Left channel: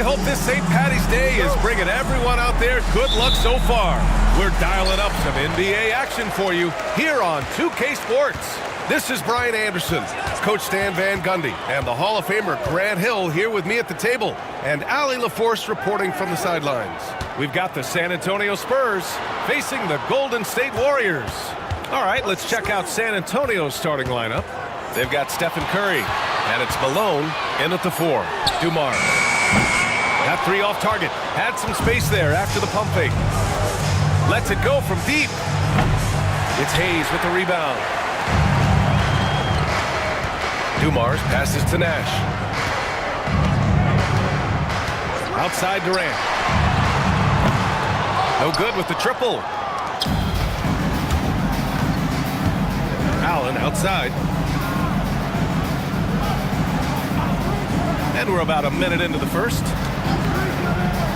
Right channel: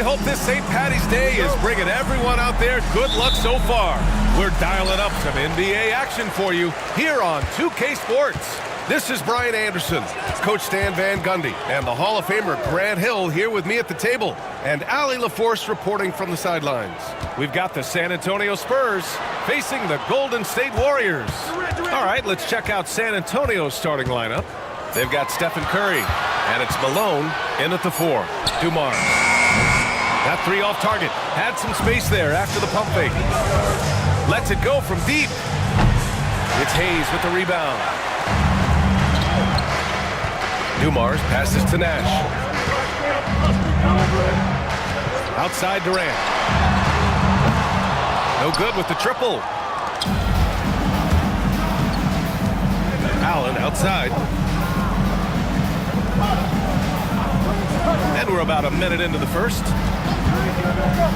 hope this St. Patty's Day is bringing everyone out there good luck so far. We're dialing up some NBA action for you here on 2K Sports. This is Brian Anderson, Coach Stan Van Gundy, and the Hall of Famer Grant Hill here with me at the table, and Allie LaForce reporting from the sidelines. We've got the San Antonio Spurs facing the Golden State Warriors. All right, let's check out San Antonio's starting lineup. They've got Stephen Curry, and it's Malone in at the 4. Dumars. That 3 off target. Had some space there after the pump fake. Lets it go from deep. It's Hayes with the rebound. Dumars passes to Nash. Outside Durant. No good with the triple. Allen outside. And we're about a minute into the first.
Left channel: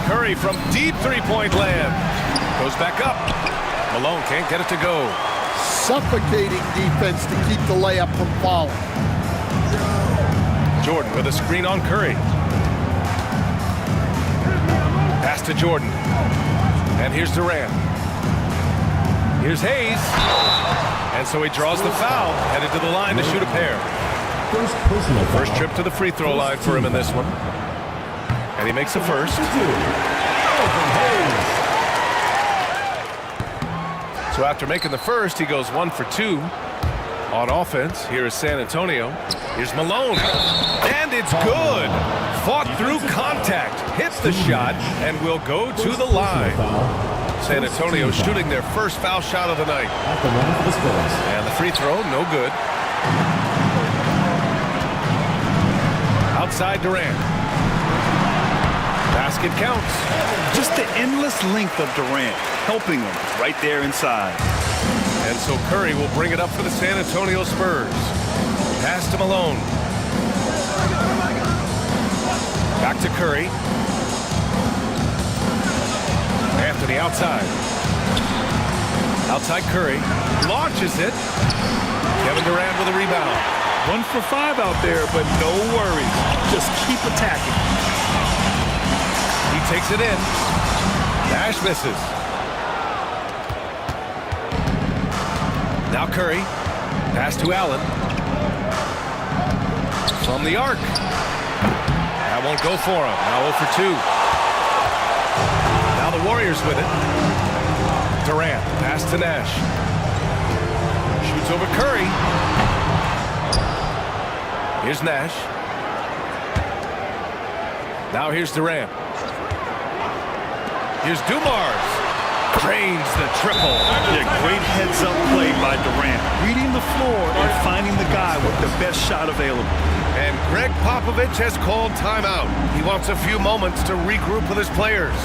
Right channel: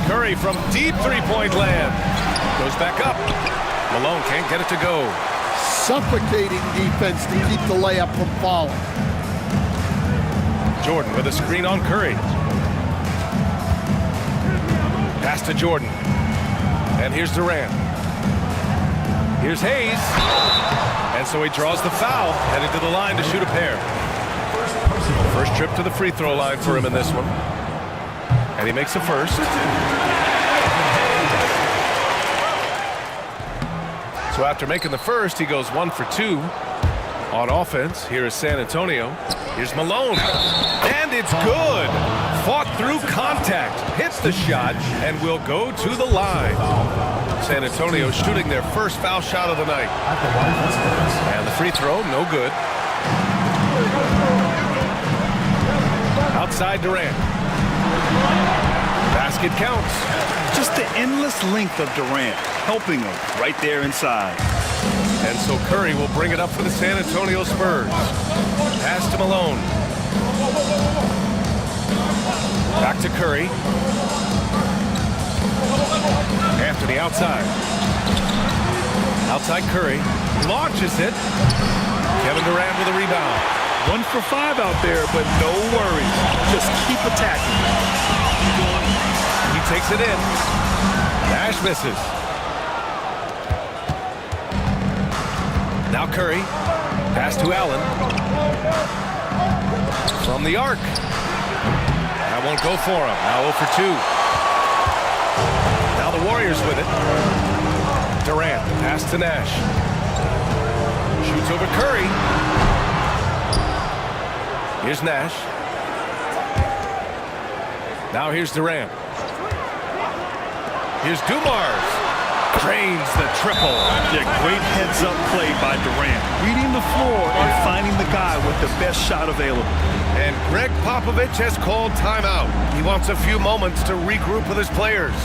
Curry from deep three-point land. Goes back up. Malone can't get it to go. Suffocating defense to keep the layup from falling. Jordan with a screen on Curry. Pass to Jordan. And here's Durant. Here's Hayes. And so he draws the foul, headed to the line to shoot a pair. First trip to the free throw line for him in this one. And he makes a first. So after making the first, he goes 1 for 2 on offense. Here is San Antonio. Here's Malone. And it's good. Fought through contact. Hits the shot and will go to the line. San Antonio shooting their first foul shot of the night. And the free throw, no good. Outside Durant. Basket counts. Just the endless length of Durant, helping him right there inside. And so Curry will bring it up for the San Antonio Spurs. Pass to Malone. Back to Curry. Anthony outside. Outside Curry. Launches it. Kevin Durant with a rebound. 1 for 5 out there, but no worries. Just keep attacking. He takes it in. Nash misses. Now Curry. Pass to Allen. From the arc. That won't go for him. Now 0 for 2. Now the Warriors with it. Durant. Pass to Nash. Shoots over Curry. Here's Nash. Now here's Durant. Here's Dumars. Drains the triple. Yeah, great heads-up play by Durant. Reading the floor and finding the guy with the best shot available. And Greg Popovich has called timeout. He wants a few moments to regroup with his players.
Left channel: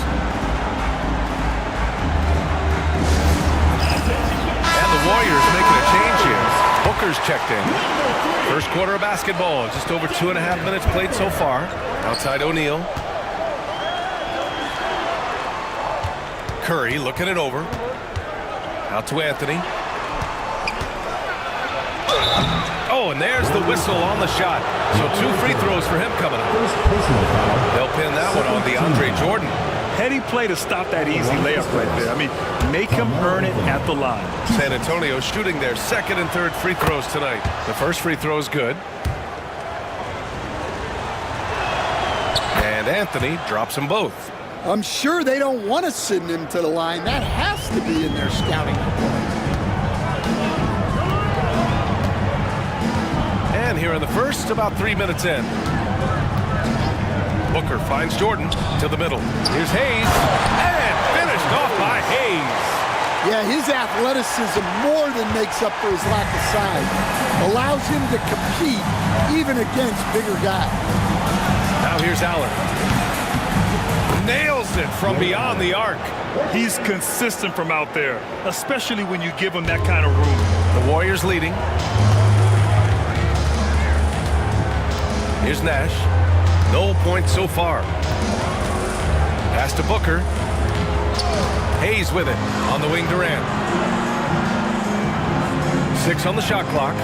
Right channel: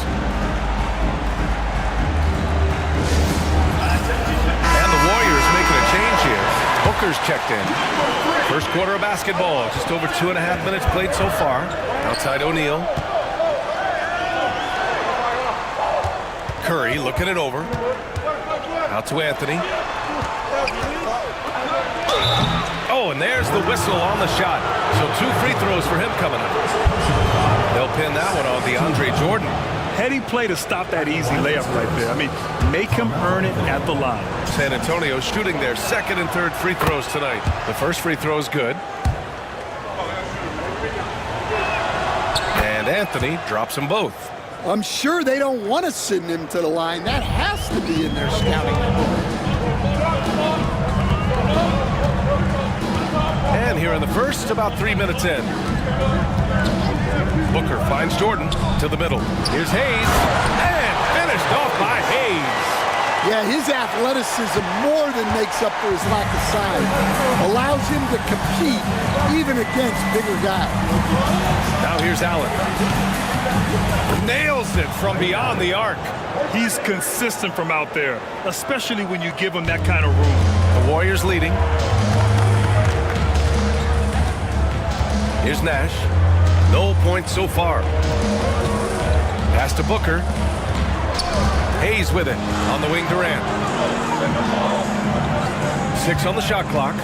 And the Warriors making a change here. Booker's checked in. First quarter of basketball. Just over 2.5 minutes played so far. Outside O'Neal. Curry looking it over. Out to Anthony. Oh, and there's the whistle on the shot. So 2 free throws for him coming up. They'll pin that one on DeAndre Jordan. Heady play to stop that easy layup right there. I mean, make him earn it at the line. San Antonio shooting their second and third free throws tonight. The first free throw is good. And Anthony drops them both. I'm sure they don't want to send him to the line. That has to be in their scouting report. And here in the first, about 3 minutes in. Booker finds Jordan to the middle. Here's Hayes. And finished off by Hayes. Yeah, his athleticism more than makes up for his lack of size. Allows him to compete even against bigger guys. Now here's Allen. Nails it from beyond the arc. He's consistent from out there, especially when you give him that kind of room. The Warriors leading. Here's Nash. No points so far. Pass to Booker. Hayes with it. On the wing, Durant. 6 on the shot clock.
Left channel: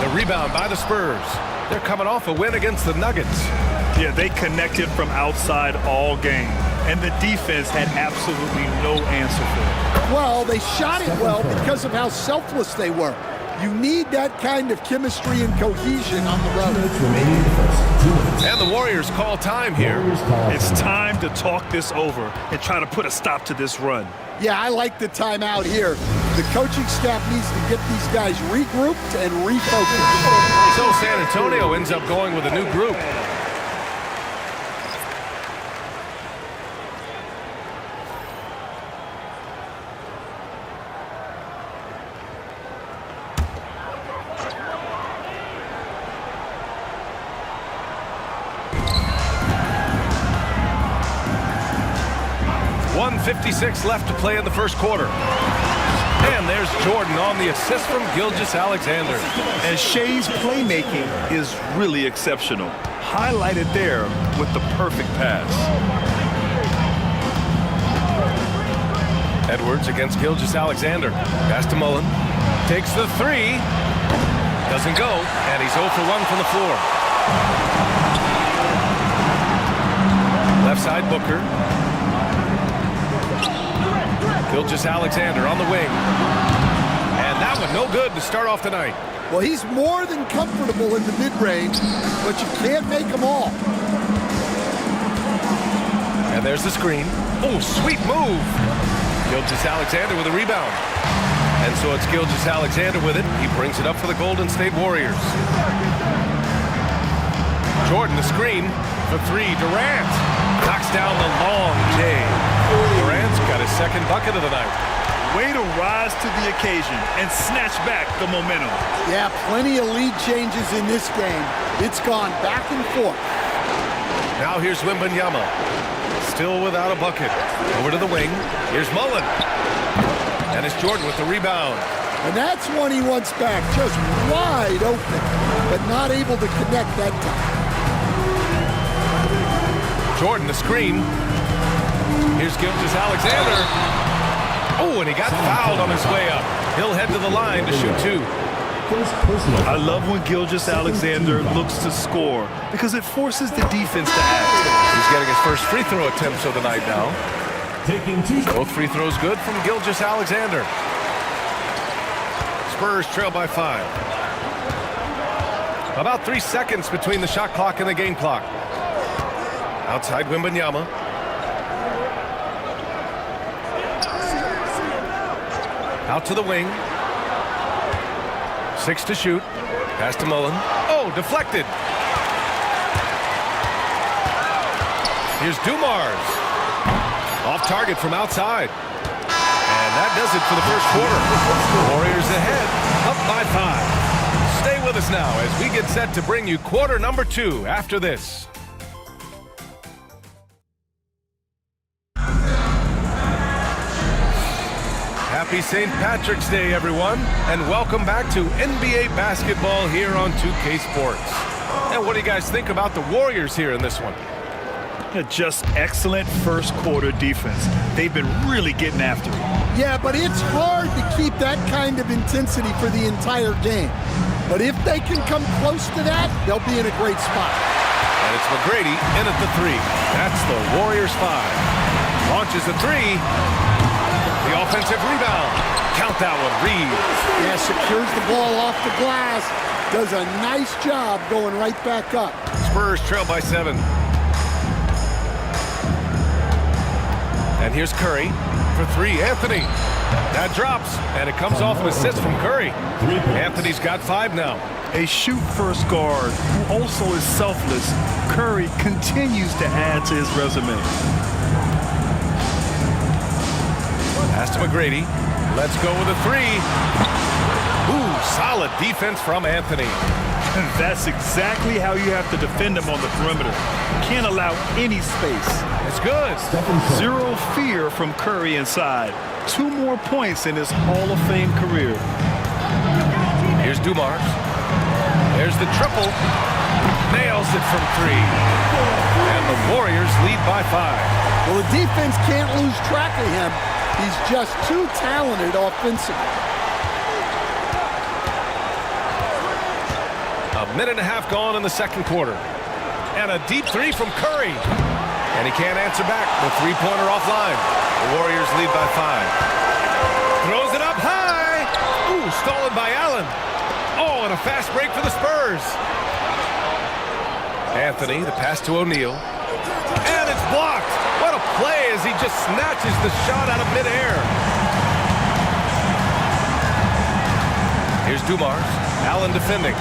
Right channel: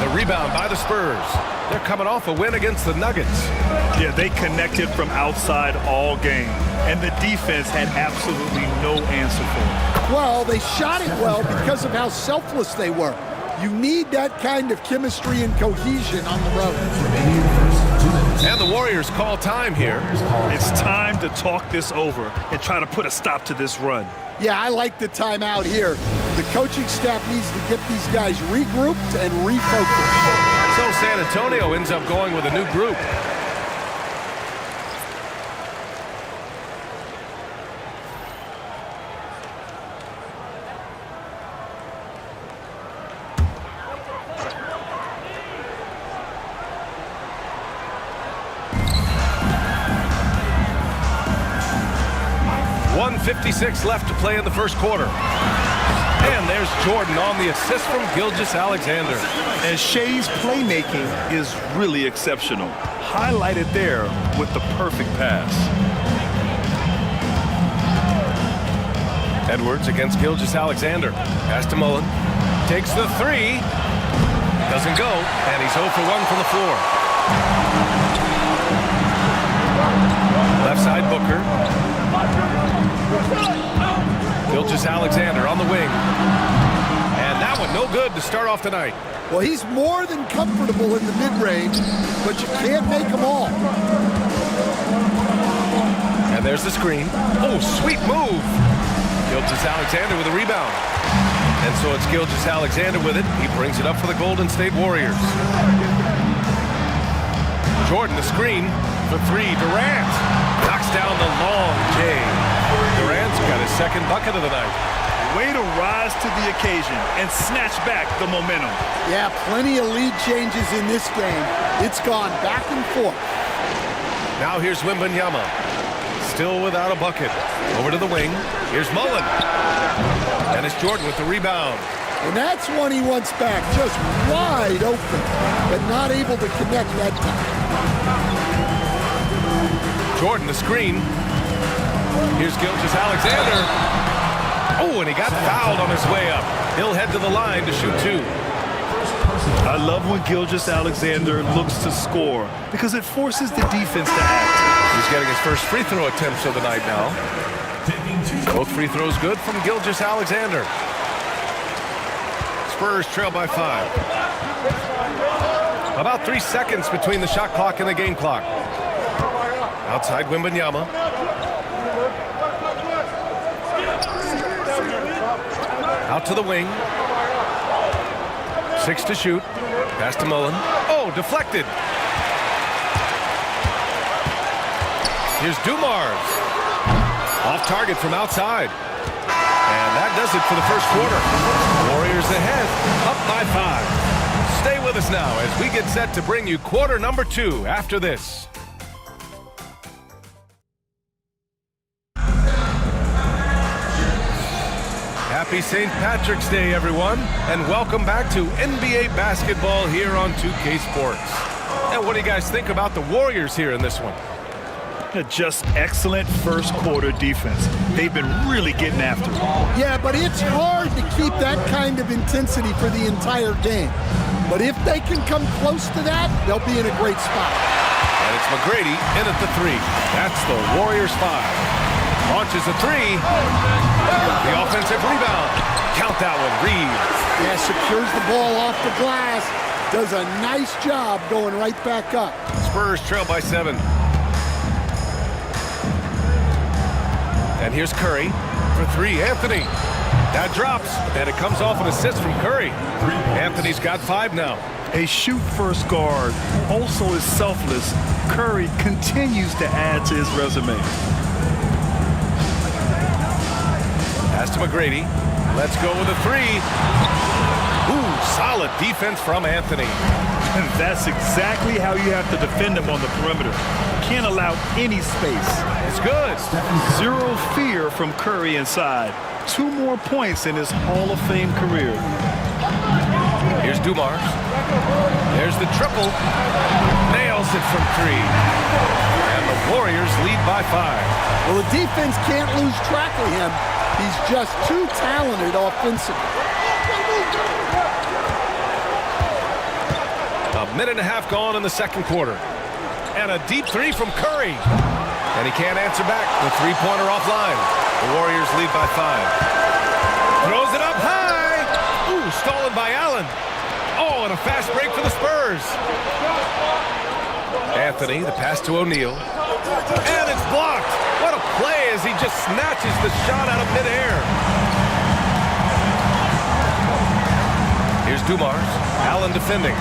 The The rebound by the Spurs. They're coming off a win against the Nuggets. Yeah, they connected from outside all game, and the defense had absolutely no answer for it. Well, they shot it well because of how selfless they were. You need that kind of chemistry and cohesion on the road. And the Warriors call time here. It's time to talk this over and try to put a stop to this run. Yeah, I like the timeout here. The coaching staff needs to get these guys regrouped and refocused. So San Antonio ends up going with a new group. .156 left to play in the first quarter. And there's Jordan on the assist from Gilgeous-Alexander. And Shea's playmaking is really exceptional. Highlighted there with the perfect pass. Edwards against Gilgeous-Alexander. Pass to Mullen. Takes the three. Doesn't go. And he's 0 for 1 from the floor. Left side Booker. Gilgeous-Alexander on the wing. And that one no good to start off the night. Well, he's more than comfortable in the mid-range, but you can't make them all. And there's the screen. Oh, sweet move. Gilgeous-Alexander with a rebound. And so it's Gilgeous-Alexander with it. He brings it up for the Golden State Warriors. Jordan the screen for three. Durant knocks down the long J. Durant's got his second bucket of the night. Way to rise to the occasion and snatch back the momentum. Yeah, plenty of lead changes in this game. It's gone back and forth. Now here's Wembanyama. Still without a bucket. Over to the wing. Here's Mullen. And it's Jordan with the rebound. And that's one he wants back. Just wide open, but not able to connect that time. Jordan the screen. Here's Gilgeous-Alexander. Oh, and he got fouled on his way up. He'll head to the line to shoot two. I love when Gilgeous-Alexander looks to score because it forces the defense to act. He's getting his first free throw attempts of the night now. Both free throws good from Gilgeous-Alexander. Spurs trail by 5. About 3 seconds between the shot clock and the game clock. Outside Wembanyama. Out to the wing. 6 to shoot. Pass to Mullen. Oh, deflected. Here's Dumars. Off target from outside. And that does it for the first quarter. Warriors ahead, up by 5. Stay with us now as we get set to bring you quarter number 2 after this. Happy St. Patrick's Day, everyone, and welcome back to NBA basketball here on 2K Sports. And what do you guys think about the Warriors here in this one? Just excellent first quarter defense. They've been really getting after it. Yeah, but it's hard to keep that kind of intensity for the entire game. But if they can come close to that, they'll be in a great spot. And it's McGrady in at the 3. That's the Warriors 5. Launches a 3. The offensive rebound. Count that one, Reed. Yeah, secures the ball off the glass. Does a nice job going right back up. Spurs trail by 7. And here's Curry for 3. Anthony. That drops, and it comes off an assist from Curry. Anthony's got 5 now. A shoot-first guard who also is selfless, Curry continues to add to his resume. Pass to McGrady. Let's go with a 3. Ooh, solid defense from Anthony. That's exactly how you have to defend him on the perimeter. Can't allow any space. It's good. Zero fear from Curry inside. 2 more points in his Hall of Fame career. Here's Dumars. There's the triple. Nails it from 3. And the Warriors lead by 5. Well, the defense can't lose track of him. He's just too talented offensively. A minute and a half gone in the second quarter. And a deep three from Curry. And he can't answer back. The three-pointer offline. The Warriors lead by 5. Throws it up high. Ooh, stolen by Allen. Oh, and a fast break for the Spurs. Anthony, the pass to O'Neal. And it's blocked. What a play as he just snatches the shot out of midair. Here's Dumars. Allen defending.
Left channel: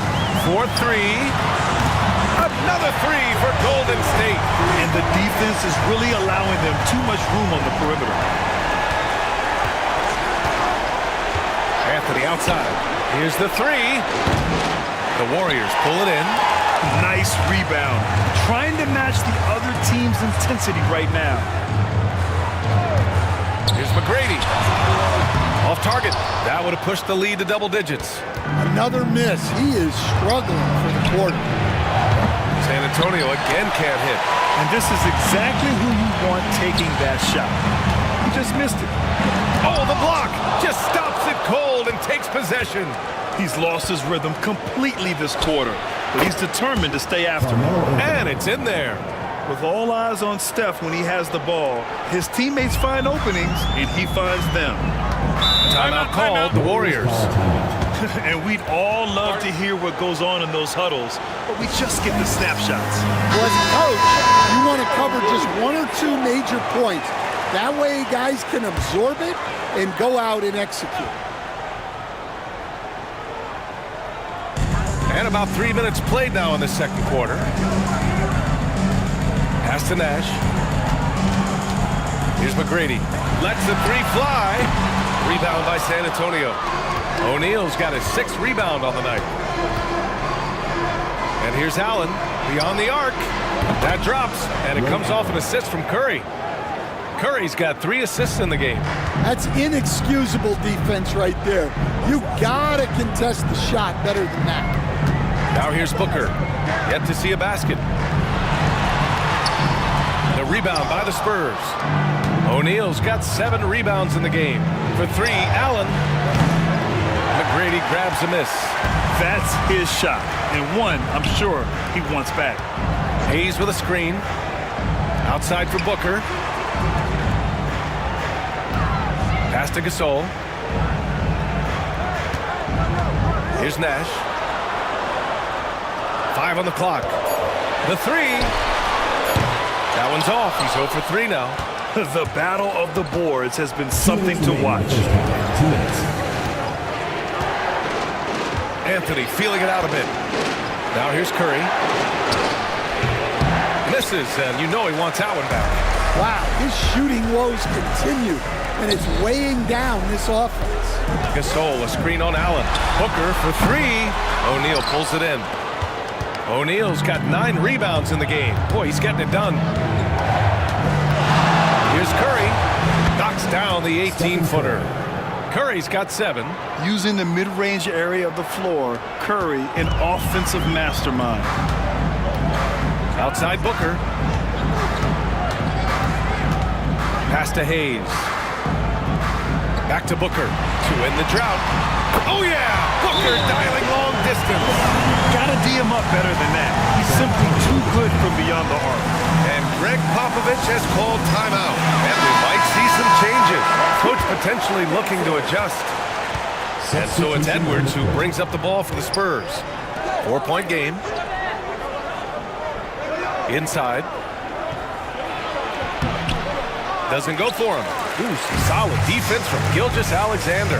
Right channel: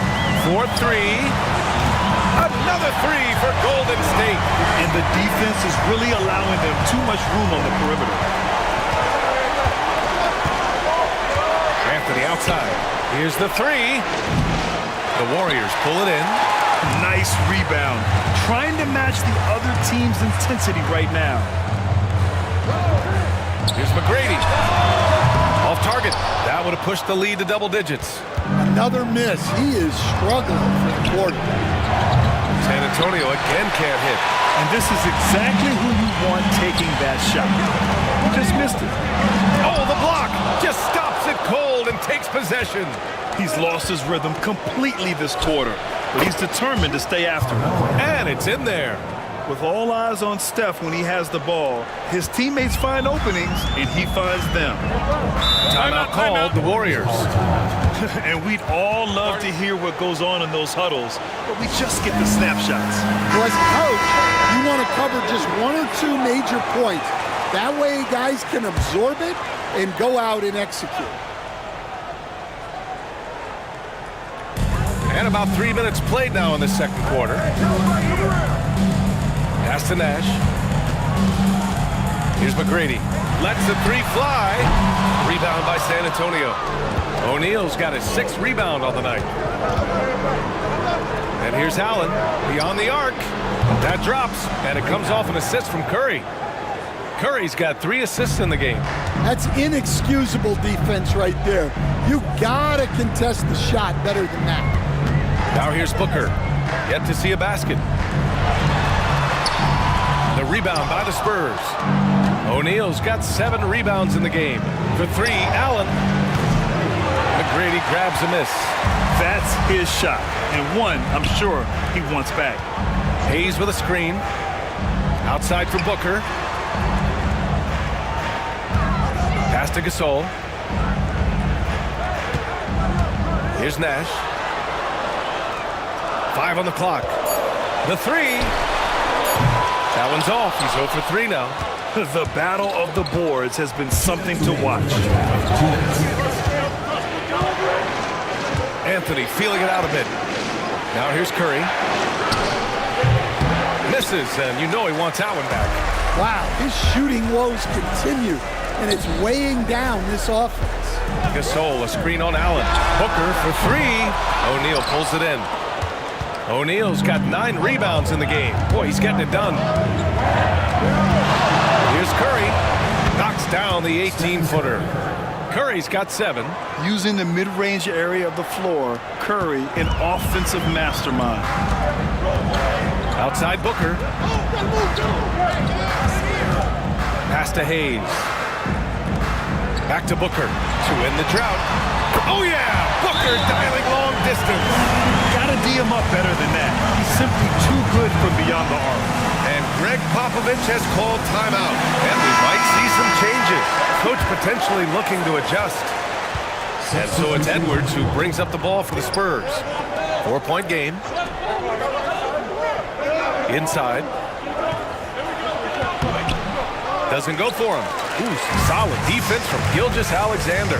4-3. Another three for Golden State. And the defense is really allowing them too much room on the perimeter. Anthony outside. Here's the three. The Warriors pull it in. Nice rebound. Trying to match the other team's intensity right now. Here's McGrady. Off target. That would have pushed the lead to double digits. Another miss. He is struggling for the quarter. San Antonio again can't hit. And this is exactly who you want taking that shot. He just missed it. Oh, the block just stops it cold and takes possession. He's lost his rhythm completely this quarter, but he's determined to stay after it. And it's in there. With all eyes on Steph when he has the ball, his teammates find openings, and he finds them. Timeout called, the Warriors. And we'd all love to hear what goes on in those huddles, but we just get the snapshots. Well, as a coach, you want to cover just one or two major points. That way guys can absorb it and go out and execute. And about 3 minutes played now in the second quarter. Pass to Nash. Here's McGrady. Lets the three fly. Rebound by San Antonio. O'Neal's got his 6th rebound on the night. And here's Allen beyond the arc. That drops, and it comes off an assist from Curry. Curry's got 3 assists in the game. That's inexcusable defense right there. You gotta contest the shot better than that. Now here's Booker. Yet to see a basket. The rebound by the Spurs. O'Neal's got 7 rebounds in the game. For 3, Allen. McGrady grabs a miss. That's his shot, and one I'm sure he wants back. Hayes with a screen. Outside for Booker. Pass to Gasol. Here's Nash. 5 on the clock. The three. That one's off. He's 0 for 3 now. The battle of the boards has been something to watch. Anthony feeling it out a bit. Now here's Curry. Misses, and you know he wants that one back. Wow, his shooting woes continue, and it's weighing down this offense. Gasol, a screen on Allen. Booker for 3. O'Neal pulls it in. O'Neal's got 9 rebounds in the game. Boy, he's getting it done. Here's Curry. Knocks down the 18-footer. Curry's got 7. Using the mid-range area of the floor, Curry, an offensive mastermind. Outside Booker. Pass to Hayes. Back to Booker to end the drought. Oh, yeah! Booker dialing long distance. Gotta D him up better than that. He's simply too good from beyond the arc. And Greg Popovich has called timeout. And we might see some changes. Coach potentially looking to adjust. And so it's Edwards who brings up the ball for the Spurs. 4-point game. Inside. Doesn't go for him. Ooh, some solid defense from Gilgeous-Alexander.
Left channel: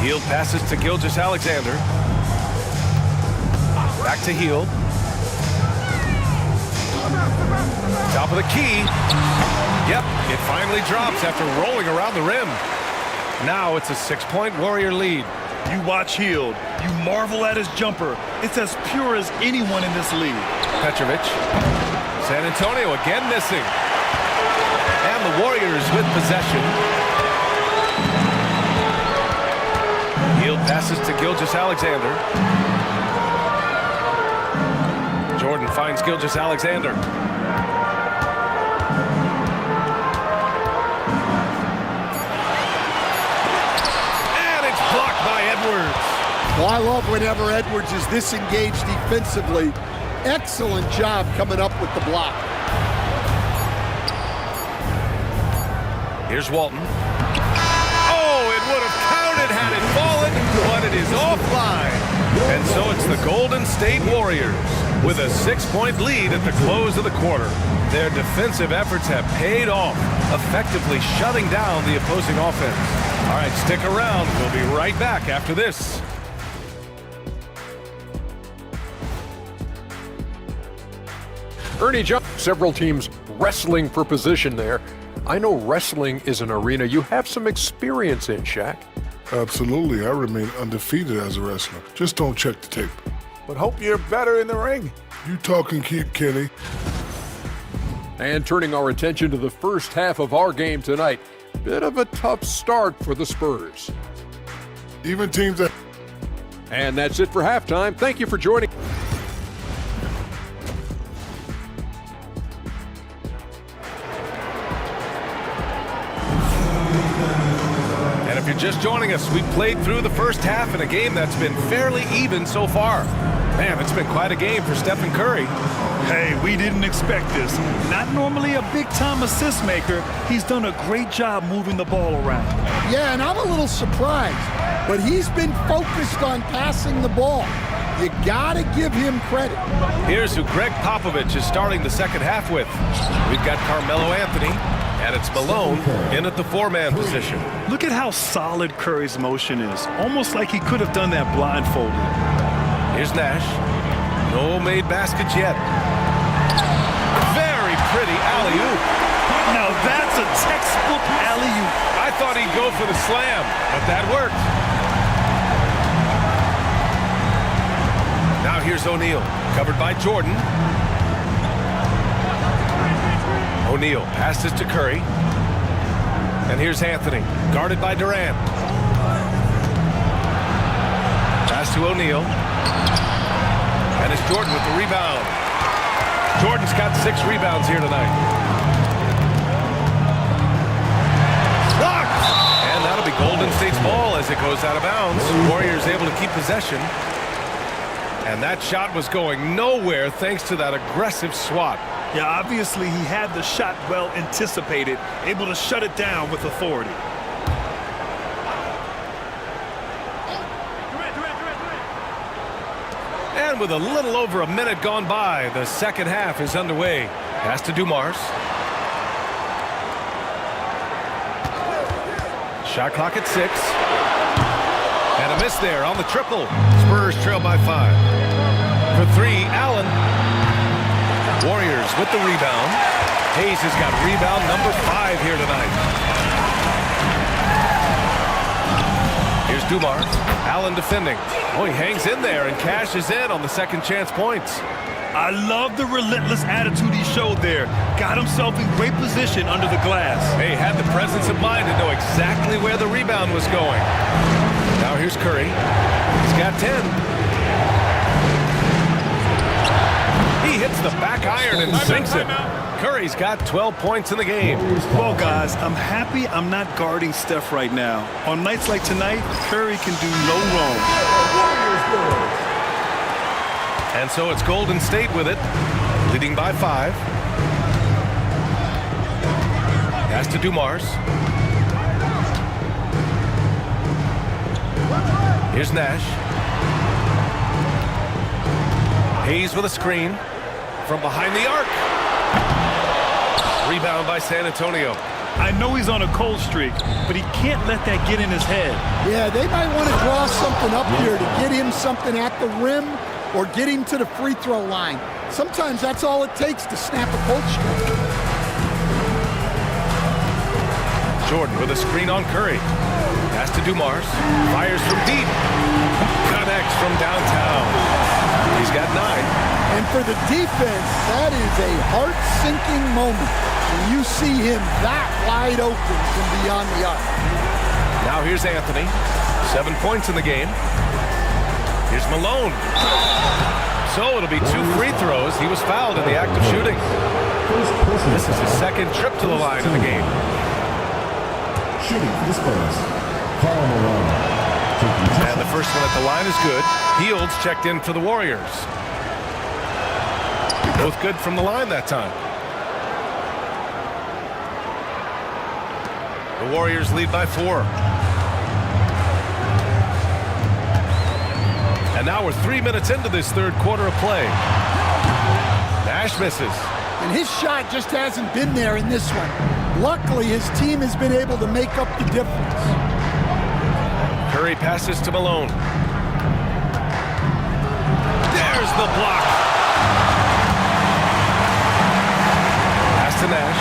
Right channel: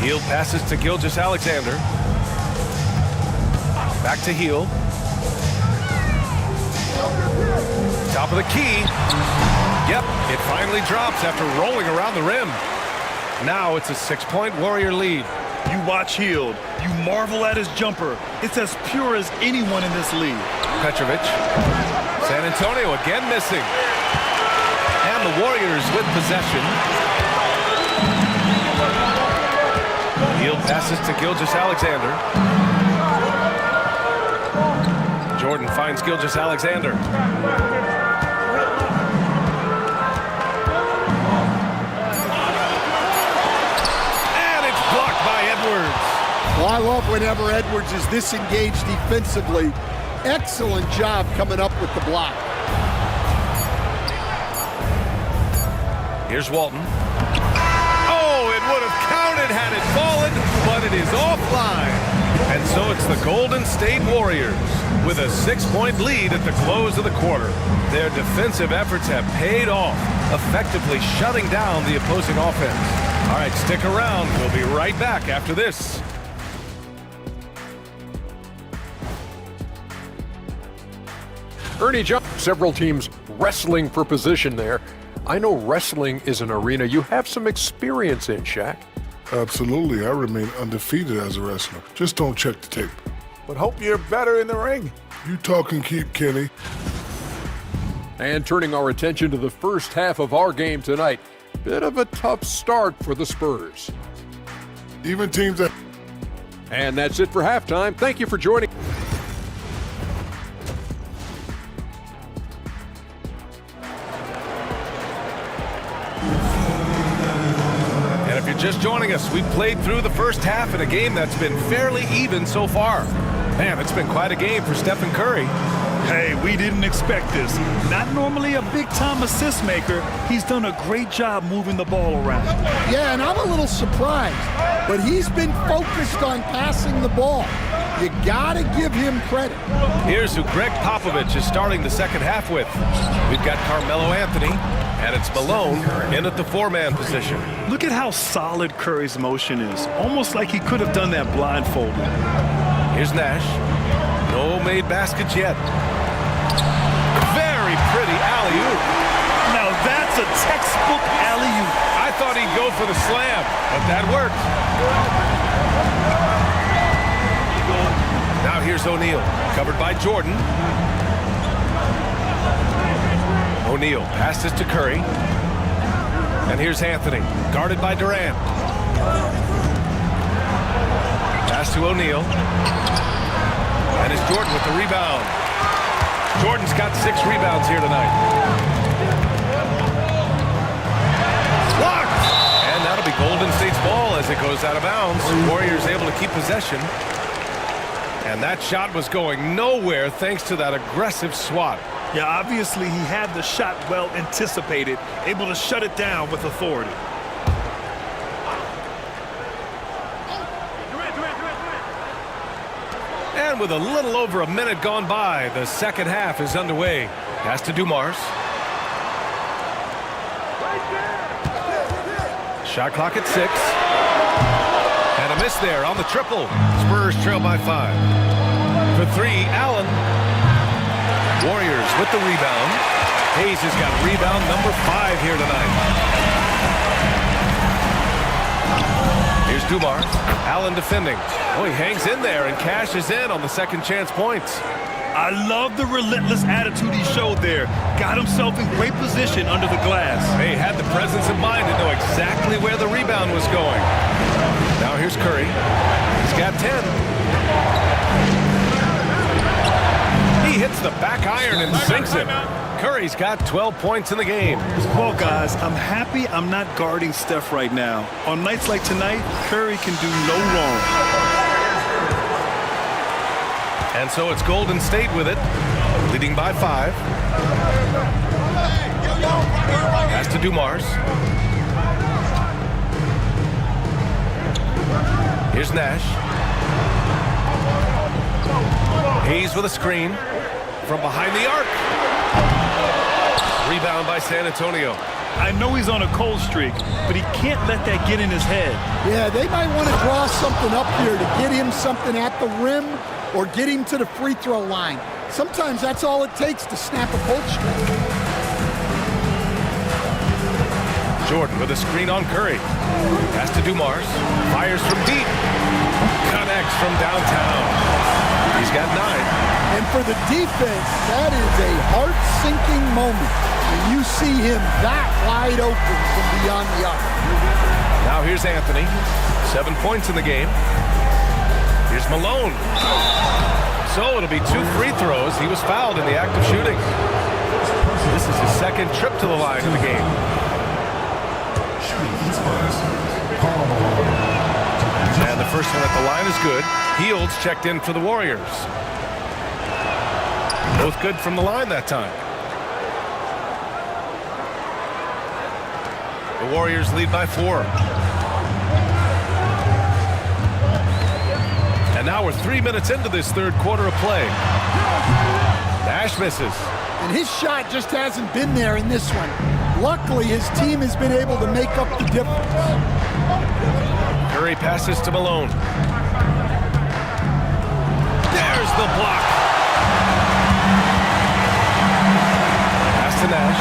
Hield passes to Gilgeous-Alexander. Back to Hield. Top of the key. Yep, it finally drops after rolling around the rim. Now it's a 6-point Warrior lead. You watch Hield. You marvel at his jumper. It's as pure as anyone in this league. Petrovic. San Antonio again missing. And the Warriors with possession. Hield passes to Gilgeous-Alexander. Jordan finds Gilgeous-Alexander. And it's blocked by Edwards. Well, I love whenever Edwards is this engaged defensively. Excellent job coming up with the block. Here's Walton. Oh, it would have counted had it fallen, but it is offline. And so it's the Golden State Warriors with a 6-point lead at the close of the quarter. Their defensive efforts have paid off, effectively shutting down the opposing offense. All right, stick around. We'll be right back after this. Ernie Johnson, several teams wrestling for position there. I know wrestling is an arena you have some experience in, Shaq. Absolutely. I remain undefeated as a wrestler. Just don't check the tape. But hope you're better in the ring. You talk and keep, Kenny. And turning our attention to the first half of our game tonight. Bit of a tough start for the Spurs. Even teams that... And that's it for halftime. Thank you for joining. And if you're just joining us, we played through the first half in a game that's been fairly even so far. Man, it's been quite a game for Stephen Curry. Hey, we didn't expect this. Not normally a big-time assist maker. He's done a great job moving the ball around. Yeah, and I'm a little surprised, but he's been focused on passing the ball. You gotta give him credit. Here's who Greg Popovich is starting the second half with. We've got Carmelo Anthony, and it's Malone in at the 4-man position. Look at how solid Curry's motion is. Almost like he could have done that blindfolded. Here's Nash. No made baskets yet. Very pretty alley-oop. Now that's a textbook alley-oop. I thought he'd go for the slam, but that worked. Now here's O'Neal, covered by Jordan. O'Neal passes to Curry. And here's Anthony, guarded by Durant. Pass to O'Neal. And it's Jordan with the rebound. Jordan's got 6 rebounds here tonight. Blocked! And that'll be Golden State's ball as it goes out of bounds. Warriors able to keep possession. And that shot was going nowhere thanks to that aggressive swat. Yeah, obviously he had the shot well anticipated, able to shut it down with authority. And with a little over a minute gone by, the second half is underway. Pass to Dumars. Shot clock at 6. And a miss there on the triple. Spurs trail by 5. For 3, Allen. Warriors with the rebound. Hayes has got rebound number 5 here tonight. Here's Dumars. Allen defending. Oh, he hangs in there and cashes in on the second chance points. I love the relentless attitude he showed there. Got himself in great position under the glass. He had the presence of mind to know exactly where the rebound was going. Now here's Curry. He's got 10. He hits the back iron and sinks it. Curry's got 12 points in the game. Well, guys, I'm happy I'm not guarding Steph right now. On nights like tonight, Curry can do no wrong. And so it's Golden State with it, leading by 5. Pass to Dumars. Here's Nash. Hayes with a screen from behind the arc. Rebound by San Antonio. I know he's on a cold streak, but he can't let that get in his head. Yeah, they might want to draw something up here to get him something at the rim or get him to the free throw line. Sometimes that's all it takes to snap a cold streak. Jordan with a screen on Curry. Pass to Dumars. Fires from deep. Connects from downtown. He's got 9. And for the defense, that is a heart-sinking moment when you see him that wide open from beyond the arc. Now here's Anthony. 7 points in the game. Here's Malone. So it'll be 2 free throws. He was fouled in the act of shooting. This is his second trip to the line in the game. Shooting for the Spurs, Karl Malone. And the first one at the line is good. Heald's checked in for the Warriors. Both good from the line that time. The Warriors lead by 4. And now we're 3 minutes into this third quarter of play. Nash misses. And his shot just hasn't been there in this one. Luckily, his team has been able to make up the difference. Curry passes to Malone. There's the block. Pass to Nash.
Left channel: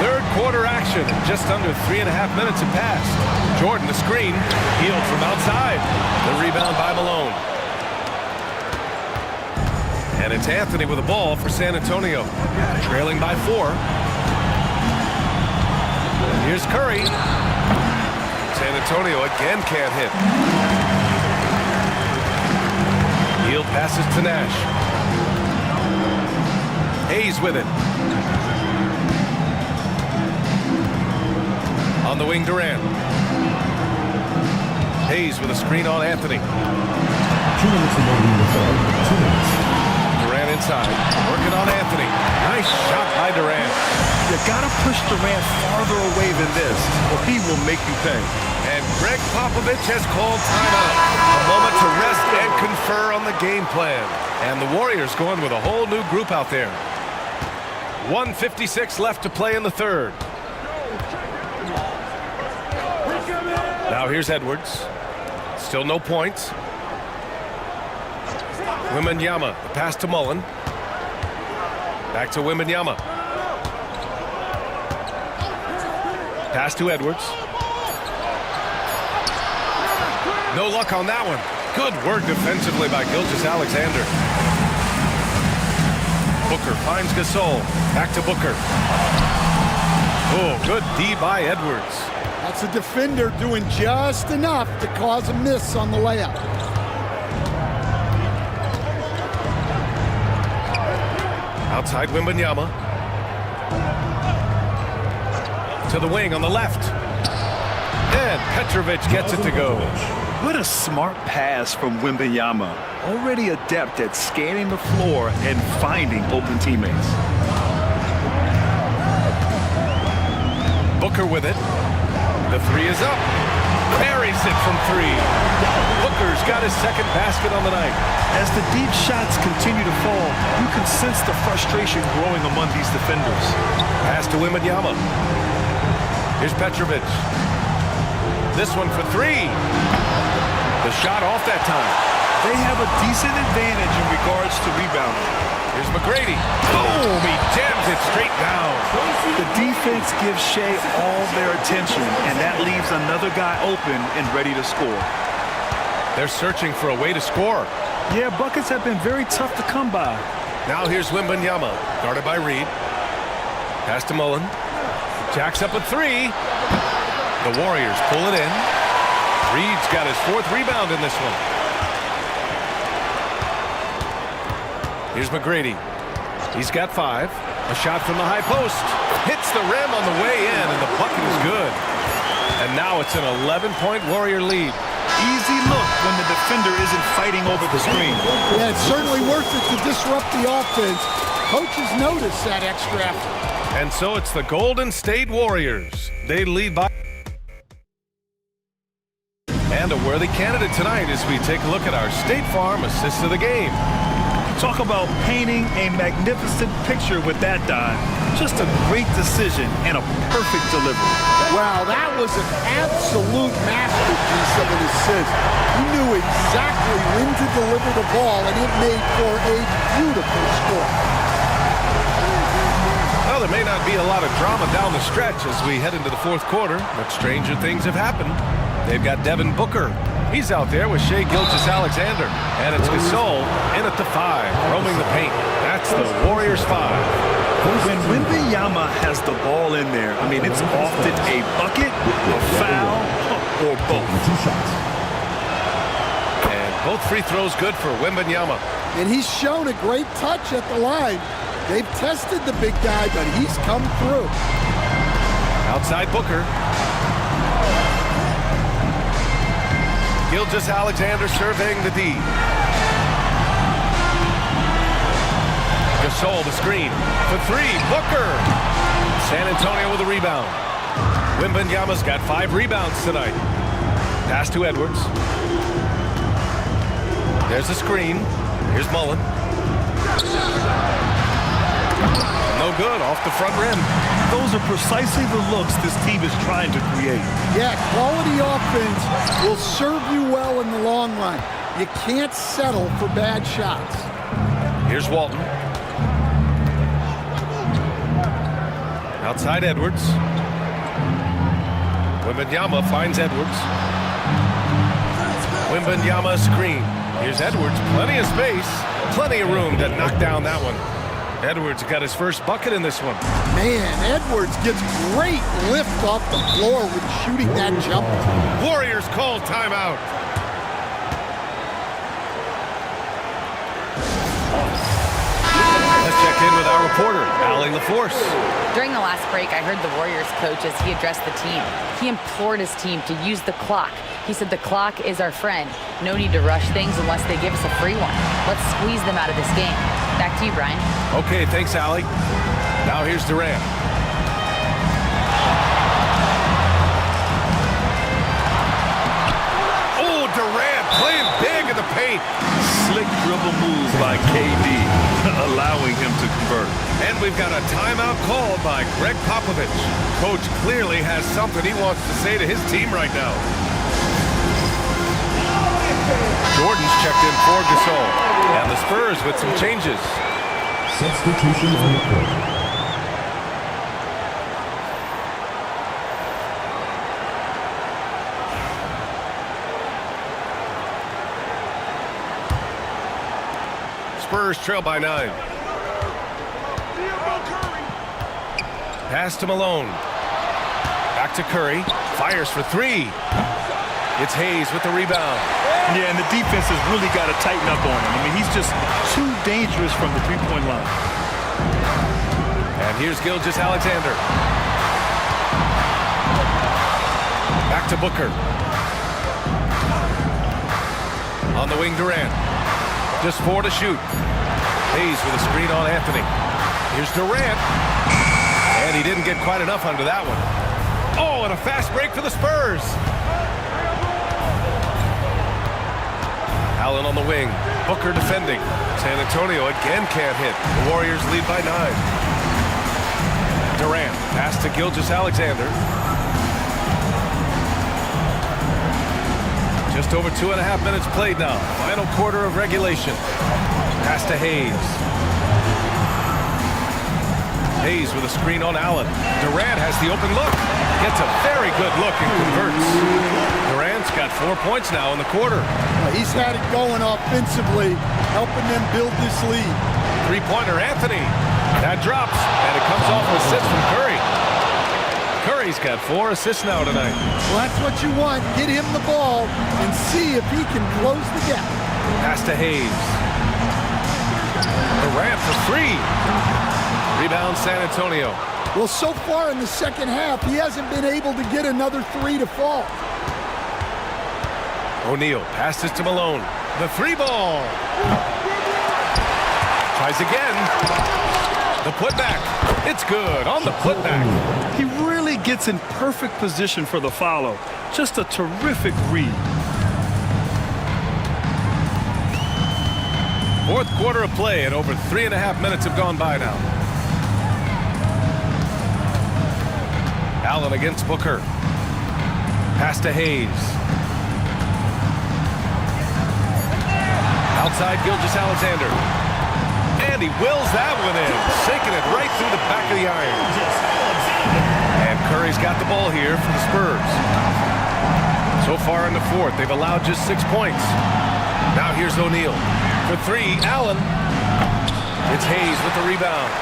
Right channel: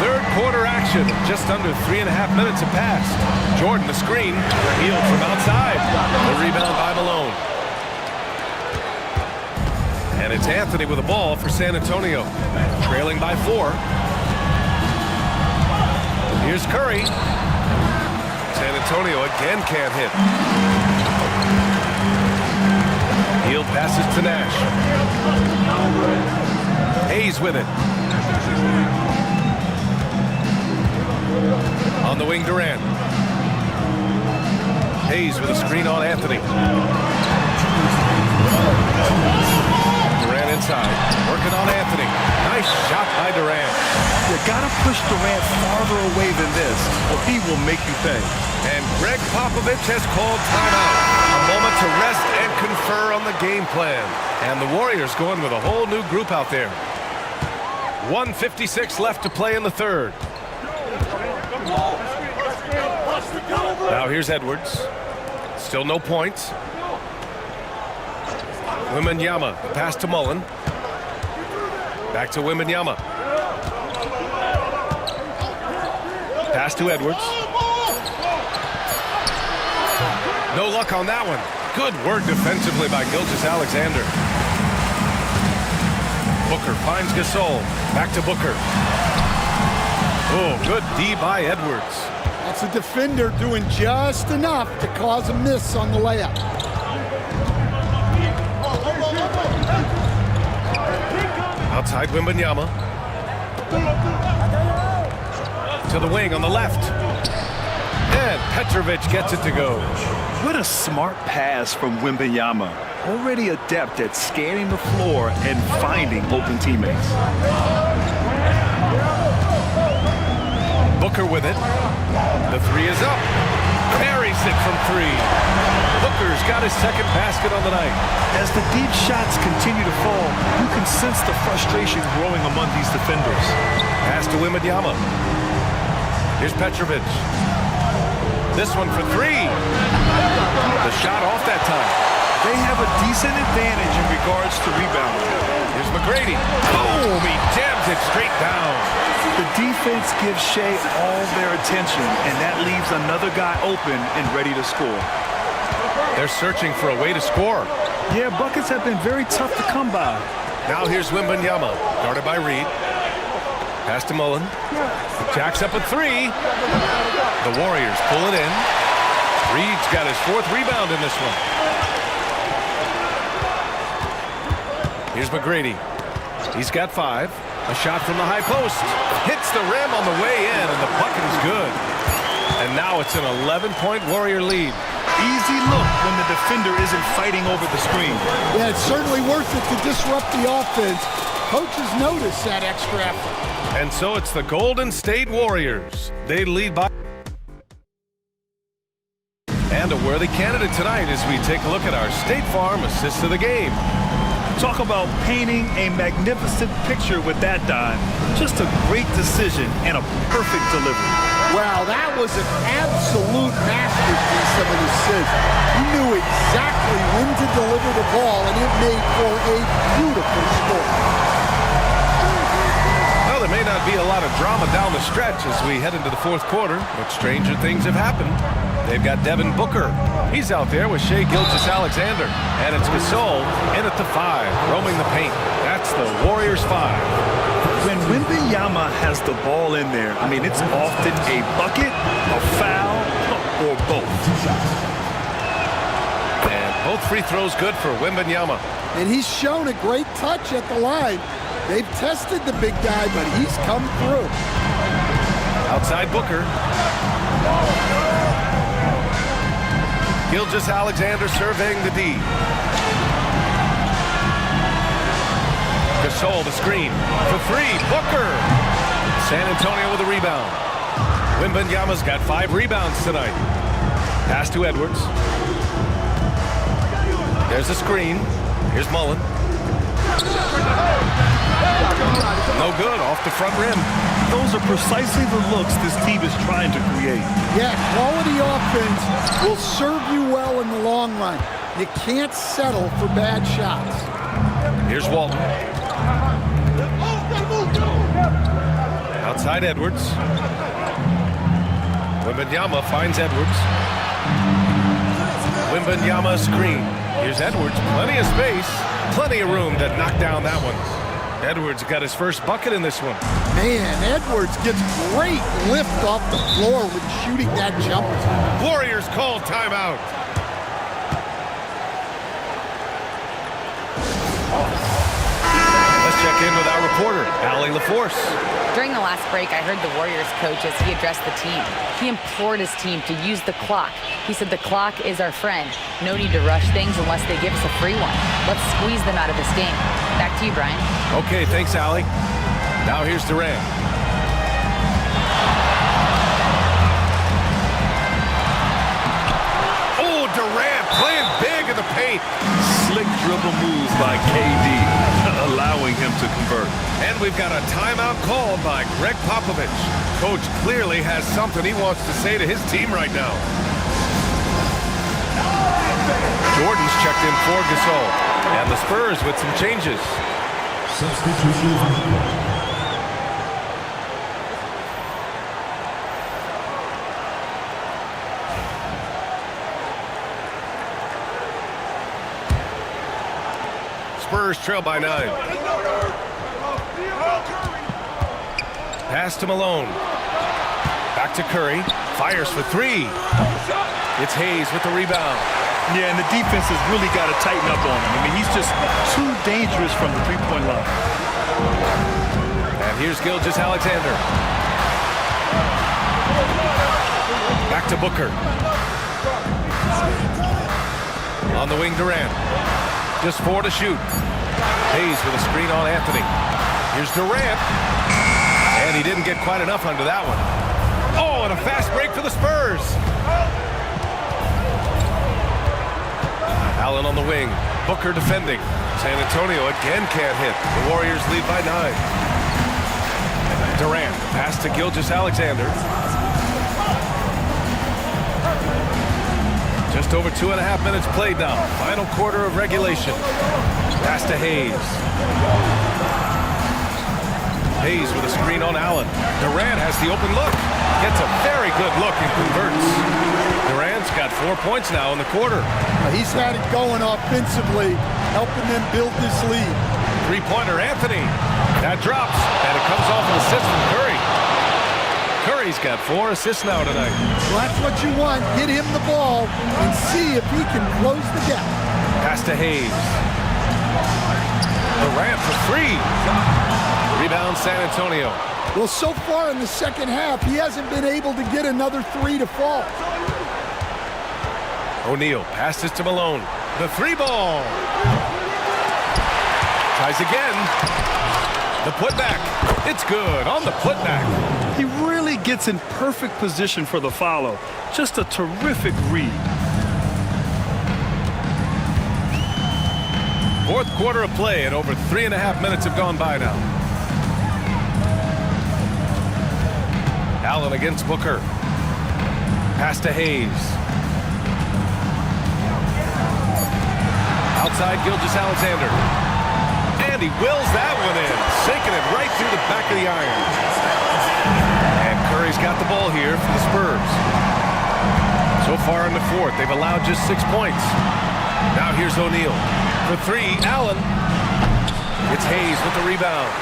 Third quarter action. Just under 3.5 minutes have passed. Jordan, the screen. Hield from outside. The rebound by Malone. And it's Anthony with the ball for San Antonio. Trailing by 4. And here's Curry. San Antonio again can't hit. Hield passes to Nash. Hayes with it. On the wing, Durant. Hayes with a screen on Anthony. Durant inside, working on Anthony. Nice shot by Durant. You gotta push Durant farther away than this, or he will make you pay. And Greg Popovich has called timeout. A moment to rest and confer on the game plan. And the Warriors going with a whole new group out there. 1:56 left to play in the third. Now here's Edwards. Still no points. Wembanyama, the pass to Mullen. Back to Wembanyama. Pass to Edwards. No luck on that one. Good work defensively by Gilgeous-Alexander. Booker finds Gasol. Back to Booker. Oh, good D by Edwards. That's a defender doing just enough to cause a miss on the layup. Outside Wembanyama. To the wing on the left. And Petrovic gets it to go. What a smart pass from Wembanyama. Already adept at scanning the floor and finding open teammates. Booker with it. The three is up. Buries it from 3. Booker's got his second basket on the night. As the deep shots continue to fall, you can sense the frustration growing among these defenders. Pass to Wembanyama. Here's Petrovic. This one for 3. The shot off that time. They have a decent advantage in regards to rebounding. Here's McGrady. Boom! He jams it straight down. The defense gives Shea all their attention, and that leaves another guy open and ready to score. They're searching for a way to score. Yeah, buckets have been very tough to come by. Now here's Wembanyama, guarded by Reed. Pass to Mullen. Jacks up a 3. The Warriors pull it in. Reed's got his 4th rebound in this one. Here's McGrady. He's got 5. A shot from the high post. Hits the rim on the way in, and the bucket is good. And now it's an 11-point Warrior lead. Easy look when the defender isn't fighting over the screen. Yeah, it's certainly worth it to disrupt the offense. Coaches notice that extra effort. And so it's the Golden State Warriors. They lead by. And a worthy candidate tonight as we take a look at our State Farm assist of the game. Talk about painting a magnificent picture with that dime. Just a great decision and a perfect delivery. Wow, that was an absolute masterpiece of an assist. He knew exactly when to deliver the ball, and it made for a beautiful score. Well, there may not be a lot of drama down the stretch as we head into the 4th quarter, but stranger things have happened. They've got Devin Booker. He's out there with Shai Gilgeous-Alexander. And it's Gasol in at the 5, roaming the paint. That's the Warriors 5. When Wembanyama has the ball in there, I mean, it's often a bucket, a foul, or both. And both free throws good for Wembanyama. And he's shown a great touch at the line. They've tested the big guy, but he's come through. Outside Booker. Gilgeous-Alexander surveying the D. Gasol the screen for three. Booker. San Antonio with a rebound. Wembanyama's got 5 rebounds tonight. Pass to Edwards. There's the screen. Here's Mullen. No good, off the front rim. Those are precisely the looks this team is trying to create. Yeah, quality offense will serve you well in the long run. You can't settle for bad shots. Here's Walton. Outside Edwards. Wembanyama finds Edwards. Wembanyama screen. Here's Edwards, plenty of space, plenty of room to knock down that one. Edwards got his first bucket in this one. Man, Edwards gets great lift off the floor when shooting that jumper. Warriors call timeout. Let's check in with our reporter, Allie LaForce. During the last break, I heard the Warriors coach as he addressed the team. He implored his team to use the clock. He said the clock is our friend. No need to rush things unless they give us a free one. Let's squeeze them out of this game. Back to you, Brian. Okay, thanks, Allie. Now here's Durant. Oh, Durant playing big in the paint. Slick dribble move by KD, allowing him to convert. And we've got a timeout called by Greg Popovich. Coach clearly has something he wants to say to his team right now. Jordan's checked in for Gasol. And the Spurs with some changes. Substitution on the court. Spurs trail by 9. Pass to Malone. Back to Curry. Fires for 3. It's Hayes with the rebound. Yeah, and the defense has really got to tighten up on him. I mean, he's just too dangerous from the three-point line. And here's Gilgeous-Alexander. Back to Booker. On the wing, Durant. Just 4 to shoot. Hayes with a screen on Anthony. Here's Durant. And he didn't get quite enough under that one. Oh, and a fast break for the Spurs. Allen on the wing. Booker defending. San Antonio again can't hit. The Warriors lead by 9. Durant, pass to Gilgeous-Alexander. Just over 2.5 minutes played now. Final quarter of regulation. Pass to Hayes. Hayes with a screen on Allen. Durant has the open look. Gets a very good look and converts. Durant's got 4 points now in the quarter. He's had it going offensively, helping them build this lead. Three-pointer, Anthony. That drops, and it comes off an assist from Curry. Curry's got 4 assists now tonight. Well, that's what you want. Get him the ball and see if he can close the gap. Pass to Hayes. Durant for 3. Rebound, San Antonio. Well, so far in the second half, he hasn't been able to get another 3 to fall. O'Neal passes to Malone. The 3-ball. Tries again. The putback. It's good on the putback. He really gets in perfect position for the follow. Just a terrific read. Fourth quarter of play, and over 3.5 minutes have gone by now. Allen against Booker. Pass to Hayes. Outside Gilgeous-Alexander. And he wills that one in, sinking it right through the back of the iron. And Curry's got the ball here for the Spurs. So far in the fourth, they've allowed just 6 points. Now here's O'Neal. For 3, Allen. It's Hayes with the rebound.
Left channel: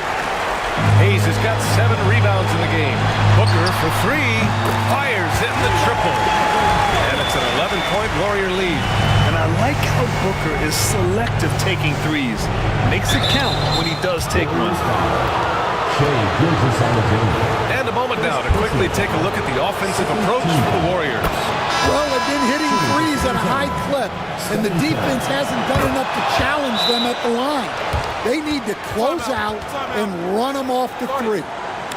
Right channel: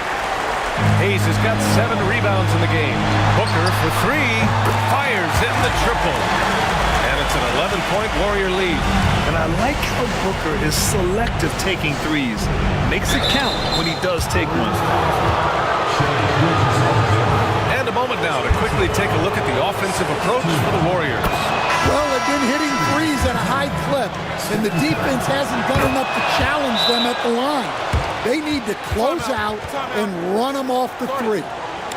Hayes has got 7 rebounds in the game. Booker for 3, fires in the triple. And it's an 11-point Warrior lead. And I like how Booker is selective taking threes. Makes it count when he does take one. And a moment now to quickly take a look at the offensive approach for the Warriors. Well, they've been hitting threes at a high clip, and the defense hasn't done enough to challenge them at the line. They need to close out and run them off the three.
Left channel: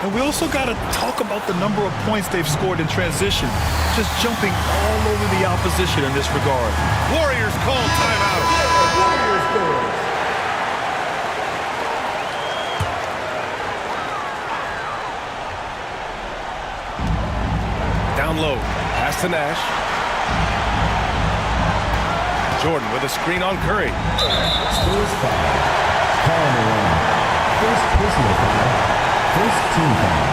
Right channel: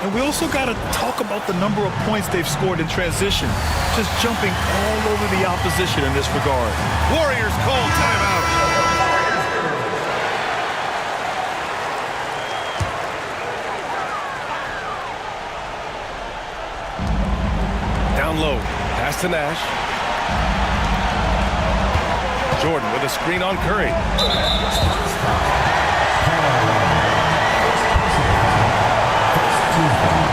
And we also got to talk about the number of points they've scored in transition, just jumping all over the opposition in this regard. Warriors call timeout. Down low, pass to Nash. Jordan with a screen on Curry. Spurs foul. Foul line. First personal foul. First team foul.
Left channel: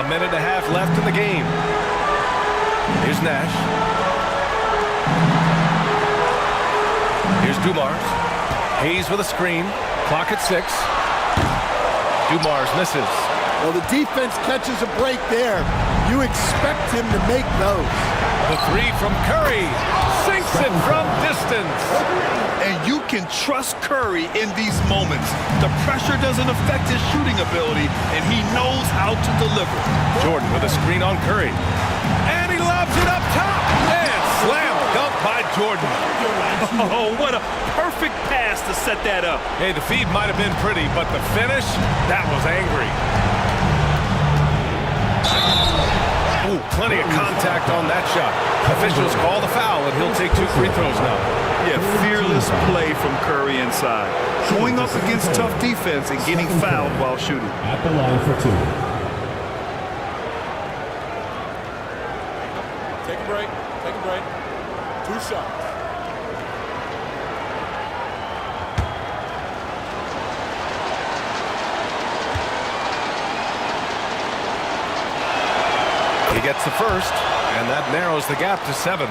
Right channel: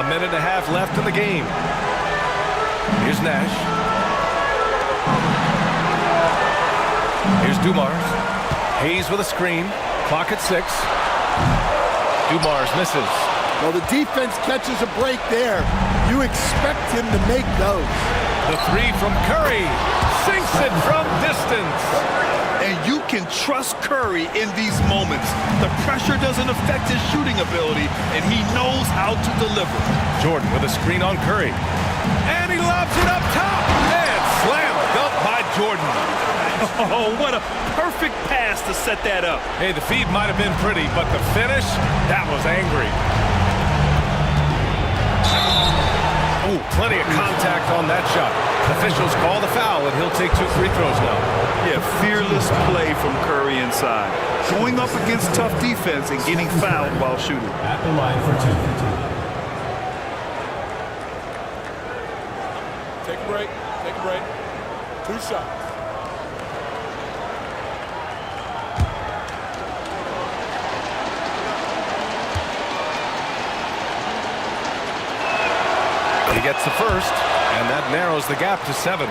A minute and a half left in the game. Here's Nash. Here's Dumars. Hayes with a screen. Clock at 6. Dumars misses. Well, the defense catches a break there. You expect him to make those. The three from Curry. Sinks it from distance. And you can trust Curry in these moments. The pressure doesn't affect his shooting ability, and he knows how to deliver. Jordan with a screen on Curry. And he lobs it up top. And slam dunk by Jordan. Oh, what a perfect pass to set that up. Hey, the feed might have been pretty, but the finish, that was angry. Oh, plenty of contact on that shot. Officials call the foul, and he'll take 2 free throws now. Yeah, fearless play from Curry inside. Going up against tough defense and getting fouled while shooting. At the line for 2. Take a break. Take a break. 2 shots. He gets the first, and that narrows the gap to 7.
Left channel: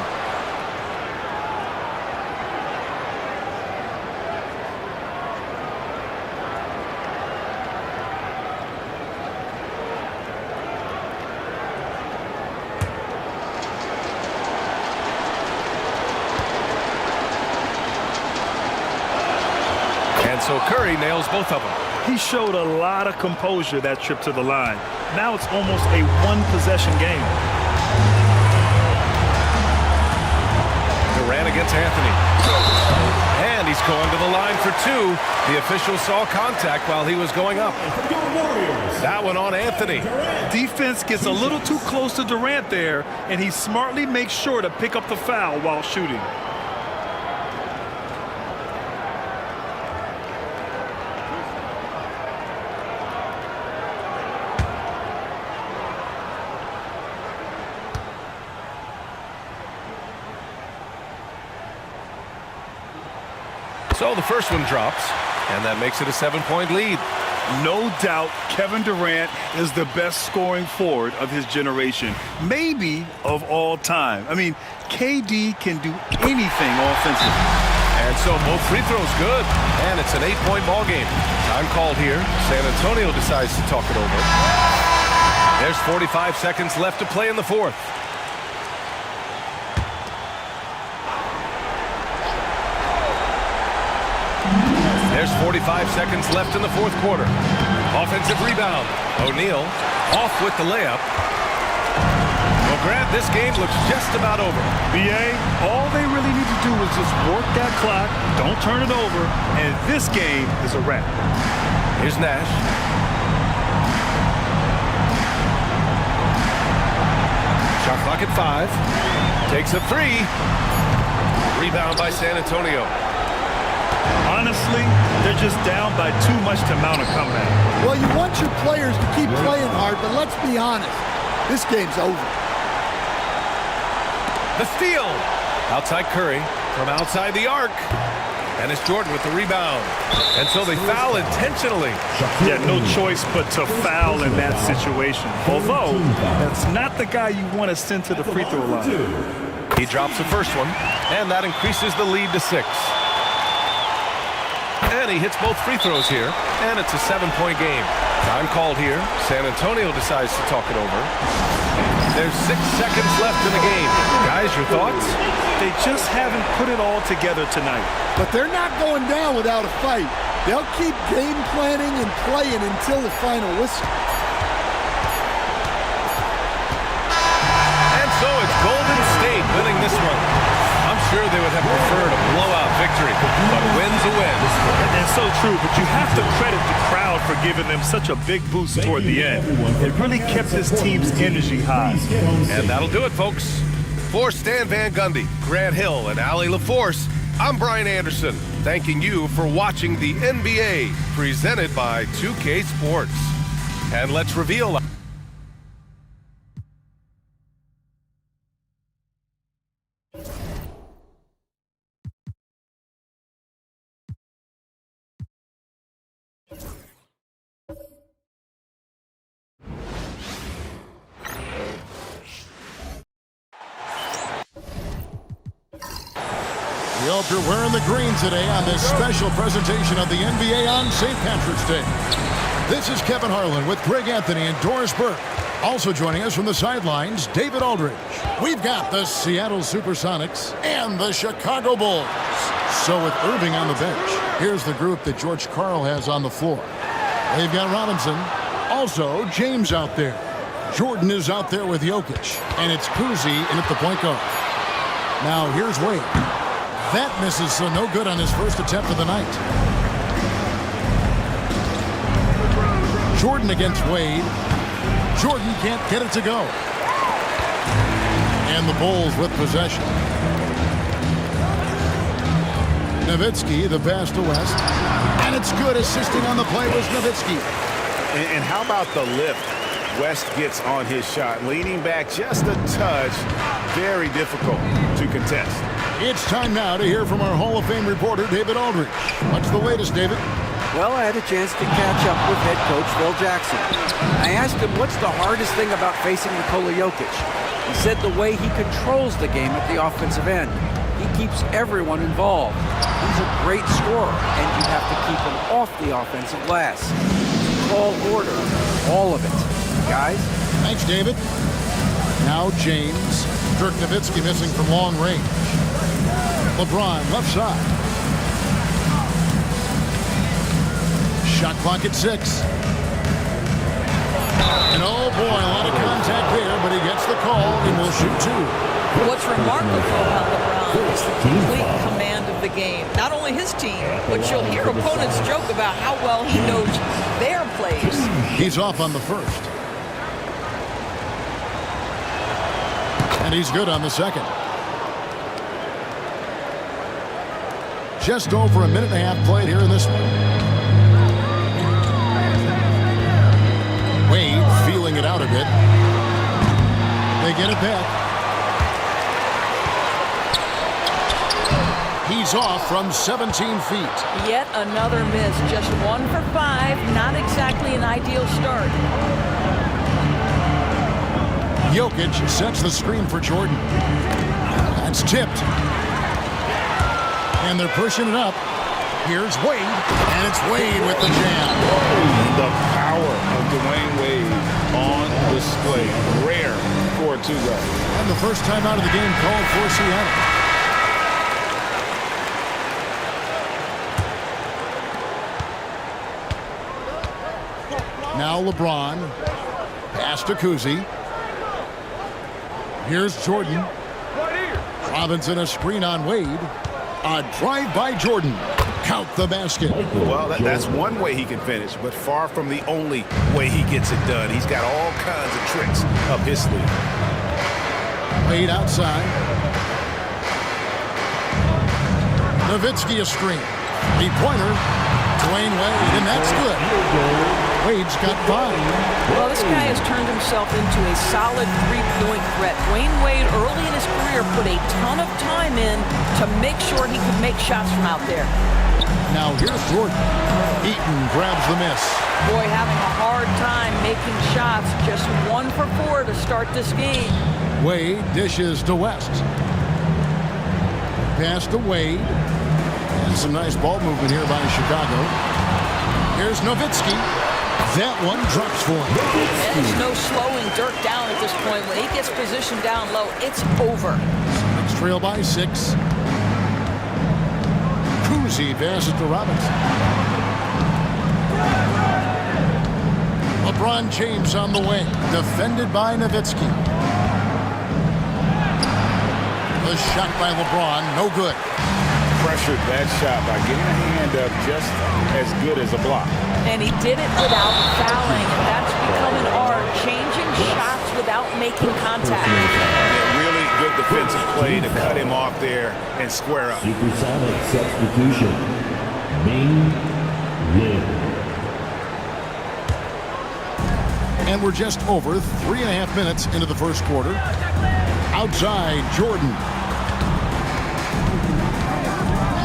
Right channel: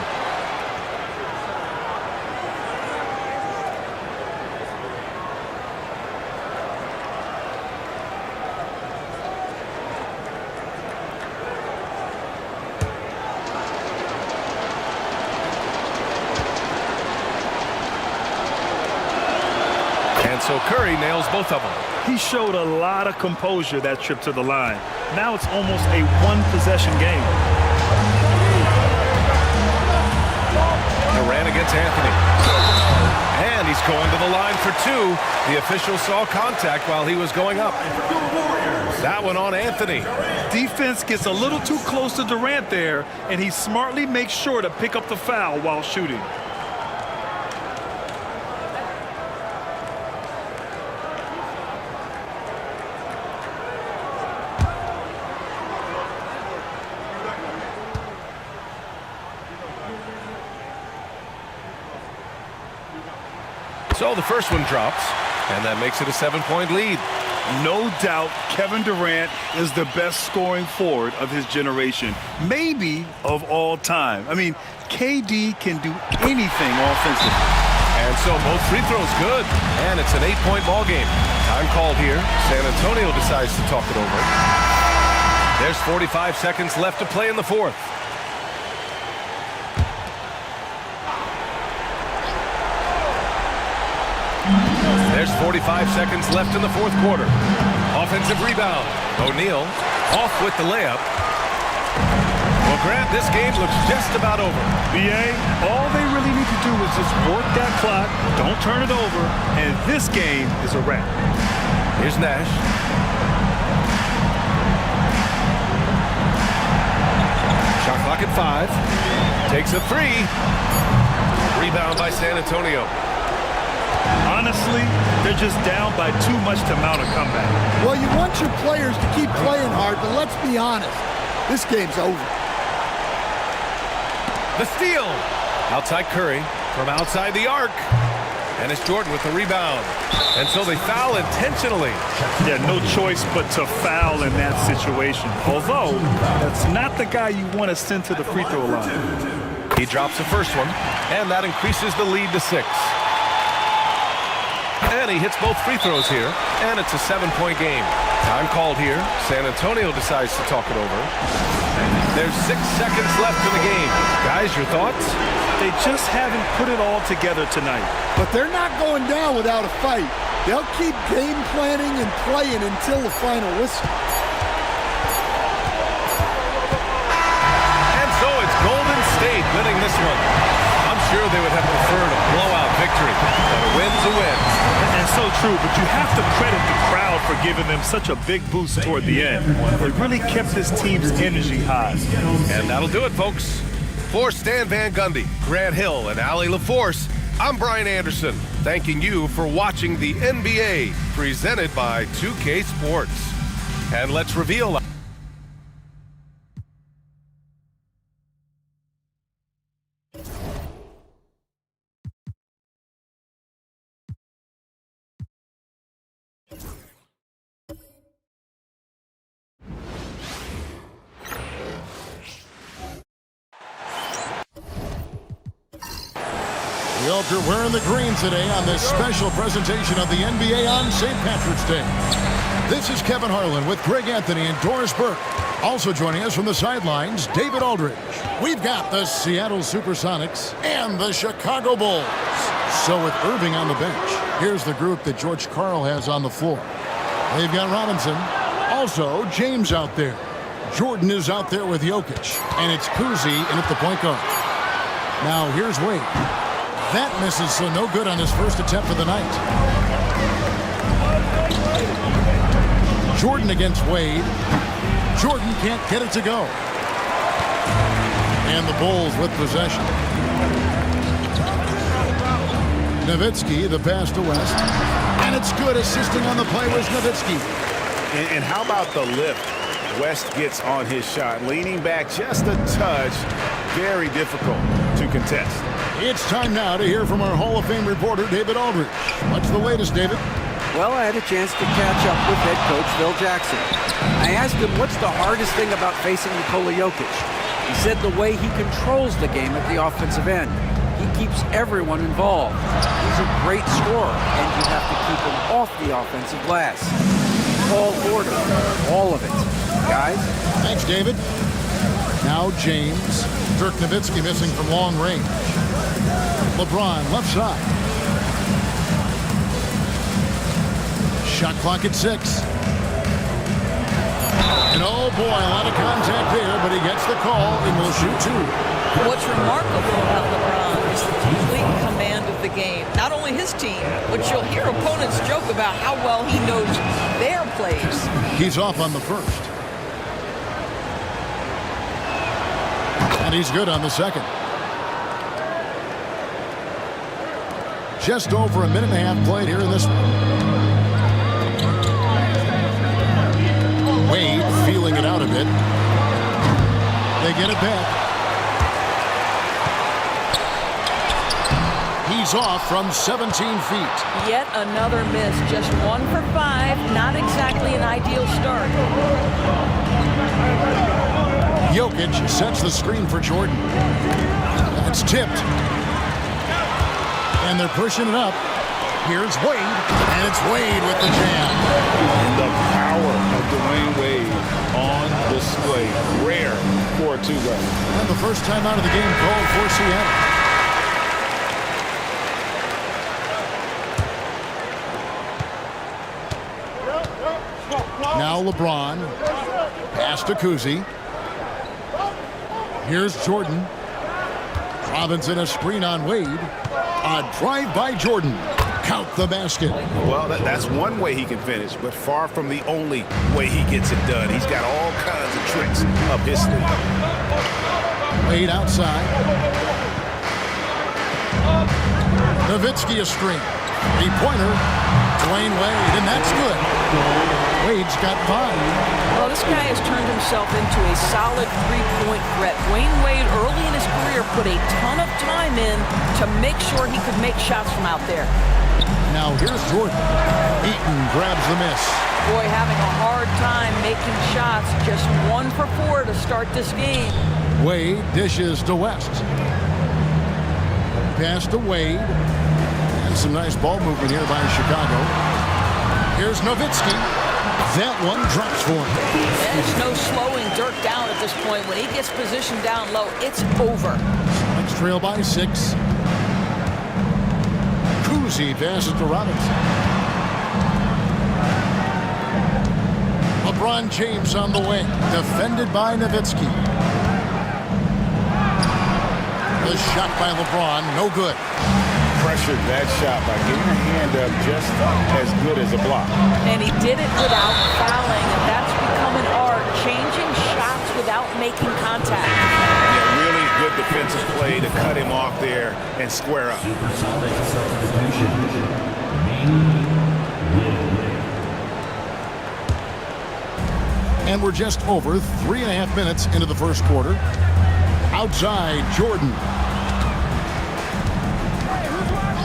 And so Curry nails both of them. He showed a lot of composure that trip to the line. Now it's almost a one-possession game. Durant against Anthony. And he's going to the line for 2. The official saw contact while he was going up. That one on Anthony. Defense gets a little too close to Durant there, and he smartly makes sure to pick up the foul while shooting. So the first one drops, and that makes it a 7-point lead. No doubt Kevin Durant is the best scoring forward of his generation, maybe of all time. I mean, KD can do anything offensively. And so both free throws good, and it's an 8-point ball game. Time called here. San Antonio decides to talk it over. There's 45 seconds left to play in the fourth. There's 45 seconds left in the fourth quarter. Offensive rebound. O'Neal off with the layup. Well, Grant, this game looks just about over. BA, all they really need to do is just work that clock, don't turn it over, and this game is a wrap. Here's Nash. Shot clock at 5. Takes a 3. Rebound by San Antonio. Honestly, they're just down by too much to mount a comeback. Well, you want your players to keep playing hard, but let's be honest. This game's over. The steal. Outside Curry from outside the arc. And it's Jordan with the rebound. And so they foul intentionally. Yeah, no choice but to foul in that situation. Although, that's not the guy you want to send to the free throw line. He drops the first one, and that increases the lead to 6. And he hits both free throws here, and it's a 7-point game. Time called here. San Antonio decides to talk it over. There's 6 seconds left in the game. Guys, your thoughts? They just haven't put it all together tonight. But they're not going down without a fight. They'll keep game planning and playing until the final whistle. And so it's Golden State winning this one. I'm sure they would have preferred a blowout victory, but a win's a win. And so true, but you have to credit the crowd for giving them such a big boost toward the end. It really kept this team's energy high. And that'll do it, folks. For Stan Van Gundy, Grant Hill, and Allie LaForce, I'm Brian Anderson, thanking you for watching the NBA presented by 2K Sports. And let's reveal... We hope you're wearing the green today on this special presentation of the NBA on St. Patrick's Day. This is Kevin Harlan with Greg Anthony and Doris Burke. Also joining us from the sidelines, David Aldridge. We've got the Seattle Supersonics and the Chicago Bulls. So with Irving on the bench, here's the group that George Karl has on the floor. They've got Robinson. Also, James out there. Jordan is out there with Jokic. And it's Kuzi in at the point guard. Now here's Wade. That misses, so no good on his first attempt of the night. Jordan against Wade. Jordan can't get it to go. And the Bulls with possession. Nowitzki, the pass to West. And it's good. Assisting on the play was Nowitzki. And how about the lift West gets on his shot? Leaning back just a touch. Very difficult to contest. It's time now to hear from our Hall of Fame reporter, David Aldridge. What's the latest, David? Well, I had a chance to catch up with head coach Phil Jackson. I asked him what's the hardest thing about facing Nikola Jokic. He said the way he controls the game at the offensive end. He keeps everyone involved. He's a great scorer, and you have to keep him off the offensive glass. Tall order, all of it. Guys? Thanks, David. Now James. Dirk Nowitzki missing from long range. LeBron left side. Shot clock at 6. And oh boy, a lot of contact there, but he gets the call and will shoot 2. What's remarkable about LeBron is the complete command of the game. Not only his team, but you'll hear opponents joke about how well he knows their plays. He's off on the first. And he's good on the second. Just over a minute and a half played here in this one. Wade feeling it out a bit. They get it back. He's off from 17 feet. Yet another miss. Just 1 for 5. Not exactly an ideal start. Jokic sets the screen for Jordan. That's tipped. And they're pushing it up. Here's Wade, and it's Wade with the jam. And the power of Dwayne Wade on display. Rare for a two-guard. And the first time out of the game called for Seattle. Now LeBron. Pass to Kuzi. Here's Jordan. Robinson, a screen on Wade. A drive by Jordan. Count the basket. Well, that's one way he can finish, but far from the only way he gets it done. He's got all kinds of tricks up his sleeve. Wade outside. Nowitzki a screen. Three-pointer. Dwayne Wade, and that's good. Wade's got 5. Well, this guy has turned himself into a solid three-point threat. Dwayne Wade, early in his career, put a ton of time in to make sure he could make shots from out there. Now here's Jordan. Eaton grabs the miss. Boy, having a hard time making shots. Just 1 for 4 to start this game. Wade dishes to West. Pass to Wade. And some nice ball movement here by Chicago. Here's Nowitzki. That one drops for him. There's no slowing Dirk down at this point. When he gets positioned down low, it's over. Next trail by 6. Kuzi passes to Robinson. LeBron James on the wing, defended by Nowitzki. The shot by LeBron, no good. Pressured that shot by getting a hand up just as good as a block. And he did it without fouling, and that's become an art, changing shots without making contact. Yeah, really good defensive play to cut him off there and square up. Supersonic substitution. Ming Lin. And we're just over 3.5 minutes into the first quarter. Outside, Jordan.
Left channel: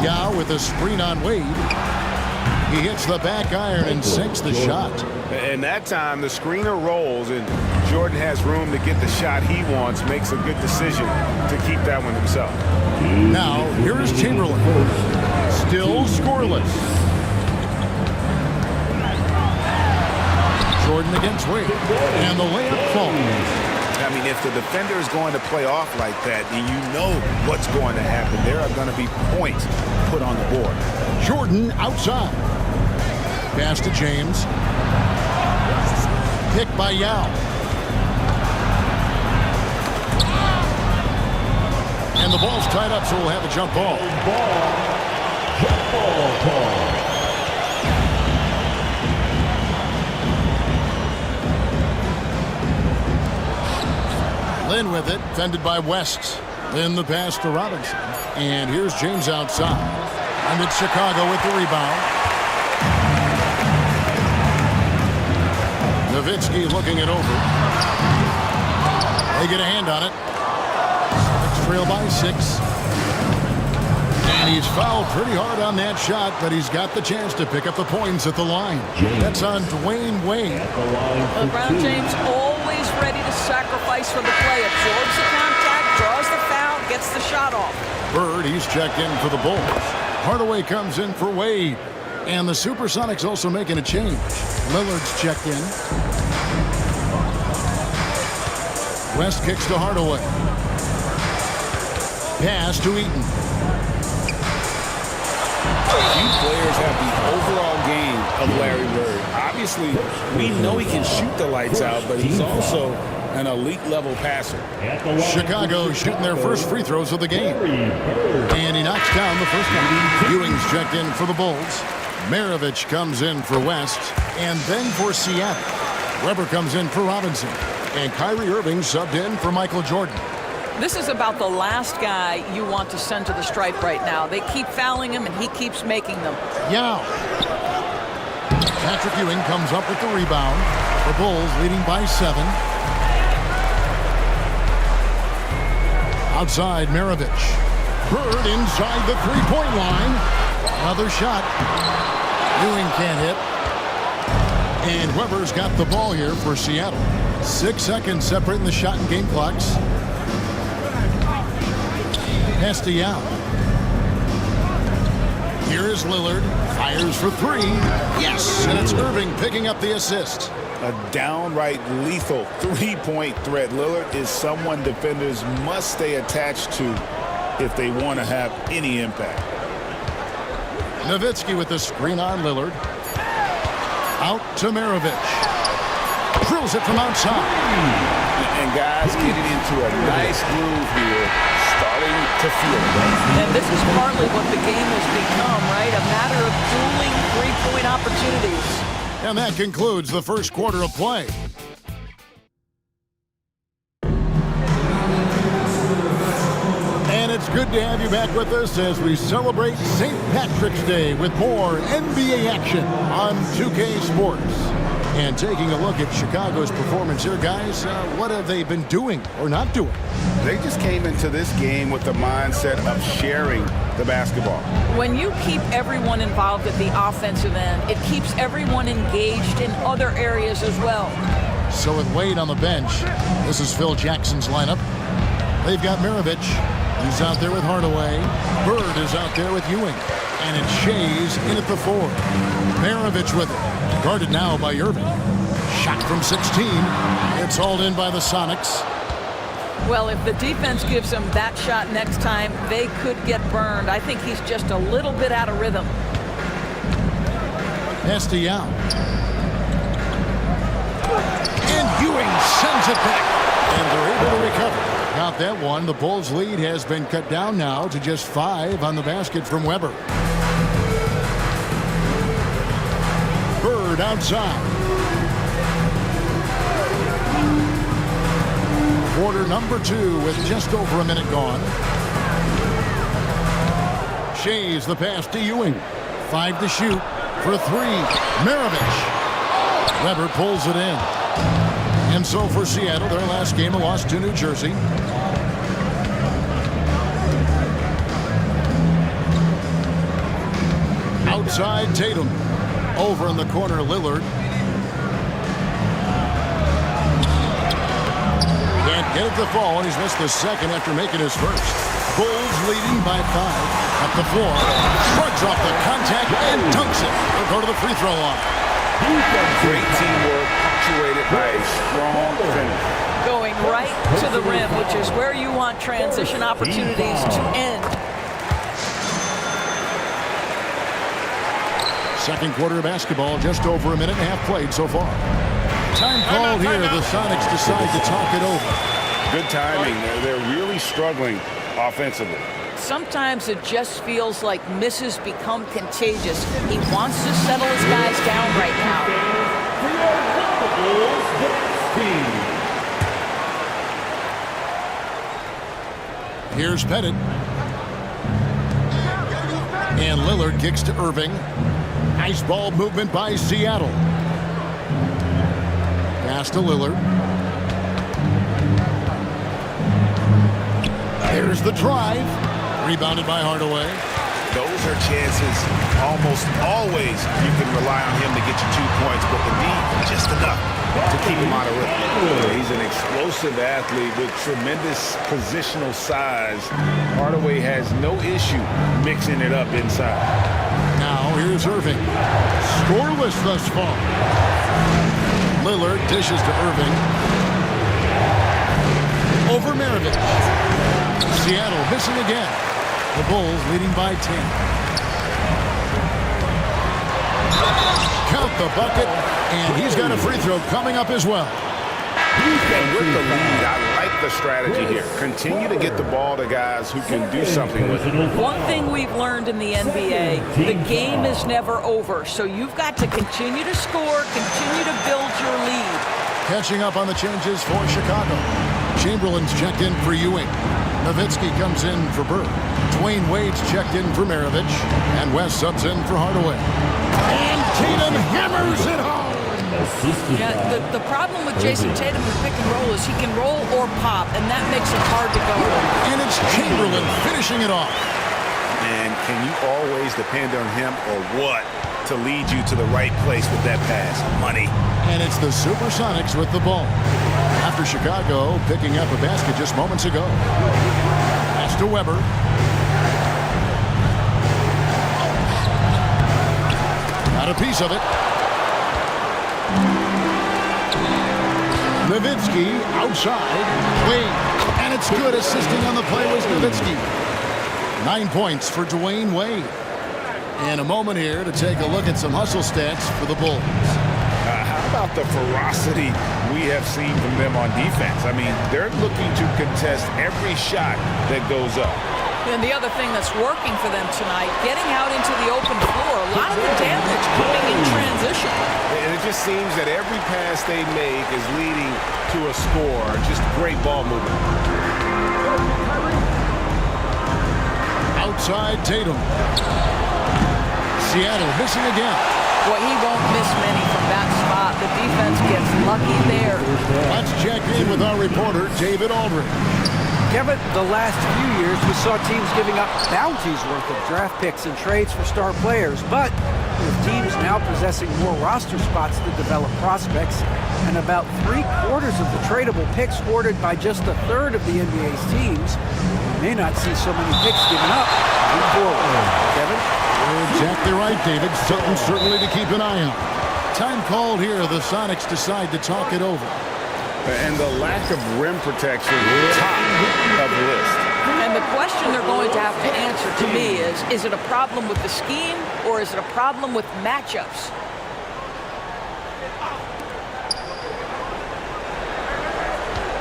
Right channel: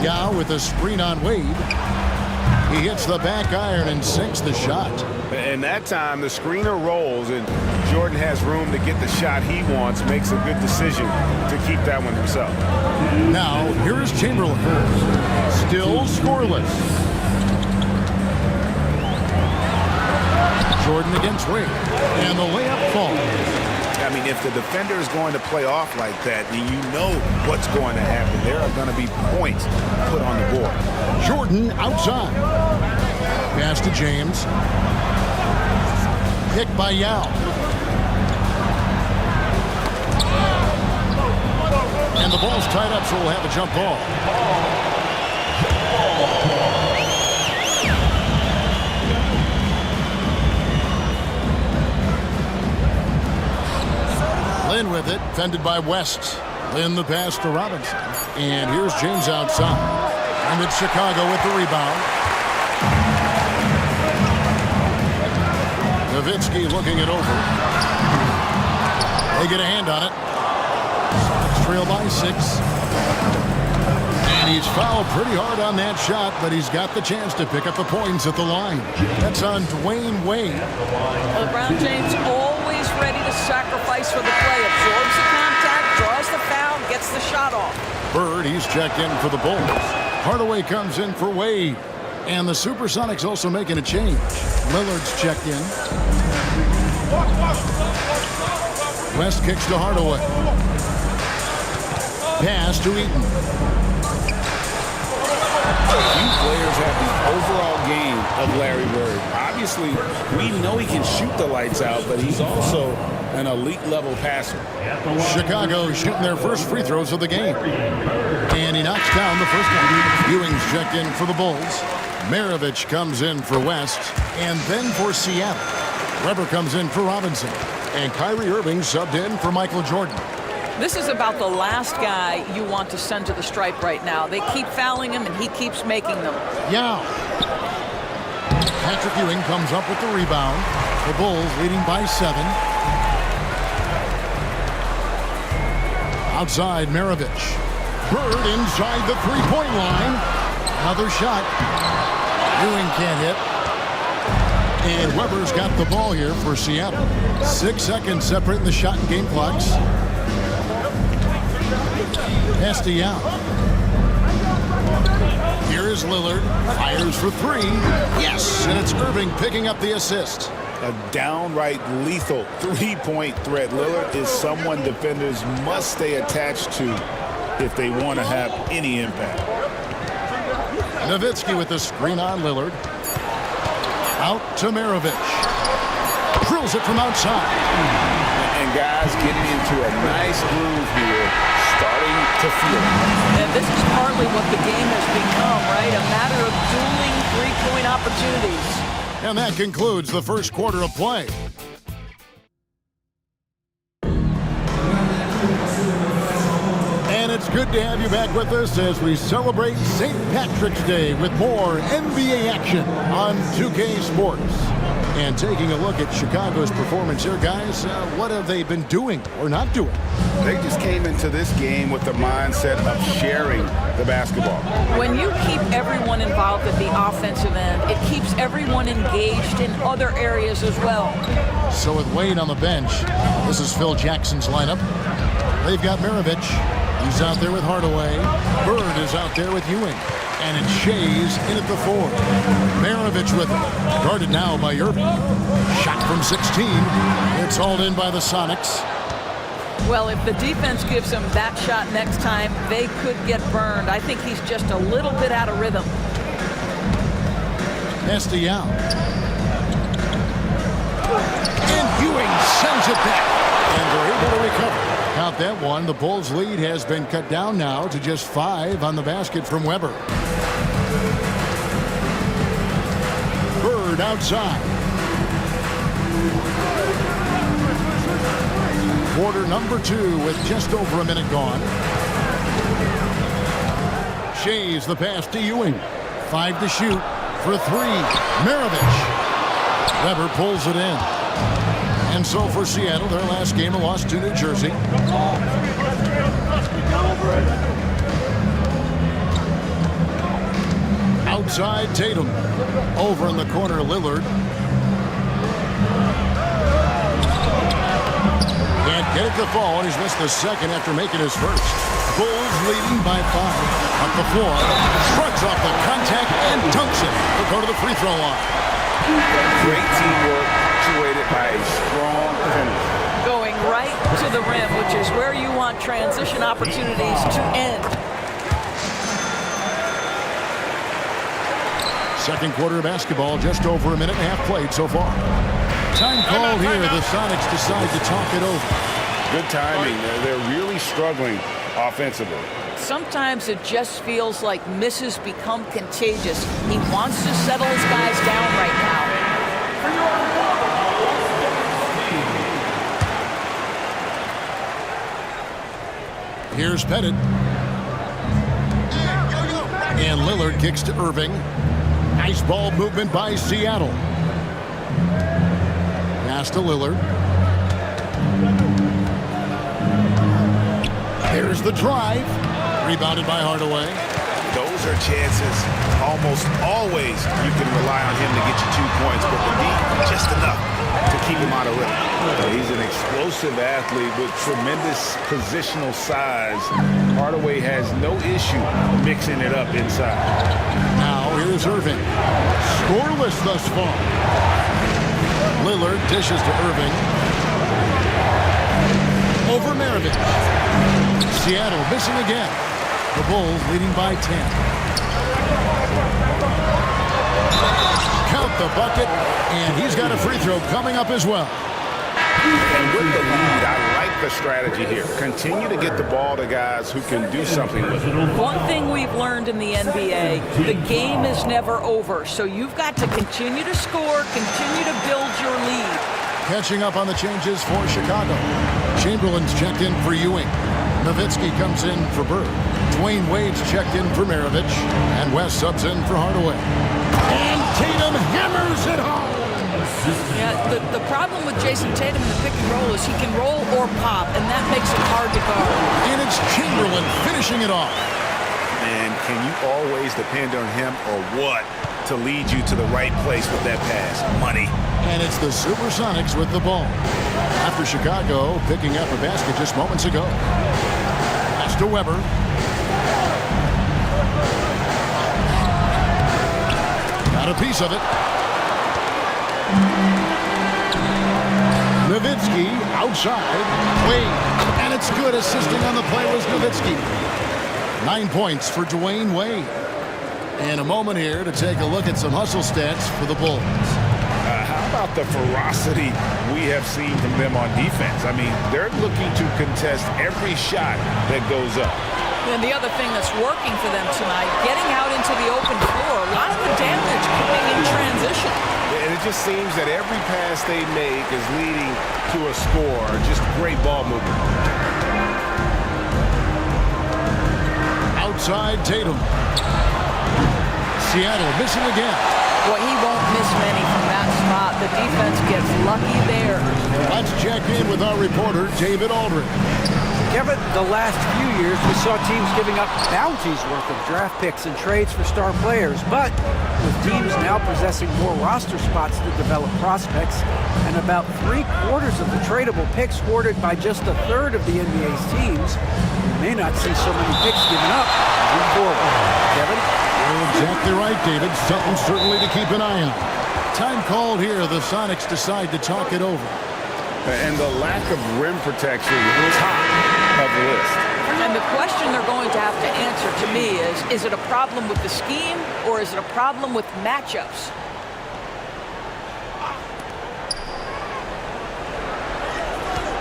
Yao with a screen on Wade. He hits the back iron and sinks the shot. And that time, the screener rolls, and Jordan has room to get the shot he wants, makes a good decision to keep that one himself. Now, here is Chamberlain. Still scoreless. Jordan against Wade. And the layup falls. I mean, if the defender is going to play off like that, then you know what's going to happen. There are going to be points put on the board. Jordan outside. Pass to James. Pick by Yao. And the ball's tied up, so we'll have a jump ball. Lin with it, fended by West. Lin the pass to Robinson. And here's James outside. And it's Chicago with the rebound. Nowitzki looking it over. They get a hand on it. Sonics trail by 6. And he's fouled pretty hard on that shot, but he's got the chance to pick up the points at the line. That's on Dwayne Wade. LeBron James always ready to sacrifice for the play. Absorbs the contact, draws the foul, gets the shot off. Bird, he's checked in for the Bulls. Hardaway comes in for Wade. And the Supersonics also making a change. Lillard's checked in. West kicks to Hardaway. Pass to Eaton. Few players have the overall game of Larry Bird. Obviously, we know he can shoot the lights out, but he's also an elite level passer. Chicago shooting their first free throws of the game. And he knocks down the first one. Ewing's checked in for the Bulls. Maravich comes in for West. And then for Seattle. Weber comes in for Robinson. And Kyrie Irving subbed in for Michael Jordan. This is about the last guy you want to send to the stripe right now. They keep fouling him, and he keeps making them. Yao. Patrick Ewing comes up with the rebound. The Bulls leading by 7. Outside, Maravich. Bird inside the three-point line. Another shot. Ewing can't hit. And Weber's got the ball here for Seattle. 6 seconds separating the shot and game clocks. Pass to Yao. Here is Lillard. Fires for 3. Yes! And it's Irving picking up the assist. A downright lethal three-point threat. Lillard is someone defenders must stay attached to if they want to have any impact. Nowitzki with the screen on Lillard. Out to Maravich. Drills it from outside. And guys getting into a nice groove here, starting to feel it. And this is partly what the game has become, right? A matter of dueling three-point opportunities. And that concludes the first quarter of play. And it's good to have you back with us as we celebrate St. Patrick's Day with more NBA action on 2K Sports. And taking a look at Chicago's performance here, guys, what have they been doing or not doing? They just came into this game with the mindset of sharing the basketball. When you keep everyone involved at the offensive end, it keeps everyone engaged in other areas as well. So with Wade on the bench, this is Phil Jackson's lineup. They've got Maravich. He's out there with Hardaway. Bird is out there with Ewing. And it's Shays in at the 4. Maravich with it. Guarded now by Irving. Shot from 16. It's hauled in by the Sonics. Well, if the defense gives him that shot next time, they could get burned. I think he's just a little bit out of rhythm. Castellano. And Ewing sends it back. And they're able to recover. Count that one. The Bulls' lead has been cut down now to just 5 on the basket from Weber. Bird outside. Quarter number 2 with just over a minute gone. Shays the pass to Ewing. 5 to shoot for 3. Maravich. Weber pulls it in. And so for Seattle, their last game, a loss to New Jersey. Outside Tatum. Over in the corner, Lillard. Can't get it to fall, and he's missed the second after making his first. Bulls leading by 5. Up the floor. Shrugs off the contact and dunks it. He'll go to the free throw line. Great teamwork, punctuated by a strong finish. Going right to the rim, which is where you want transition opportunities to end. Second quarter of basketball, just over a minute and a half played so far. Time called here. The Sonics decide to talk it over. Good timing. They're really struggling offensively. Sometimes it just feels like misses become contagious. He wants to settle his guys down right now. For your Bulls team. Here's Pettit. And Lillard kicks to Irving. Nice ball movement by Seattle. Pass to Lillard. There's the drive. Rebounded by Hardaway. Those are chances almost always you can rely on him to get you 2 points, but the D, just enough to keep him out of rhythm. He's an explosive athlete with tremendous positional size. Hardaway has no issue mixing it up inside. Now here's Irving. Scoreless thus far. Lillard dishes to Irving. Over Maravich. Seattle missing again. The Bulls leading by 10. Count the bucket, and he's got a free throw coming up as well. And with the lead, I like the strategy here. Continue to get the ball to guys who can do something with it. One thing we've learned in the NBA, the game is never over. So you've got to continue to score, continue to build your lead. Catching up on the changes for Chicago. Chamberlain's checked in for Ewing. Nowitzki comes in for Bird. Dwayne Wade's checked in for Maravich. And West subs in for Hardaway. And Tatum hammers it home. Yeah, the problem with Jason Tatum in the pick and roll is he can roll or pop, and that makes him hard to guard. And it's Chamberlain finishing it off. Man, can you always depend on him or what to lead you to the right place with that pass? Money. And it's the Supersonics with the ball. After Chicago picking up a basket just moments ago. Pass to Weber. Got a piece of it. Nowitzki outside. Wade. And it's good. Assisting on the play was Nowitzki. 9 points for Dwayne Wade. And a moment here to take a look at some hustle stats for the Bulls. How about the ferocity we have seen from them on defense? I mean, they're looking to contest every shot that goes up. And the other thing that's working for them tonight, getting out into the open floor, a lot of the damage coming in transition. And it just seems that every pass they make is leading to a score. Just great ball movement. Outside Tatum. Seattle missing again. Boy, he won't miss many from that spot. The defense gets lucky there. Let's check in with our reporter, David Aldridge. Kevin, the last few years, we saw teams giving up bounties worth of draft picks and trades for star players. But with teams now possessing more roster spots to develop prospects and about 3/4 of the tradable picks hoarded by just a third of the NBA's teams, we may not see so many picks given up moving forward. Kevin? You're exactly right, David. Something certainly to keep an eye on. Time called here. The Sonics decide to talk it over. And the lack of rim protection, top of the list. And the question they're going to have to answer to me is it a problem with the scheme or is it a problem with matchups?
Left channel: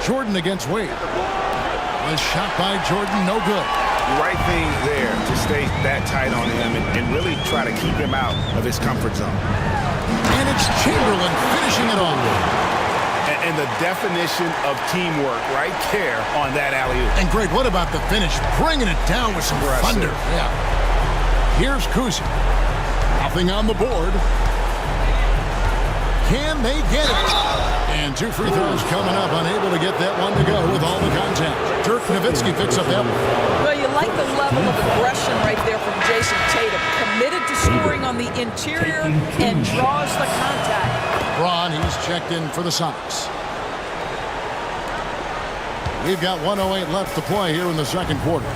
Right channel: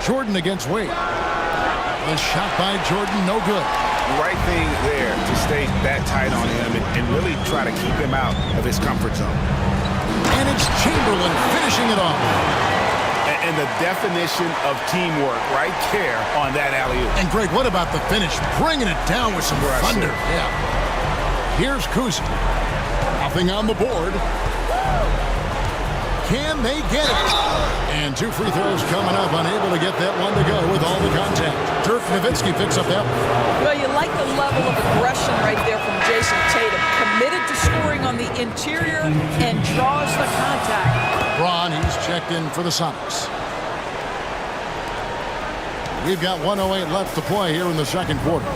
Jordan against Wade. The shot by Jordan, no good. Right thing there to stay that tight on him and really try to keep him out of his comfort zone. And it's Chamberlain finishing it off. And the definition of teamwork right there on that alley-oop. And Greg, what about the finish? Bringing it down with some thunder. Yeah. Here's Kuzi. Nothing on the board. Can they get it? And 2 free throws coming up, unable to get that one to go with all the contact. Dirk Nowitzki picks up that one. Well, you like the level of aggression right there from Jason Tatum. Committed to scoring on the interior and draws the contact. Braun, he's checked in for the Sonics. We've got 1:08 left to play here in the second quarter.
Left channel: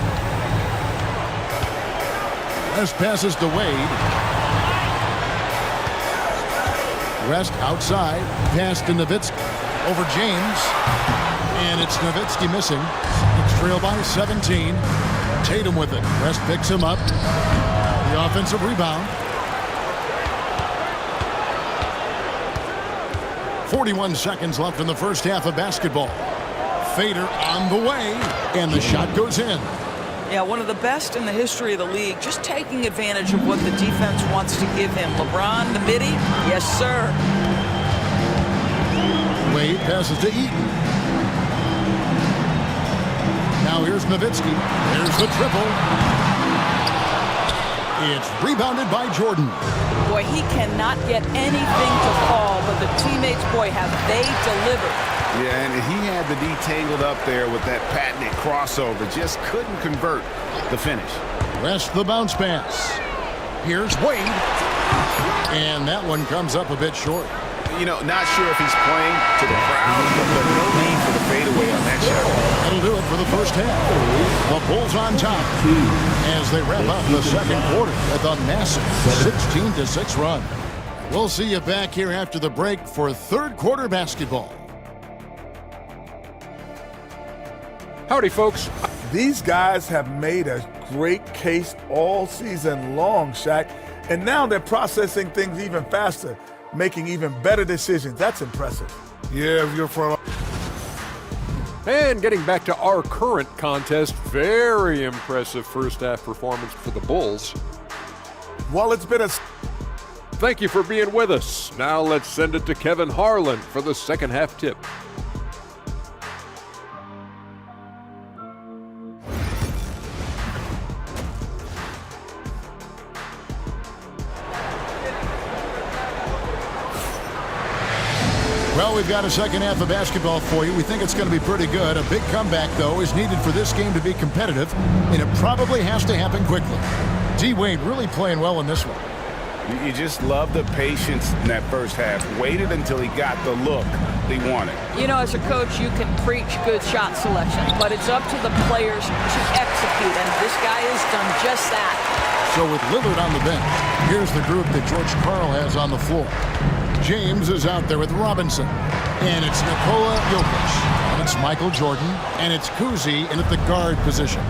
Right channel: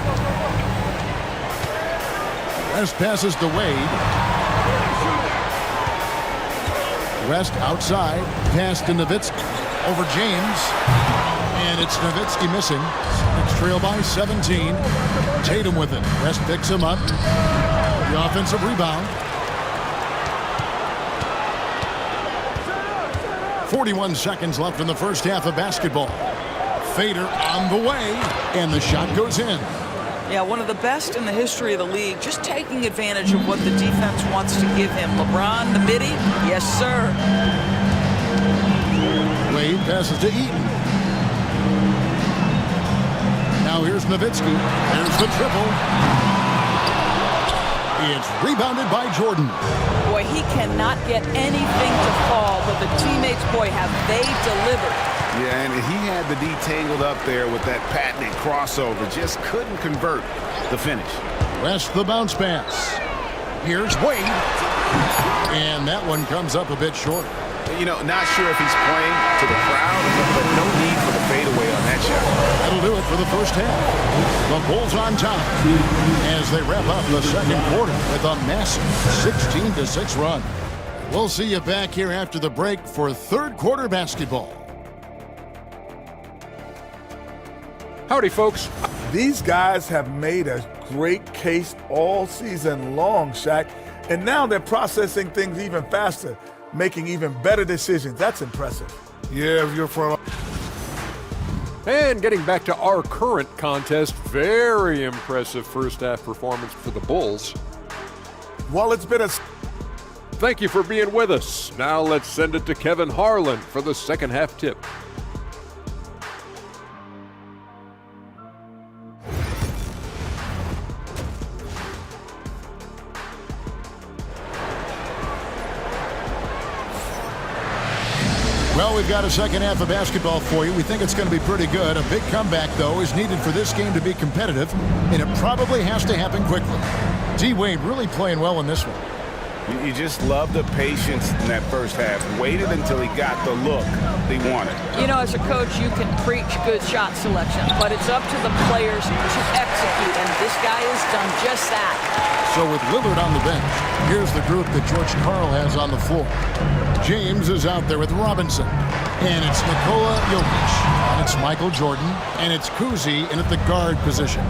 West passes to Wade. West outside, pass to Nowitzki. Over James. And it's Nowitzki missing. Sonics trail by 17. Tatum with it. West picks him up. The offensive rebound. 41 seconds left in the first half of basketball. Fader on the way, and the shot goes in. Yeah, one of the best in the history of the league, just taking advantage of what the defense wants to give him. LeBron, the midi, yes, sir. Wade passes to Eaton. Now here's Nowitzki. There's the triple. It's rebounded by Jordan. Boy, he cannot get anything to fall, but the teammates, boy, have they delivered. Yeah, and he had the D tangled up there with that patented crossover. Just couldn't convert the finish. West the bounce pass. Here's Wade. And that one comes up a bit short. You know, not sure if he's playing to the crowd, but no need for the fadeaway on that shot. That'll do it for the first half. The Bulls on top as they wrap up the second quarter with a massive 16-6 run. We'll see you back here after the break for third quarter basketball. Howdy, folks. These guys have made a great case all season long, Shaq, and now they're processing things even faster, making even better decisions. That's impressive. Yeah, if you're front. And getting back to our current contest, very impressive first half performance for the Bulls. Well, it's been a... Thank you for being with us. Now let's send it to Kevin Harlan for the second half tip. Well, we've got a second half of basketball for you. We think it's going to be pretty good. A big comeback, though, is needed for this game to be competitive, and it probably has to happen quickly. D-Wade really playing well in this one. You just love the patience in that first half. Waited until he got the look they wanted. You know, as a coach, you can preach good shot selection, but it's up to the players to execute, and this guy has done just that. So with Lillard on the bench, here's the group that George Karl has on the floor. James is out there with Robinson. And it's Nikola Jokic. And it's Michael Jordan. And it's Kuzi in at the guard position.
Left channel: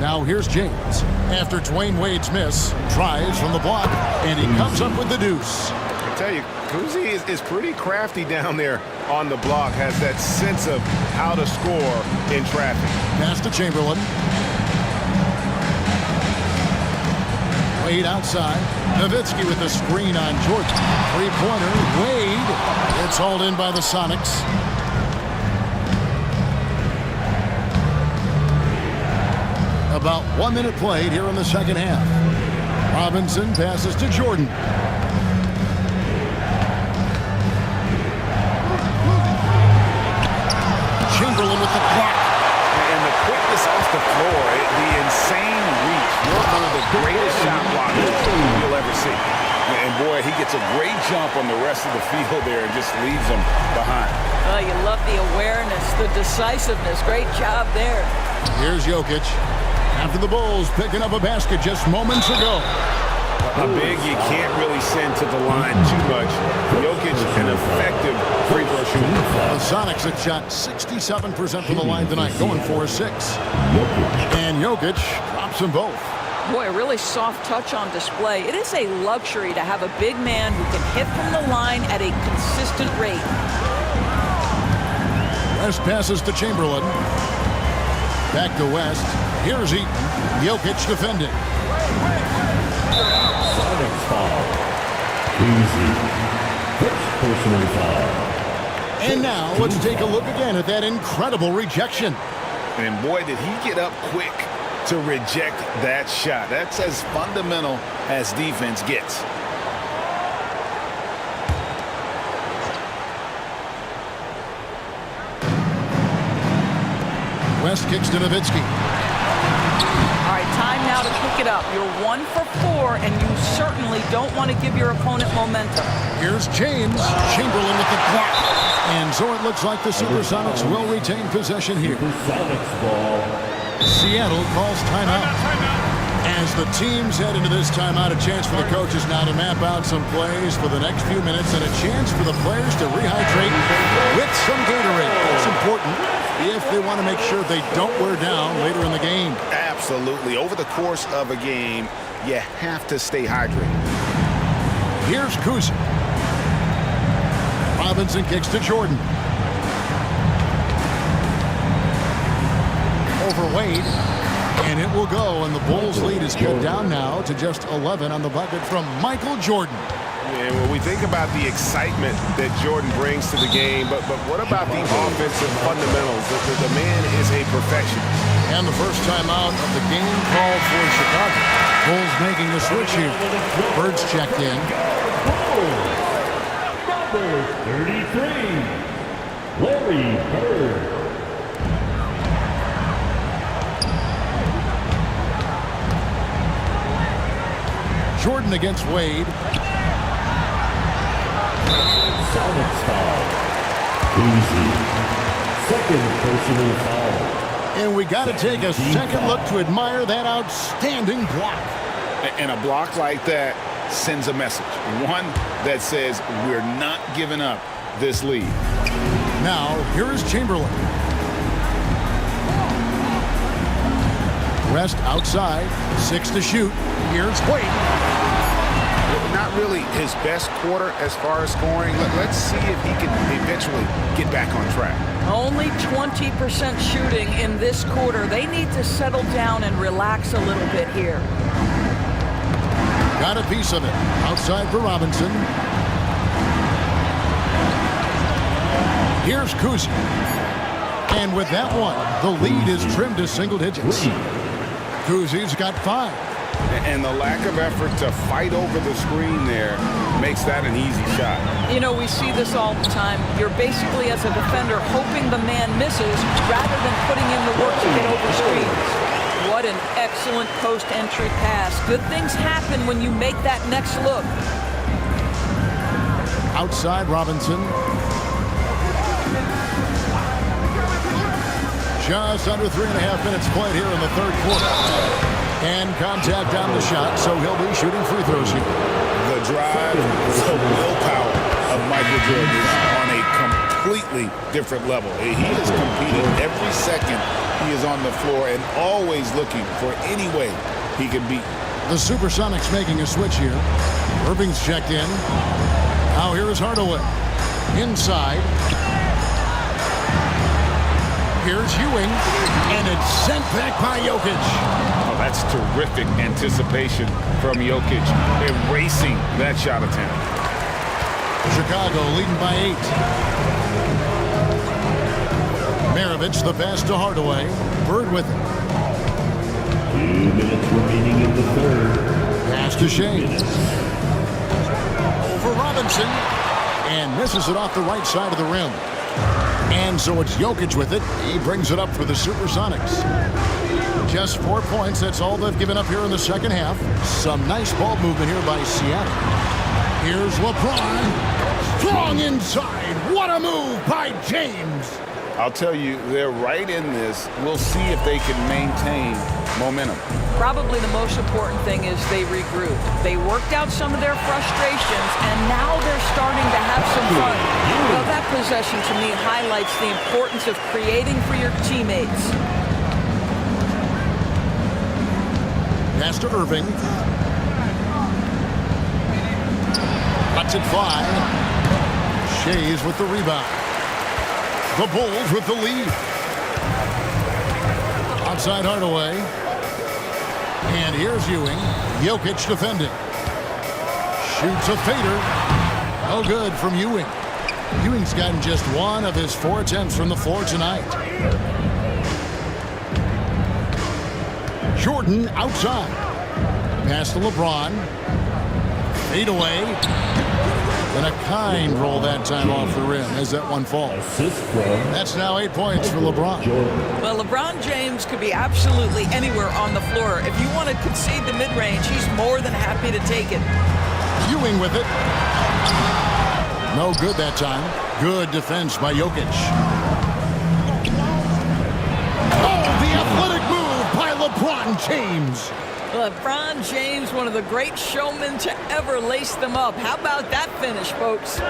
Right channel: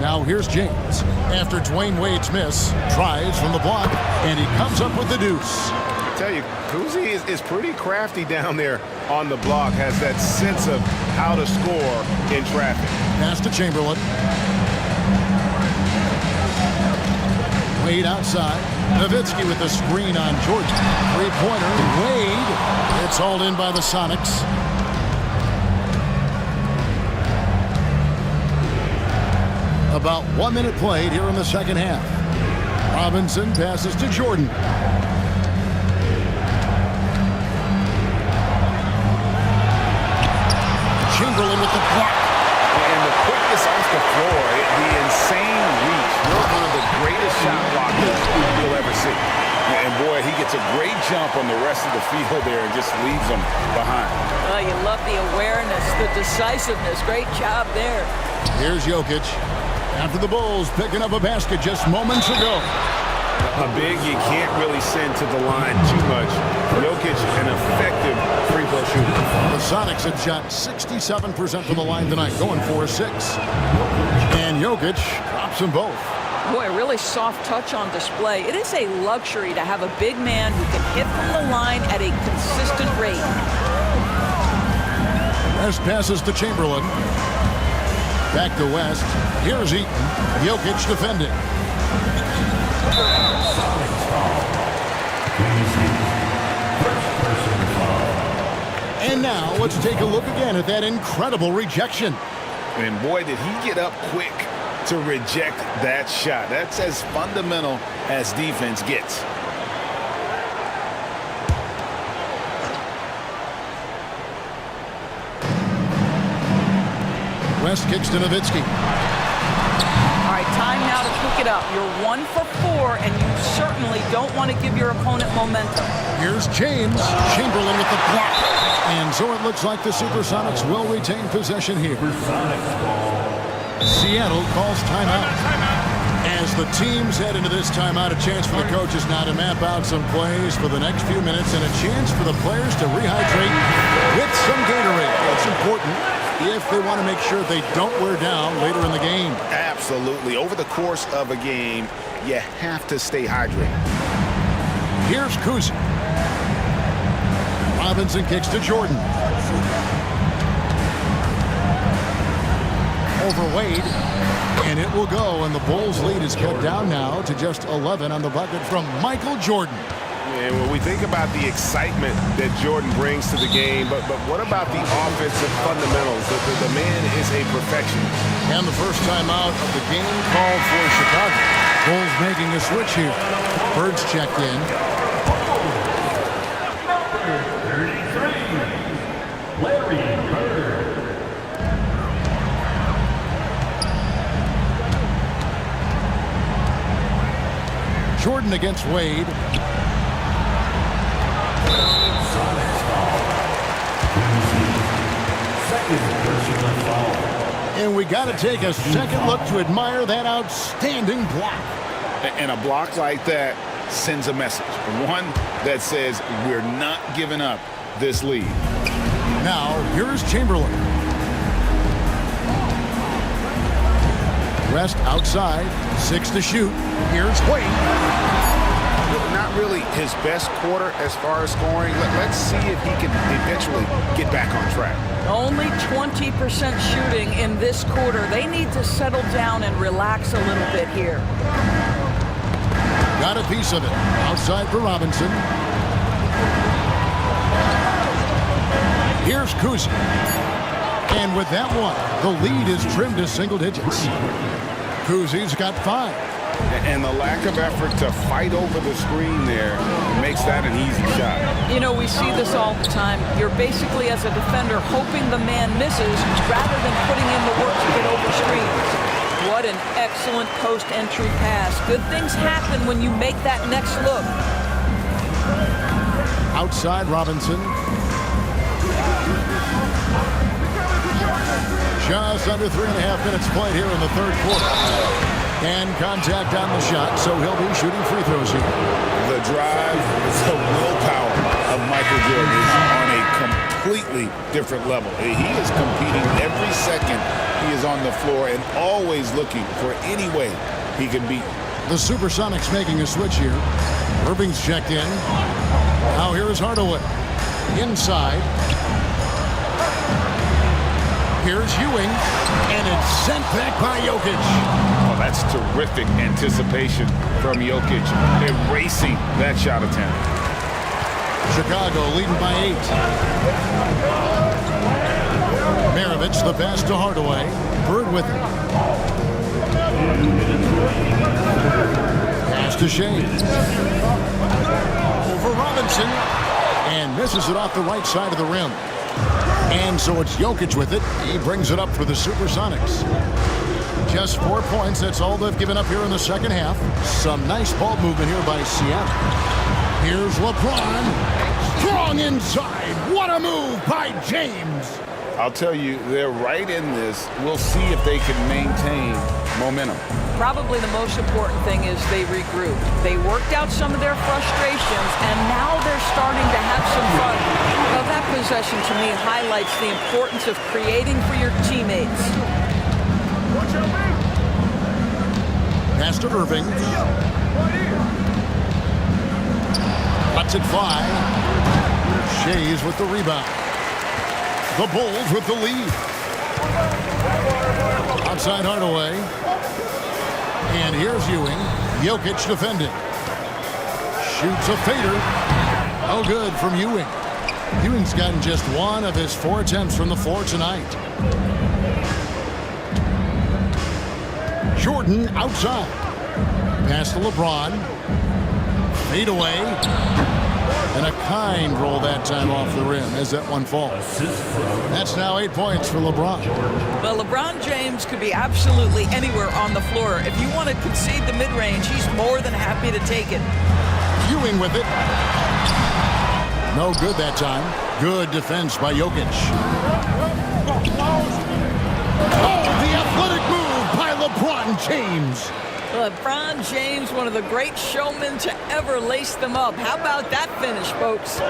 Now here's James. After Dwayne Wade's miss, tries from the block, and he comes up with the deuce. I tell you, Kuzi is pretty crafty down there on the block. Has that sense of how to score in traffic. Pass to Chamberlain. Wade outside. Nowitzki with the screen on Jordan. Three-pointer. Wade. It's hauled in by the Sonics. About 1 minute played here in the second half. Robinson passes to Jordan. Chamberlain with the block. And the quickness off the floor, the insane reach. One of the greatest shot blockers you'll ever see. And boy, he gets a great jump on the rest of the field there and just leaves them behind. Oh, you love the awareness, the decisiveness. Great job there. Here's Jokic. After the Bulls picking up a basket just moments ago. A big you can't really send to the line too much. Jokic, an effective free throw shooter. The Sonics have shot 67% from the line tonight, going 4-6. And Jokic drops them both. Boy, a really soft touch on display. It is a luxury to have a big man who can hit from the line at a consistent rate. West passes to Chamberlain. Back to West. Here's Eaton. Jokic defending. Sonics foul. Easy. First personal foul. And now let's take a look again at that incredible rejection. And boy, did he get up quick to reject that shot. That's as fundamental as defense gets. West kicks to Nowitzki. All right, time now to pick it up. You're 1 for 4, and you certainly don't want to give your opponent momentum. Here's James. Chamberlain with the block. And so it looks like the Supersonics will retain possession here. Supersonics ball. Seattle calls timeout. As the teams head into this timeout, a chance for the coaches now to map out some plays for the next few minutes and a chance for the players to rehydrate with some Gatorade. That's important if they want to make sure they don't wear down later in the game. Absolutely. Over the course of a game, you have to stay hydrated. Here's Kuzi. Robinson kicks to Jordan. Over Wade. And it will go, and the Bulls' lead is cut down now to just 11 on the bucket from Michael Jordan. And when we think about the excitement that Jordan brings to the game, but what about the offensive fundamentals? The man is a perfectionist. And the first time out of the game called for Chicago. Bulls making a switch here. Bird's checked in. Number 33, Larry Bird. Jordan against Wade. Sonics foul. Easy. Second personal foul. And we got to take a second look to admire that outstanding block. And a block like that sends a message. One that says we're not giving up this lead. Now, here is Chamberlain. West outside. 6 to shoot. Here's Wade. Not really his best quarter as far as scoring. Let's see if he can eventually get back on track. Only 20% shooting in this quarter. They need to settle down and relax a little bit here. Got a piece of it. Outside for Robinson. Here's Kuzi. And with that one, the lead is trimmed to single digits. Kuzi's got 5. And the lack of effort to fight over the screen there makes that an easy shot. You know, we see this all the time. You're basically, as a defender, hoping the man misses rather than putting in the work to get over screens. What an excellent post-entry pass. Good things happen when you make that next look. Outside Robinson. Just under 3.5 minutes played here in the third quarter. And contact on the shot, so he'll be shooting free throws here. The drive, the willpower of Michael Jordan is on a completely different level. He is competing every second he is on the floor and always looking for any way he can beat. The Supersonics making a switch here. Irving's checked in. Now here is Hardaway. Inside. Here's Ewing. And it's sent back by Jokic. Oh, that's terrific anticipation from Jokic, erasing that shot attempt. Chicago leading by 8. Maravich, the pass to Hardaway. Bird with it. 2 minutes remaining in the third. Pass to Shea. Over Robinson. And misses it off the right side of the rim. And so it's Jokic with it. He brings it up for the Supersonics. Just 4 points. That's all they've given up here in the second half. Some nice ball movement here by Seattle. Here's LeBron. Strong inside. What a move by James. I'll tell you, they're right in this. We'll see if they can maintain momentum. Probably the most important thing is they regrouped. They worked out some of their frustrations, and now they're starting to have some fun. Well, that possession to me highlights the importance of creating for your teammates. Pass to Irving. Lets it fly. Shays with the rebound. The Bulls with the lead. Outside Hardaway. And here's Ewing. Jokic defending. Shoots a fader. No good from Ewing. Ewing's gotten just 1 of his 4 attempts from the floor tonight. Jordan outside. Pass to LeBron. Fade away. And a kind roll that time off the rim as that one falls. That's now 8 points for LeBron. Well, LeBron James could be absolutely anywhere on the floor. If you want to concede the mid-range, he's more than happy to take it. Ewing with it. No good that time. Good defense by Jokic. Oh, the athletic move by LeBron James. LeBron James, one of the great showmen to ever lace them up. How about that finish, folks?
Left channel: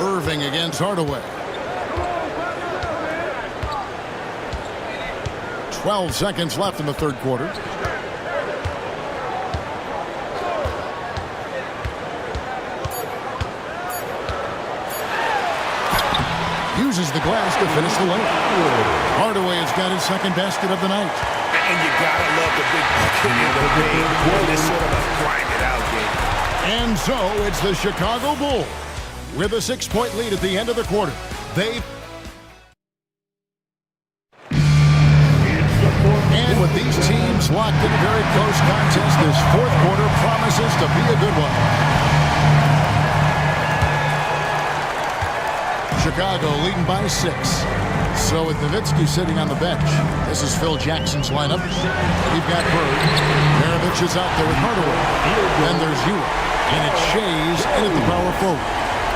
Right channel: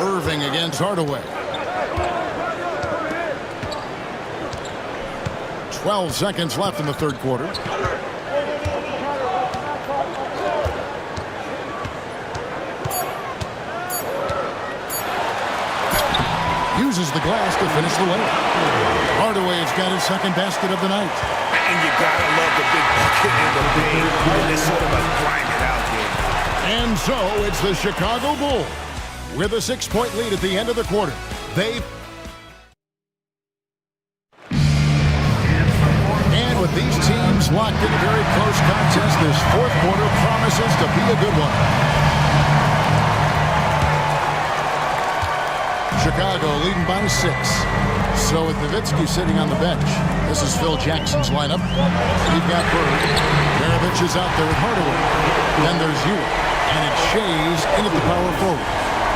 Irving against Hardaway. 12 seconds left in the third quarter. Uses the glass to finish the layup. Hardaway has got his second basket of the night. And you gotta love the big bucket in the paint in this sort of a grind-it-out game. And so it's the Chicago Bulls with a 6-point lead at the end of the quarter. And with these teams locked in a very close contest, this fourth quarter promises to be a good one. Chicago leading by 6. So with Nowitzki sitting on the bench, this is Phil Jackson's lineup. We've got Bird. Maravich is out there with Hardaway. Then there's Ewing. And it's Shays in at the power forward.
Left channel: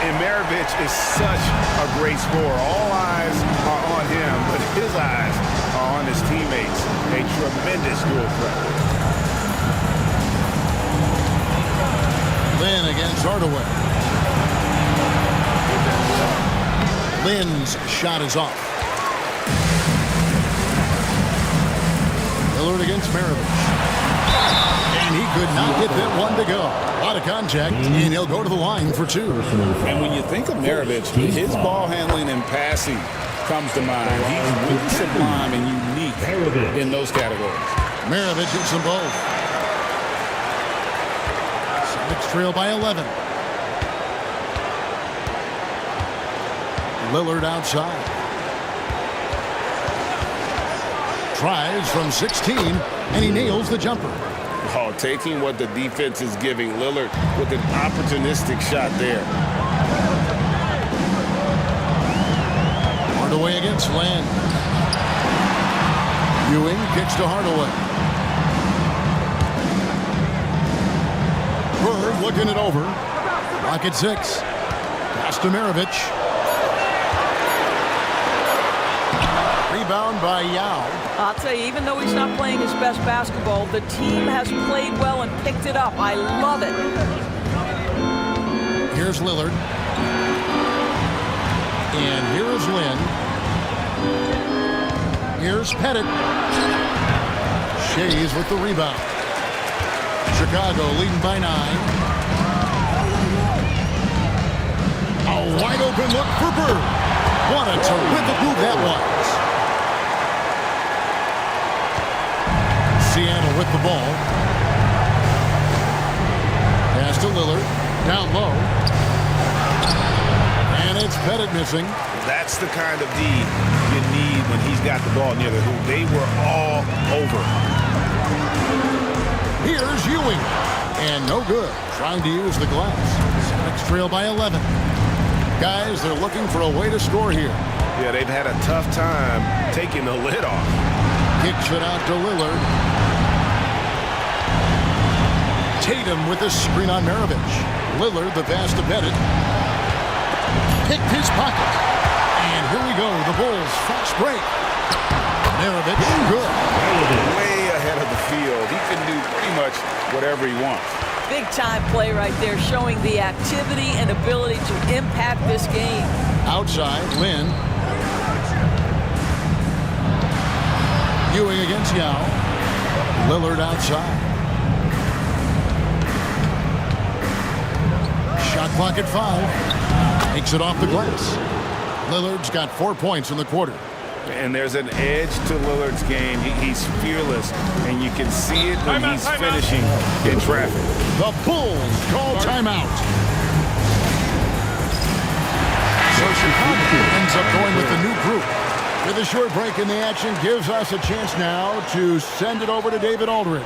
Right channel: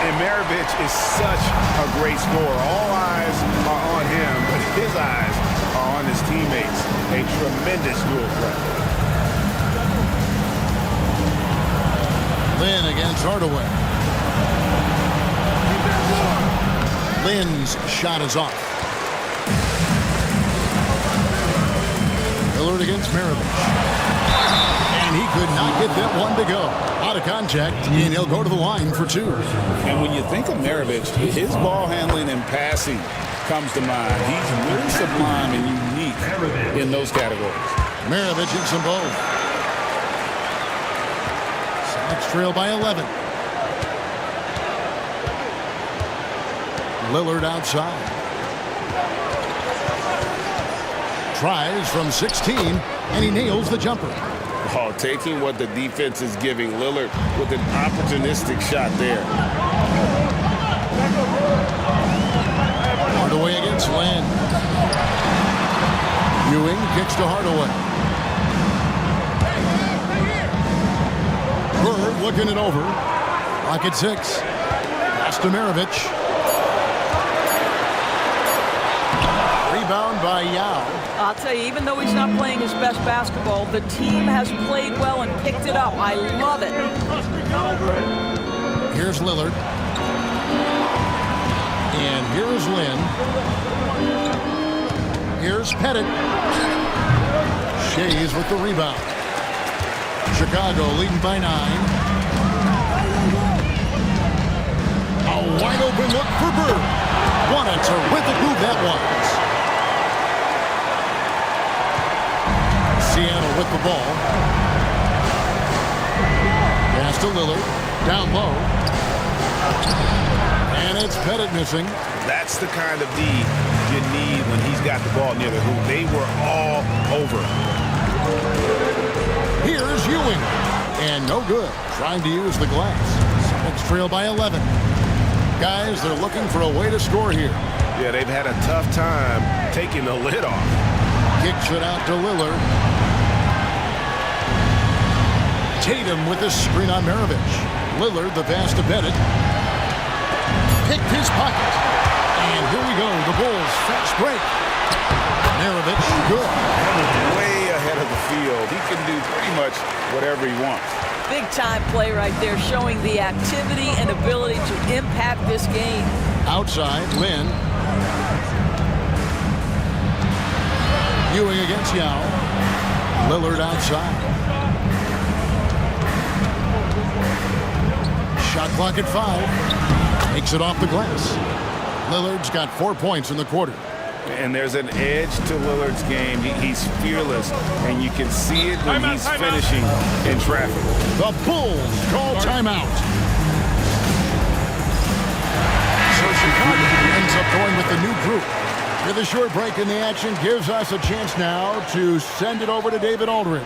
And Maravich is such a great scorer. All eyes are on him, but his eyes are on his teammates. A tremendous dual threat. Lynn against Hardaway. Lynn's shot is off. Lillard against Maravich. And he could not get that one to go. A lot of contact, and he'll go to the line for 2. And when you think of Maravich, his ball handling and passing comes to mind. He's really sublime and unique in those categories. Maravich hits them both. Celtics trail by 11. Lillard outside. Tries from 16, and he nails the jumper. Oh, taking what the defense is giving Lillard with an opportunistic shot there. Hardaway against Lynn. Ewing kicks to Hardaway. Bird looking it over. Lock at 6. Pass to Maravich. Rebound by Yao. I'll tell you, even though he's not playing his best basketball, the team has played well and picked it up. I love it. Here's Lillard. And here's Lynn. Here's Pettit. Shays with the rebound. Chicago leading by 9. A wide open look for Bird. What a terrific move that was. Seattle with the ball. Pass to Lillard. Down low. And it's Pettit missing. That's the kind of D you need when he's got the ball near the hoop. They were all over. Here's Ewing. And no good. Trying to use the glass. Celtics trail by 11. Guys, they're looking for a way to score here. Yeah, they've had a tough time taking the lid off. Kicks it out to Lillard. Tatum with the screen on Maravich. Lillard the pass to Pettit. Picked his pocket. And here we go. The Bulls fast break. Maravich, good. Way ahead of the field. He can do pretty much whatever he wants. Big time play right there, showing the activity and ability to impact this game. Outside, Lynn. Ewing against Yao. Lillard outside. Shot clock at 5. Makes it off the glass. Lillard's got 4 points in the quarter. And there's an edge to Lillard's game. He's fearless, and you can see it when he's finishing in traffic. The Bulls call timeout. So Chicago ends up going with the new group. With a short break in the action, gives us a chance now to send it over to David Aldridge.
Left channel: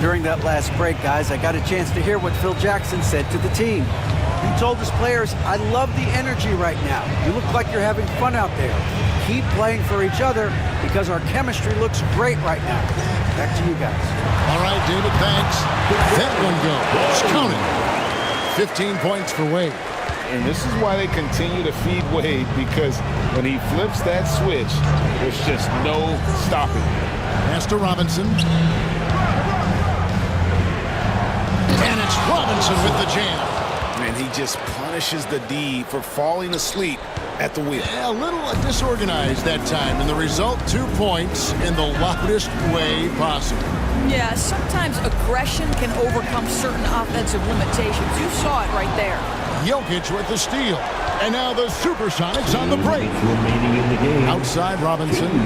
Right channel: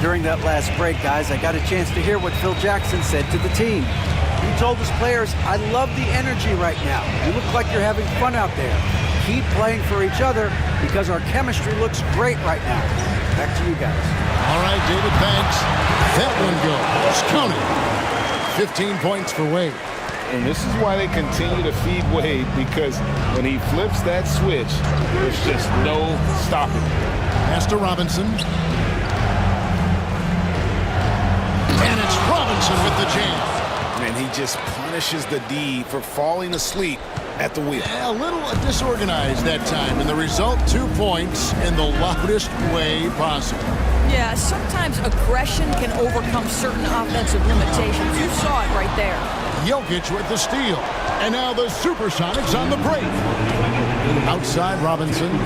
During that last break, guys, I got a chance to hear what Phil Jackson said to the team. He told his players, "I love the energy right now. You look like you're having fun out there. Keep playing for each other because our chemistry looks great right now." Back to you guys. All right, David, thanks. That one goes. Count it. 15 points for Wade. And this is why they continue to feed Wade, because when he flips that switch, there's just no stopping it. Pass to Robinson. And it's Robinson with the jam. And he just punishes the D for falling asleep at the wheel. A little disorganized that time, and the result, 2 points in the loudest way possible. Yeah, sometimes aggression can overcome certain offensive limitations. You saw it right there. Jokic with the steal. And now the Supersonics on the break. Outside Robinson.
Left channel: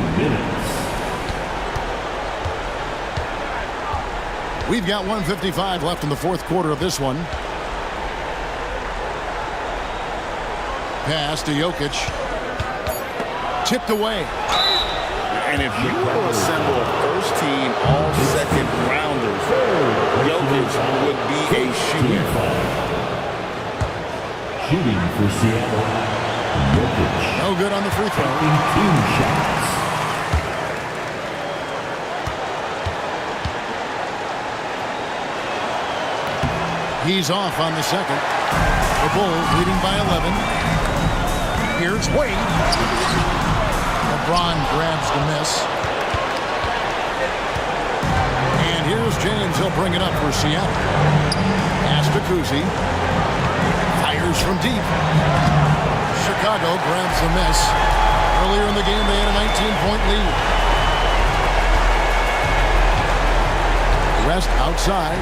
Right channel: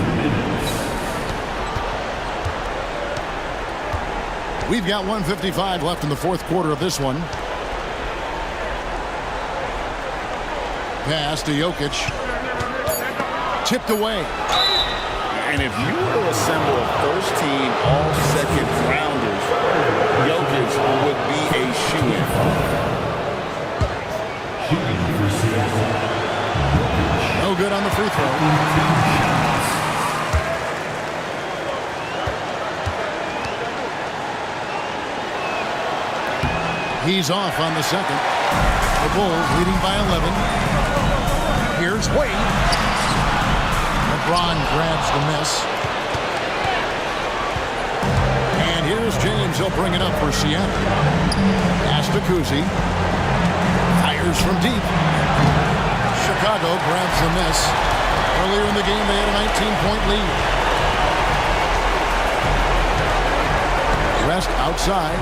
We've got 1:55 left in the fourth quarter of this one. Pass to Jokic. Tipped away. And if you were to assemble a first-team all-second rounders, Jokic would be a shoo-in. Shooting for Seattle, Jokic. No good on the free throw. 2 shots. He's off on the second. The Bulls leading by 11. Here's Wade. LeBron grabs the miss. And here's James. He'll bring it up for Seattle. Pass to Kuzi. Fires from deep. Chicago grabs the miss. Earlier in the game, they had a 19-point lead. West outside.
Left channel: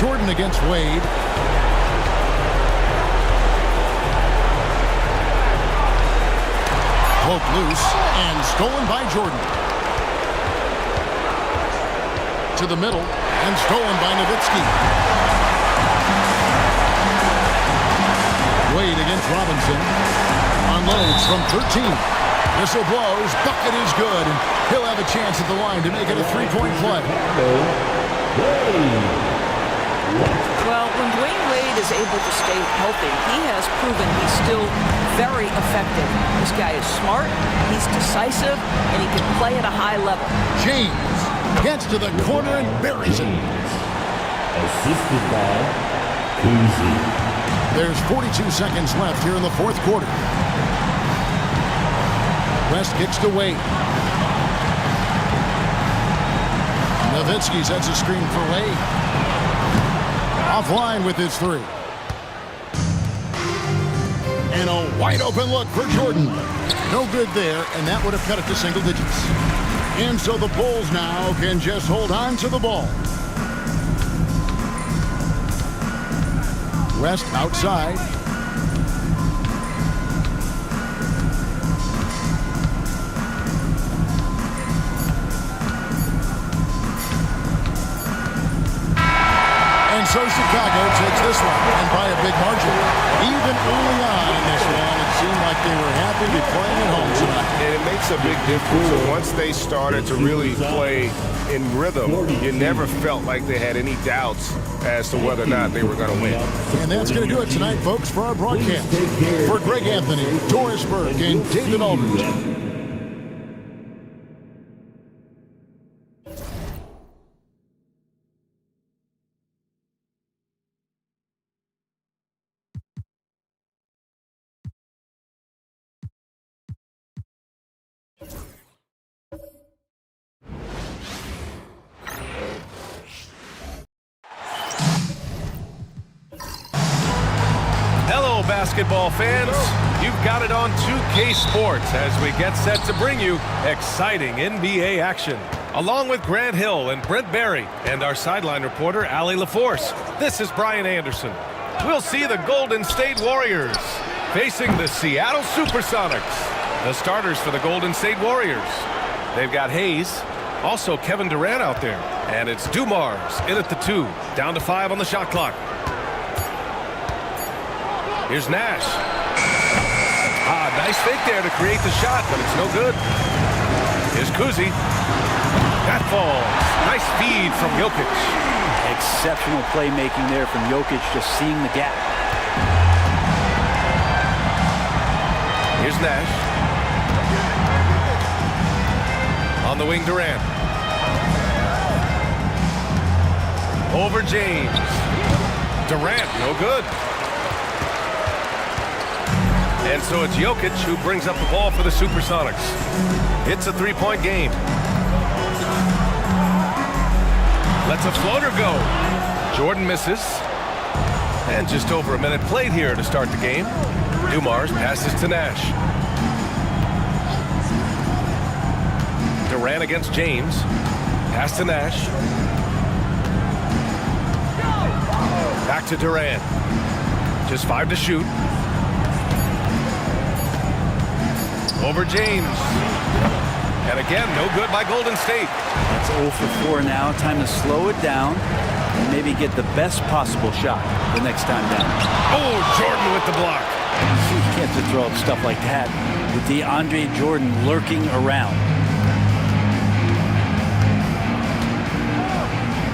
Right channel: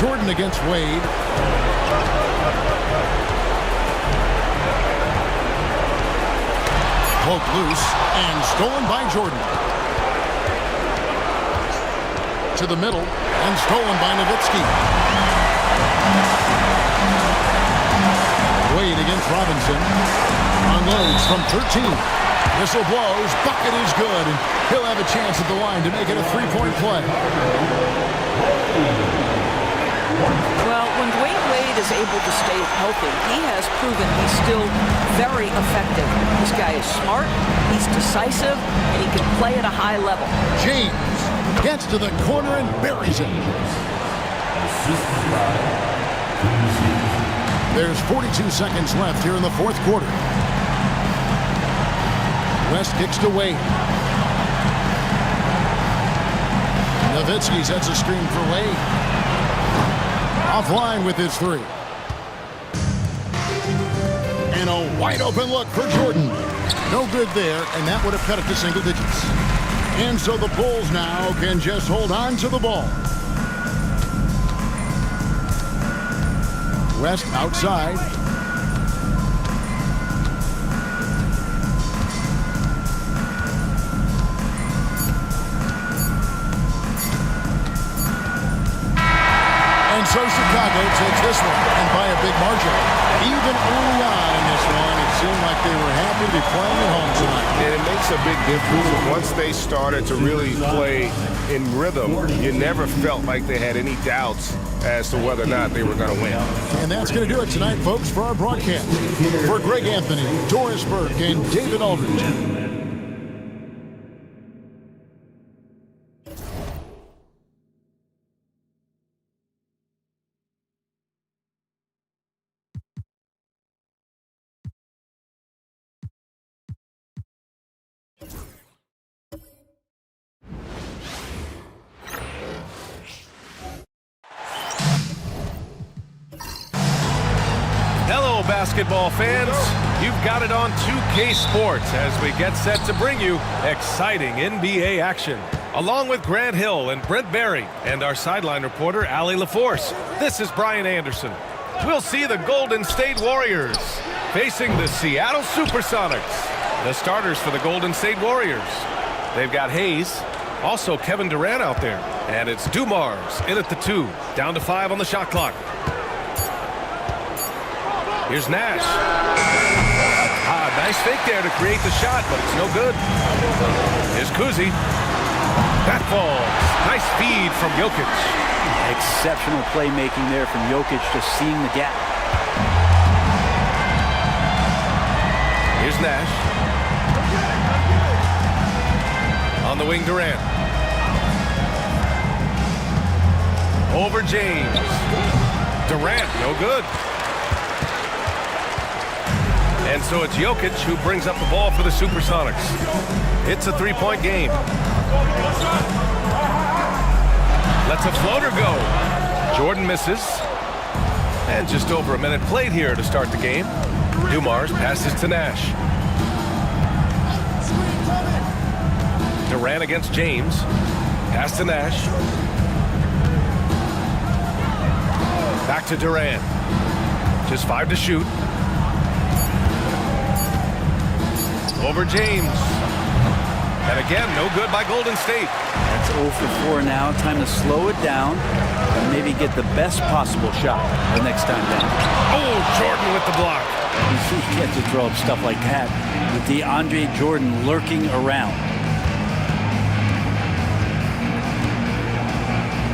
Jordan against Wade. Poked loose and stolen by Jordan. To the middle and stolen by Nowitzki. Wade against Robinson. Unloads from 13. Whistle blows. Bucket is good. And he'll have a chance at the line to make it a three-point play. Well, when Dwayne Wade is able to stay healthy, he has proven he's still very effective. This guy is smart, he's decisive, and he can play at a high level. James gets to the corner and buries it. Assisted by Kuzi. There's 42 seconds left here in the fourth quarter. West kicks to Wade. Nowitzki sets a screen for Wade. Offline with his three. And a wide open look for Jordan. No good there, and that would have cut it to single digits. And so the Bulls now can just hold on to the ball. West outside. And so Chicago takes this one, and by a big margin. Even early on in this one, it seemed like they were happy to be playing at home tonight. And it makes a big difference. So once they started to really play in rhythm, you never felt like they had any doubts as to whether or not they were going to win. And that's going to do it tonight, folks, for our broadcast. For Greg Anthony, Doris Burke, and David Aldridge. Hello, basketball fans. You've got it on 2K Sports as we get set to bring you exciting NBA action. Along with Grant Hill and Brent Barry and our sideline reporter, Allie LaForce, this is Brian Anderson. We'll see the Golden State Warriors facing the Seattle Supersonics. The starters for the Golden State Warriors. They've got Hayes, also Kevin Durant out there. And it's Dumars in at the 2, down to 5 on the shot clock. Here's Nash. Nice fake there to create the shot, but it's no good. Here's Kuzi. That falls. Nice feed from Jokic. Exceptional playmaking there from Jokic, just seeing the gap. Here's Nash. On the wing, Durant. Over James. Durant, no good. And so it's Jokic who brings up the ball for the Supersonics. It's a three-point game. Lets a floater go. Jordan misses. And just over a minute played here to start the game. Dumars passes to Nash. Durant against James. Pass to Nash. Back to Durant. Just 5 to shoot. Over James. And again, no good by Golden State. That's 0 for 4 now. Time to slow it down and maybe get the best possible shot the next time down. Oh, Jordan with the block. You can't just throw up stuff like that with DeAndre Jordan lurking around.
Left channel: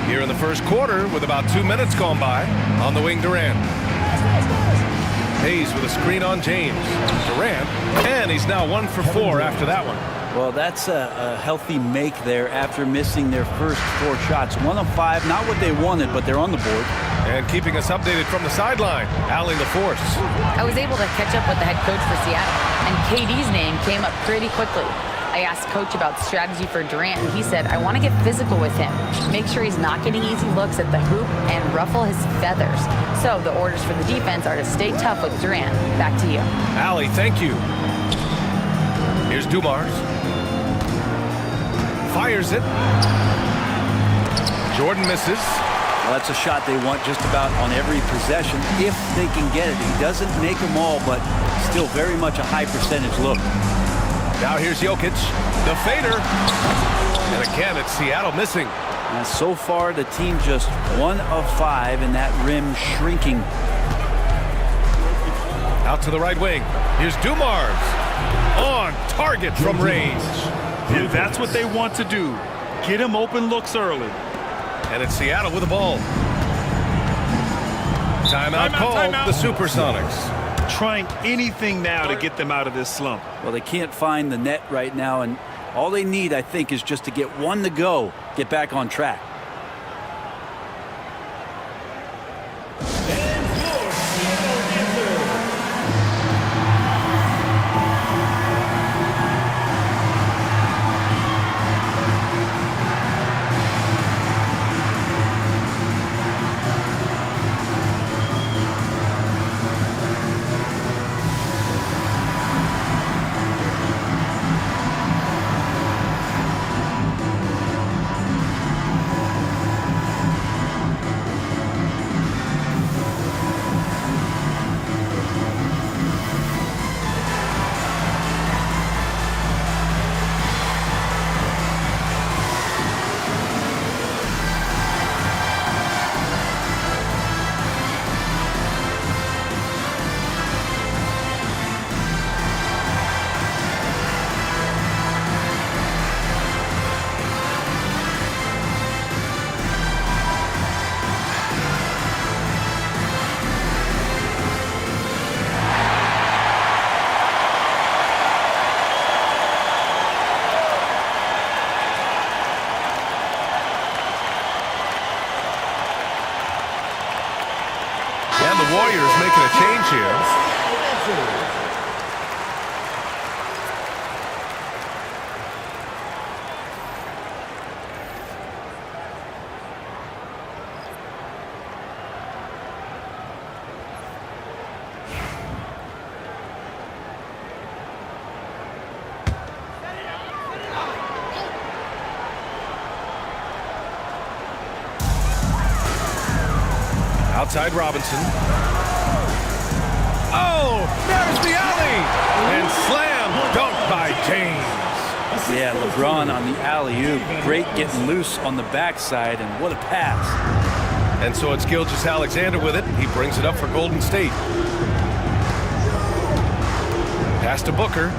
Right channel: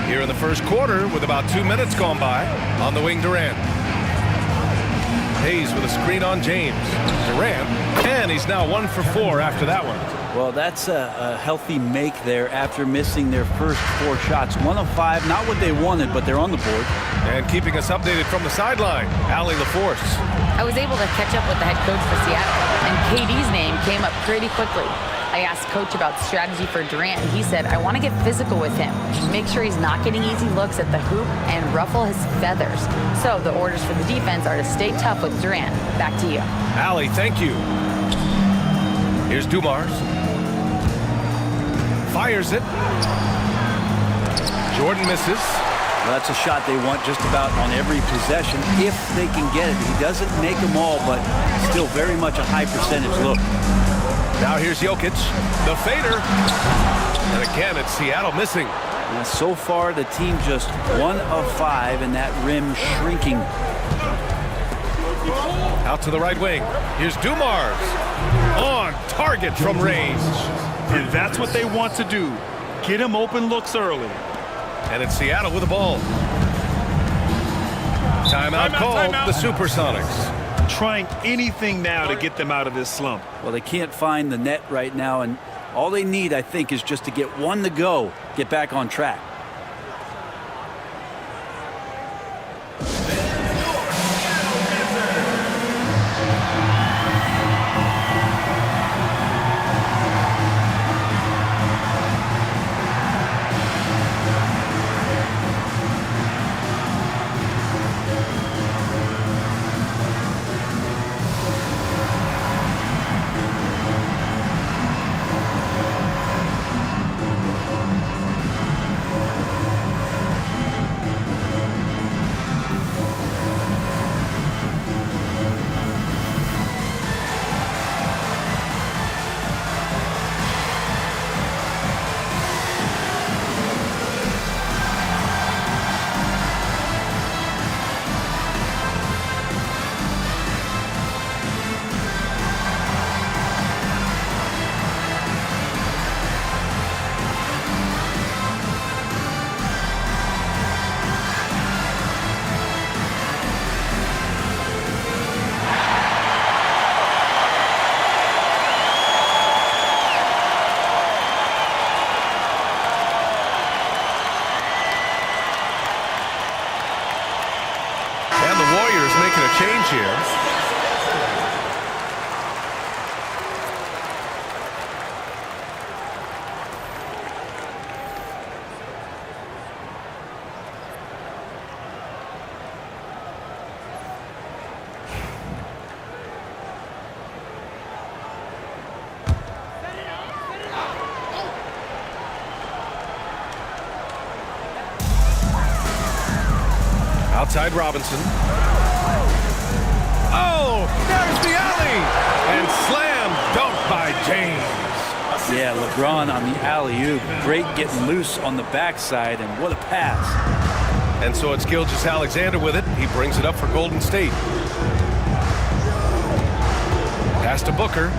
Here in the first quarter with about 2 minutes gone by. On the wing, Durant. Hayes with a screen on James. Durant, and he's now 1 for 4 after that one. Well, that's a healthy make there after missing their first 4 shots. 1 of 5, not what they wanted, but they're on the board. And keeping us updated from the sideline, Allie LaForce. I was able to catch up with the head coach for Seattle, and KD's name came up pretty quickly. I asked Coach about strategy for Durant, and he said, I want to get physical with him, make sure he's not getting easy looks at the hoop, and ruffle his feathers. So the orders for the defense are to stay tough with Durant. Back to you. Allie, thank you. Here's Dumars. Fires it. Jordan misses. Well, that's a shot they want just about on every possession if they can get it. He doesn't make them all, but still very much a high percentage look. Now here's Jokic, the fader. And again, it's Seattle missing. Now, so far, the team just 1 of 5, and that rim shrinking. Out to the right wing. Here's Dumars. On target from range. And that's what they want to do. Get him open looks early. And it's Seattle with the ball. Timeout called. The Supersonics. Trying anything now to get them out of this slump. Well, they can't find the net right now, and all they need, I think, is just to get 1 to go, get back on track. And the Warriors making a change here. Outside Robinson. Oh, there's the alley. And slam dunk by James. Yeah, LeBron on the alley-oop. Great getting loose on the backside, and what a pass. And so it's Gilgeous-Alexander with it. He brings it up for Golden State. Pass to Booker.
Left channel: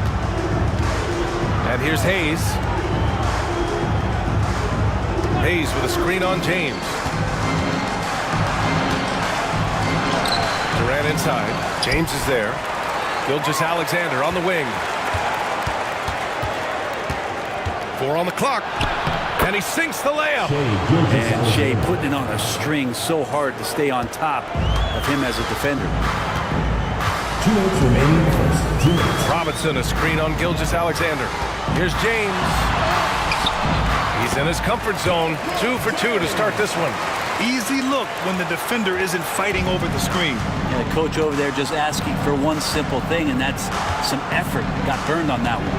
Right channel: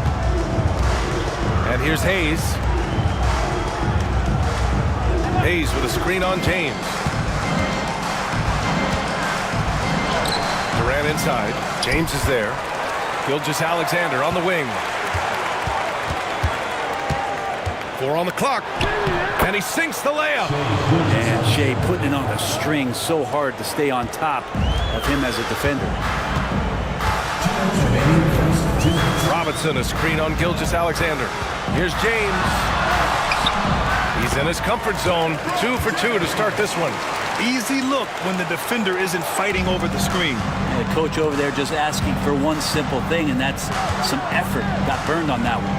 And here's Hayes. Hayes with a screen on James. Durant inside. James is there. Gilgeous-Alexander on the wing. 4 on the clock. And he sinks the layup. And Shea putting it on a string, so hard to stay on top of him as a defender. 2 minutes remaining in the first. 2 minutes. Robinson, a screen on Gilgeous-Alexander. Here's James. He's in his comfort zone. 2 for 2 to start this one. Easy look when the defender isn't fighting over the screen. Yeah, coach over there just asking for one simple thing, and that's some effort. Got burned on that one.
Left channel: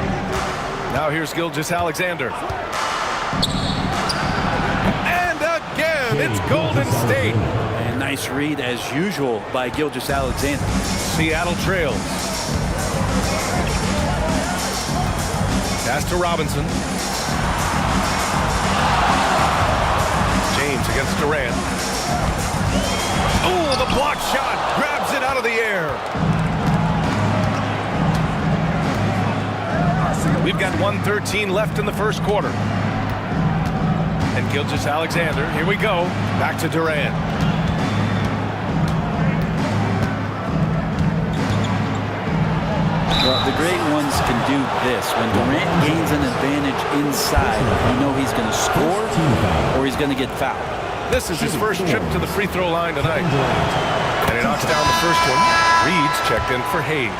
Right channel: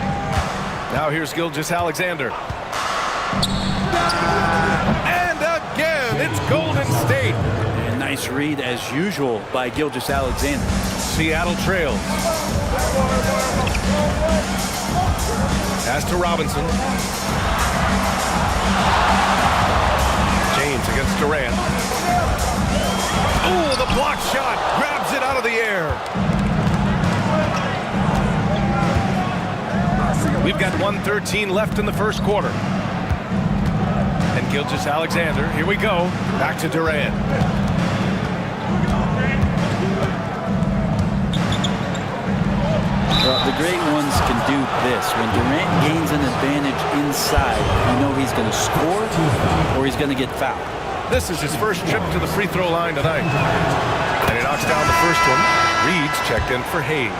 Now here's Gilgeous-Alexander. And again, it's Golden State. And nice read, as usual, by Gilgeous-Alexander. Seattle trails. Pass to Robinson. James against Durant. Oh, the block shot. Grabs it out of the air. We've got 1:13 left in the first quarter. And Gilgeous-Alexander, here we go. Back to Durant. Well, the great ones can do this. When Durant gains an advantage inside, you know he's going to score or he's going to get fouled. This is his first trip to the free throw line tonight. And he knocks down the first one. Reed's checked in for Hayes.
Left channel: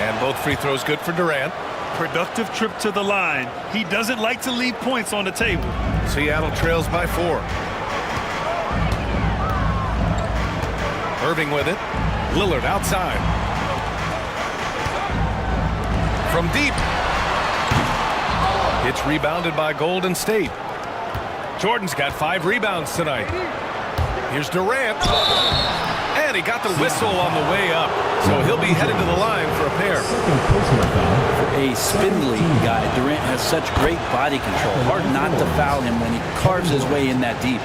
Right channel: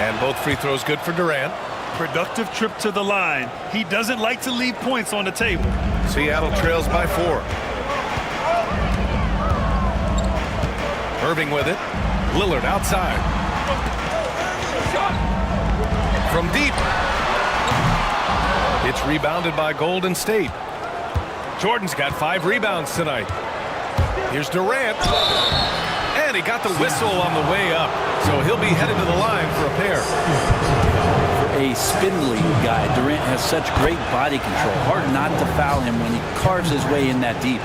And both free throws good for Durant. Productive trip to the line. He doesn't like to leave points on the table. Seattle trails by 4. Irving with it. Lillard outside. From deep. It's rebounded by Golden State. Jordan's got 5 rebounds tonight. Here's Durant. And he got the whistle on the way up. So he'll be headed to the line for a pair. For a spindly guy, Durant has such great body control. Hard not to foul him when he carves his way in that deep.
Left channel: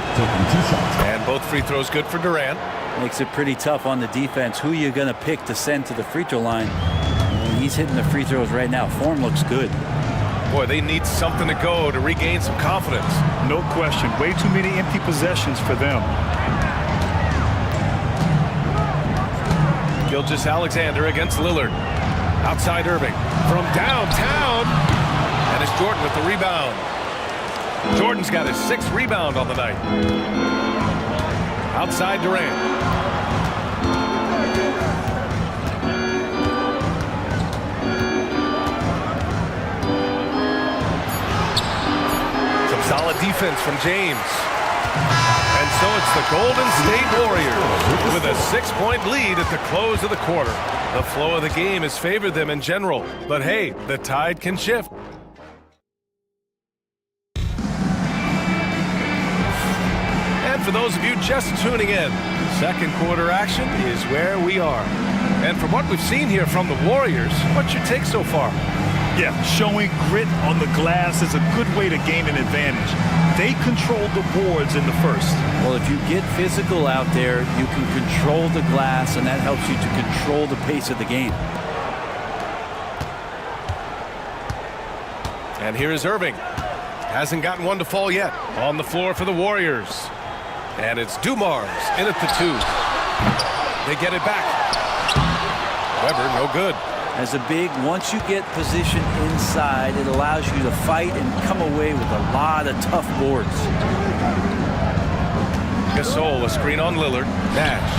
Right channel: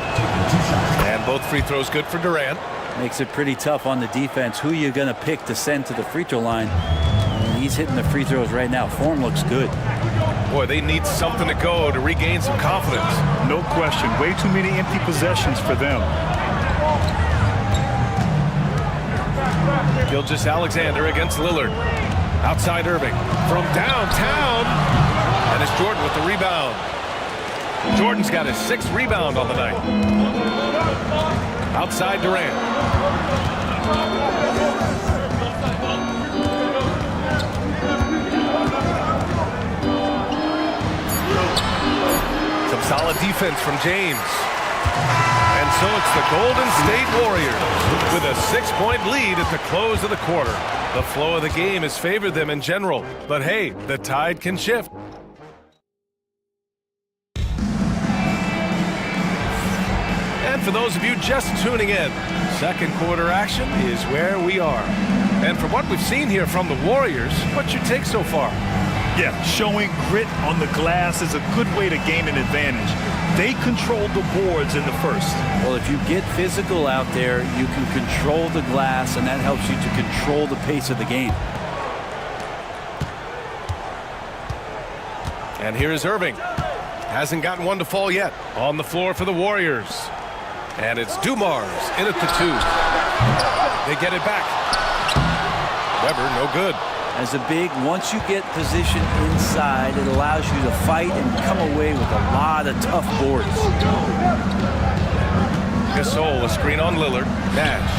And both free throws good for Durant. Makes it pretty tough on the defense. Who you going to pick to send to the free throw line? And he's hitting the free throws right now. Form looks good. Boy, they need something to go to regain some confidence. No question. Way too many empty possessions for them. Gilgeous-Alexander against Lillard. Outside Irving. From downtown. And it's Jordan with the rebound. Jordan's got his 6th rebound on the night. Outside Durant. Some solid defense from James. And so it's the Golden State Warriors with a 6-point lead at the close of the quarter. The flow of the game has favored them in general, but hey, the tide can shift. And for those of you just tuning in, second quarter action is where we are. And from what we've seen here from the Warriors, what's your take so far? Yeah, showing grit on the glass is a good way to gain an advantage. They controlled the boards in the first. Well, if you get physical out there, you can control the glass, and that helps you to control the pace of the game. And here is Irving. Hasn't gotten one to fall yet. On the floor for the Warriors. And it's Dumars in at the 2. They get it back. Weber, no good. As a big, once you get position inside, it allows you to fight and come away with a lot of tough boards. Gasol, a screen on Lillard. Nash.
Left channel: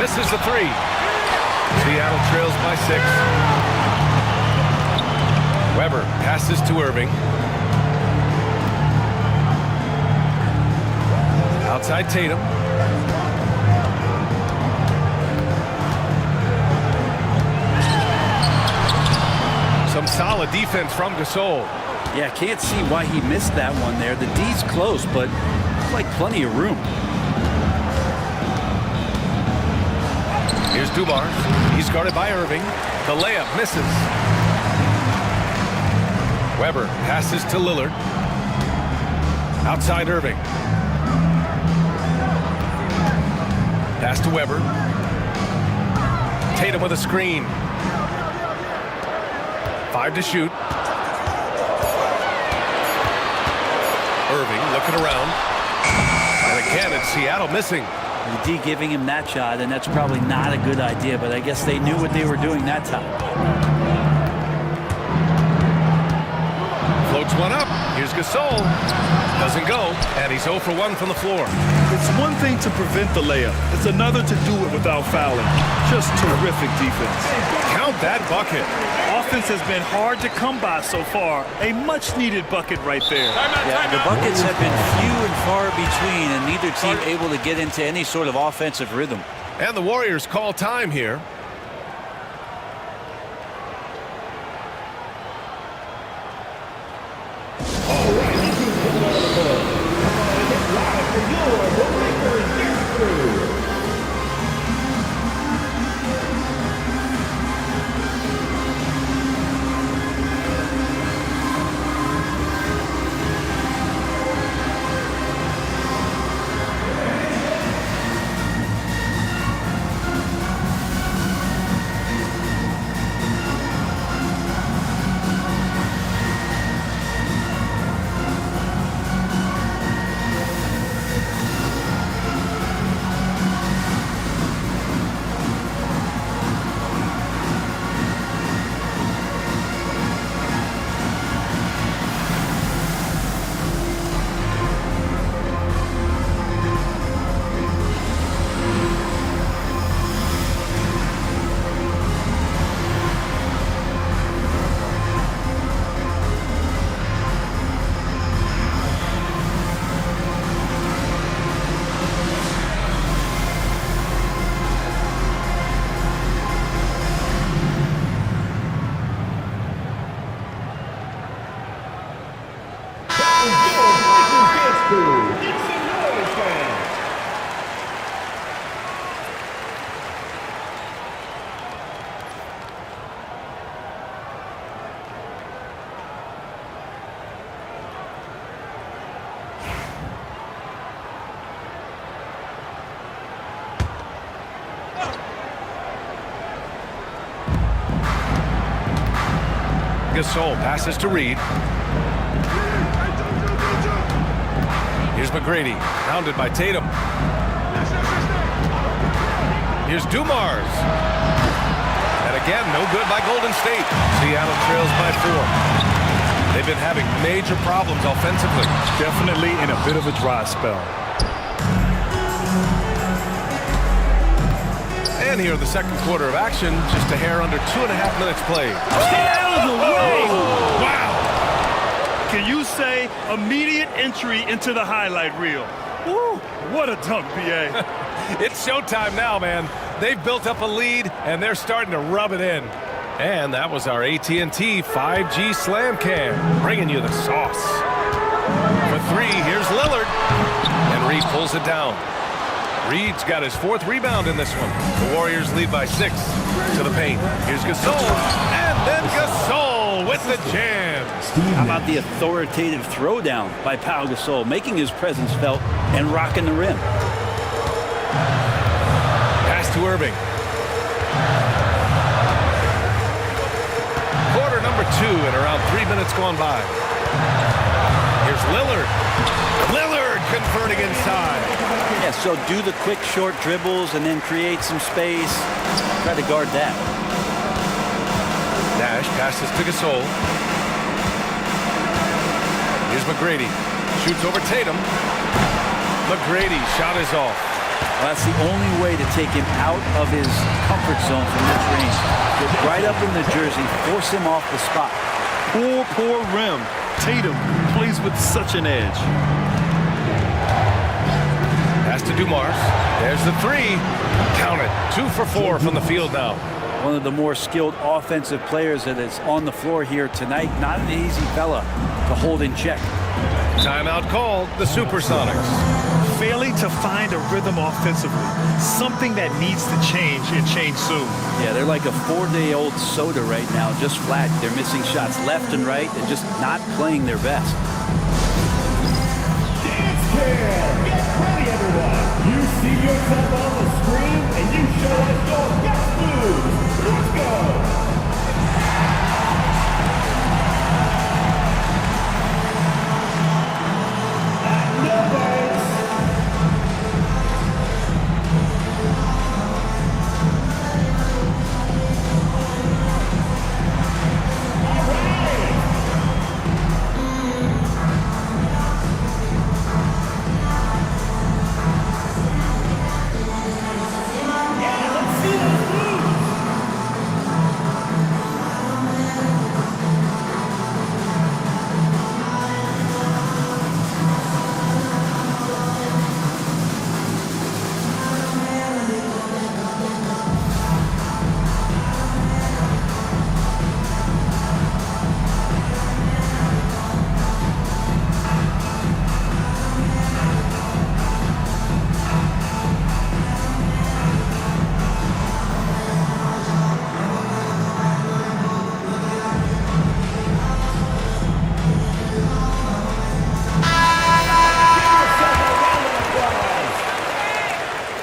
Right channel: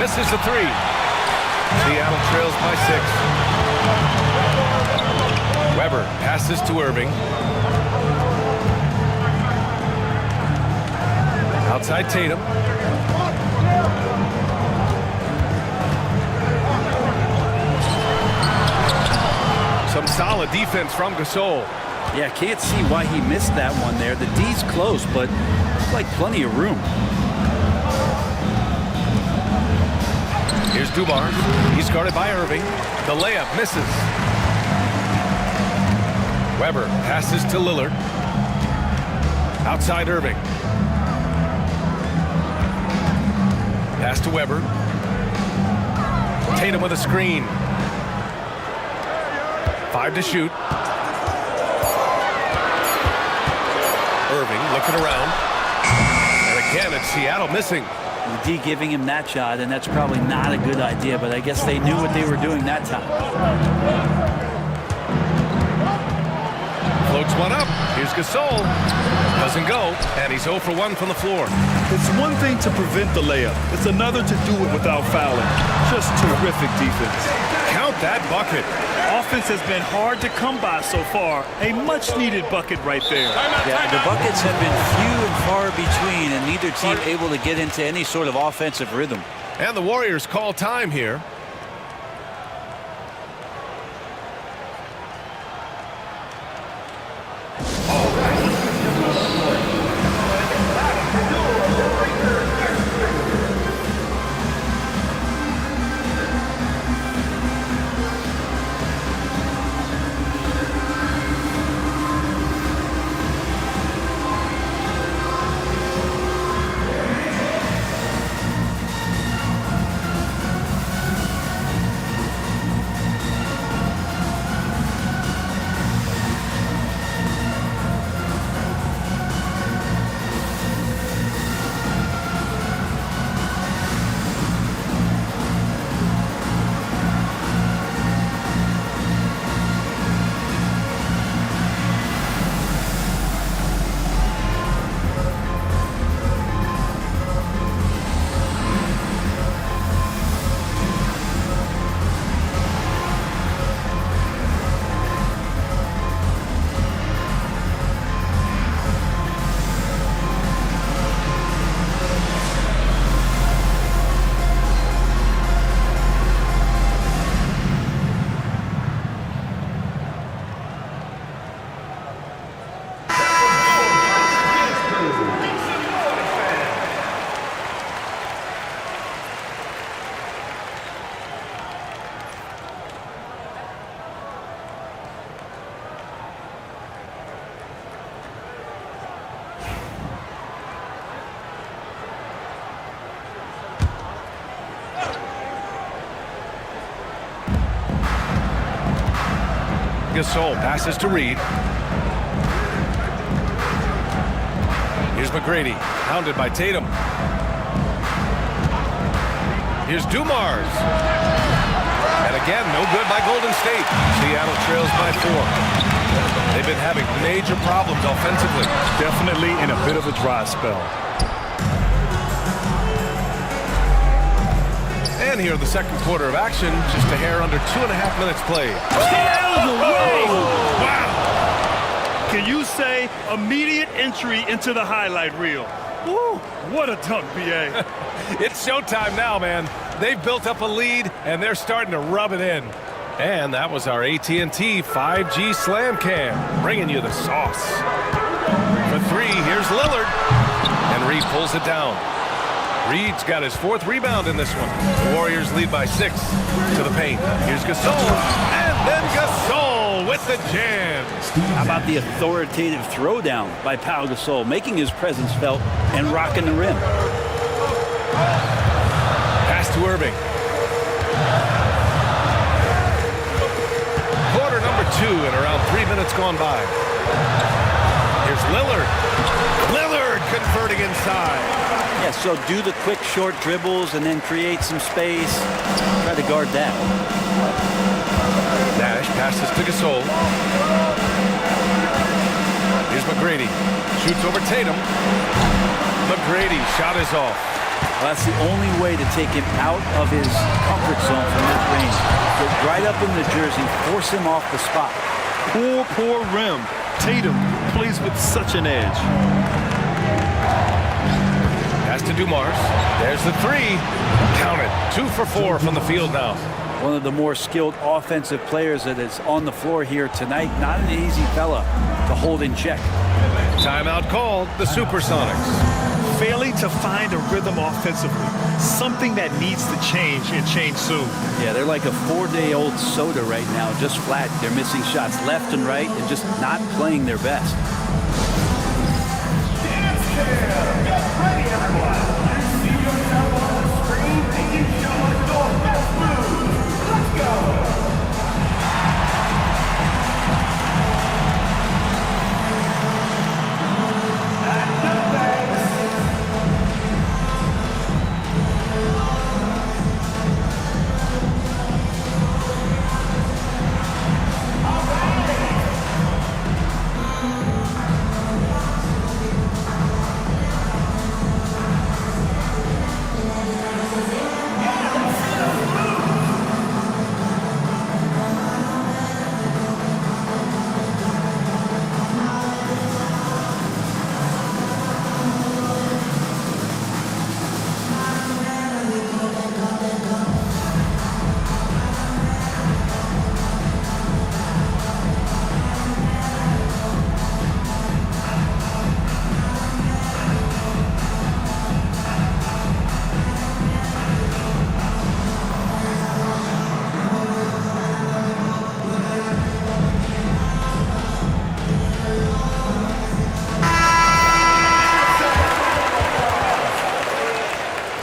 Misses the 3. Seattle trails by 6. Weber passes to Irving. Outside Tatum. Some solid defense from Gasol. Yeah, can't see why he missed that one there. The D's close, but like plenty of room. Here's Dumars. He's guarded by Irving. The layup misses. Weber passes to Lillard. Outside Irving. Pass to Weber. Tatum with a screen. 5 to shoot. Irving looking around. And again, it's Seattle missing. The D giving him that shot, and that's probably not a good idea, but I guess they knew what they were doing that time. Floats one up. Here's Gasol. Doesn't go, and he's 0 for 1 from the floor. It's one thing to prevent the layup. It's another to do it without fouling. Just terrific defense. Count that bucket. Offense has been hard to come by so far. A much-needed bucket right there. Yeah, the buckets have been few and far between, and neither team able to get into any sort of offensive rhythm. And the Warriors call time here. Gasol passes to Reed. Here's McGrady, hounded by Tatum. Here's Dumars. And again, no good by Golden State. Seattle trails by 4. They've been having major problems offensively. Definitely in a bit of a dry spell. And here in the second quarter of action, just a hair under 2.5 minutes played. Stay out of the way! Oh, wow! Can you say immediate entry into the highlight reel? Woo, what a dunk, B.A. It's showtime now, man. They've built up a lead, and they're starting to rub it in. And that was our AT&T 5G Slam Cam, bringing you the sauce. For 3, here's Lillard. And Reed pulls it down. Reed's got his 4th rebound in this one. The Warriors lead by 6 to the paint. Here's Gasol, and then Gasol with the jam. How about the authoritative throwdown by Pau Gasol, making his presence felt and rocking the rim. Pass to Irving. Quarter number 2 and around 3 minutes gone by. Here's Lillard. Lillard converting inside. Yeah, so do the quick short dribbles and then create some space. Try to guard that. Nash passes to Gasol. Here's McGrady. Shoots over Tatum. McGrady shot is off. Well, that's the only way to take him out of his comfort zone from this range. Get right up in the jersey, force him off the spot. Poor rim. Tatum plays with such an edge. Pass to Dumars. There's the 3. Count it. 2 for 4 from the field now. One of the more skilled offensive players that is on the floor here tonight. Not an easy fella to hold in check. Timeout called. The Supersonics. failing to find a rhythm offensively. Something that needs to change and change soon. Yeah, they're like a 4-day-old soda right now, just flat. They're missing shots left and right and just not playing their best. Dance Cam! Get ready, everyone! You see yourself on the screen and you show us your best moves. Let's go!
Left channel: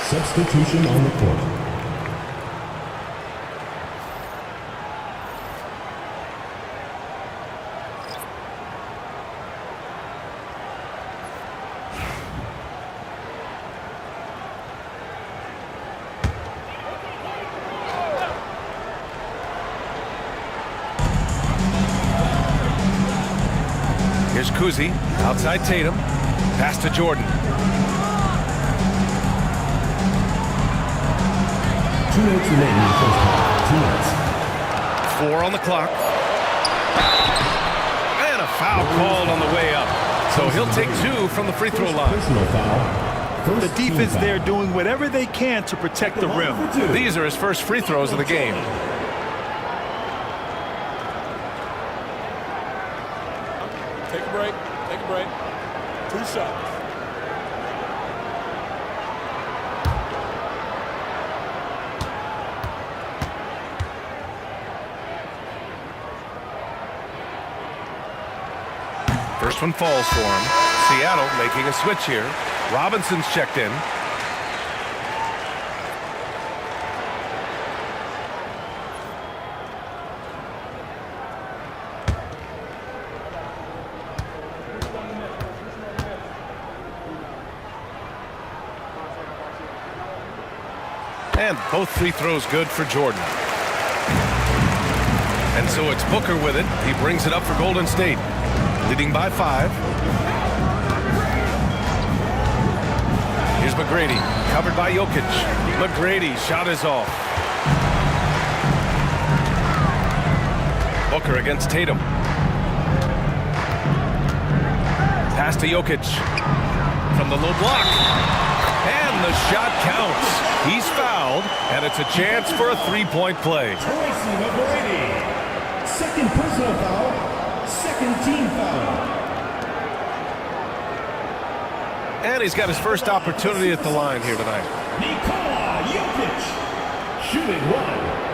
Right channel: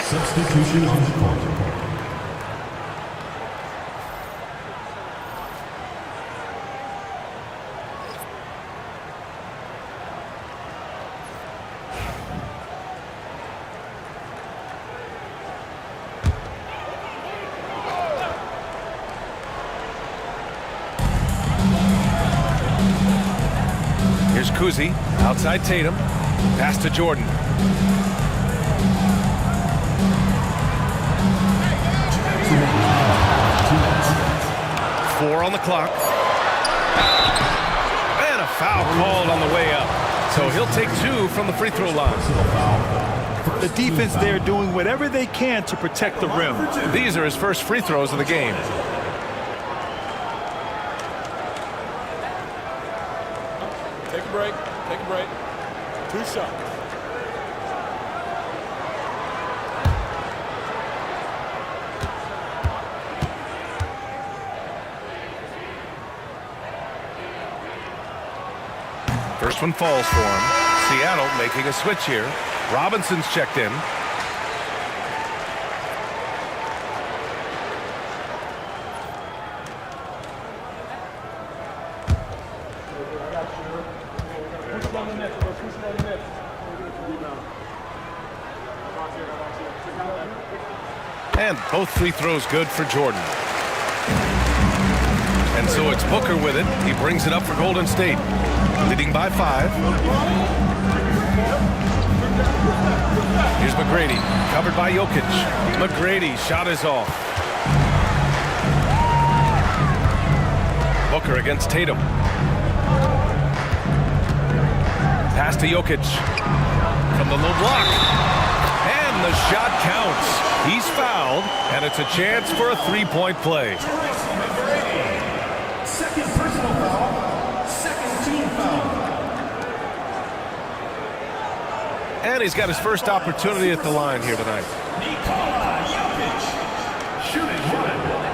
Substitution on the court. Here's Kuzi, outside Tatum, pass to Jordan. Four on the clock. And a foul called on the way up. So he'll take 2 from the free throw line. The defense there doing whatever they can to protect the rim. These are his first free throws of the game. Take a break. Take a break. 2 shots. First one falls for him. Seattle making a switch here. Robinson's checked in. And both free throws good for Jordan. And so it's Booker with it. He brings it up for Golden State, leading by 5. Here's McGrady, covered by Jokic. McGrady's shot is off. Booker against Tatum. Pass to Jokic from the low block. And the shot counts. He's fouled, and it's a chance for a 3-point play. Tracy McGrady. Second personal foul. Second team foul. And he's got his first opportunity at the line here tonight. Nikola Jokic. Shooting 1.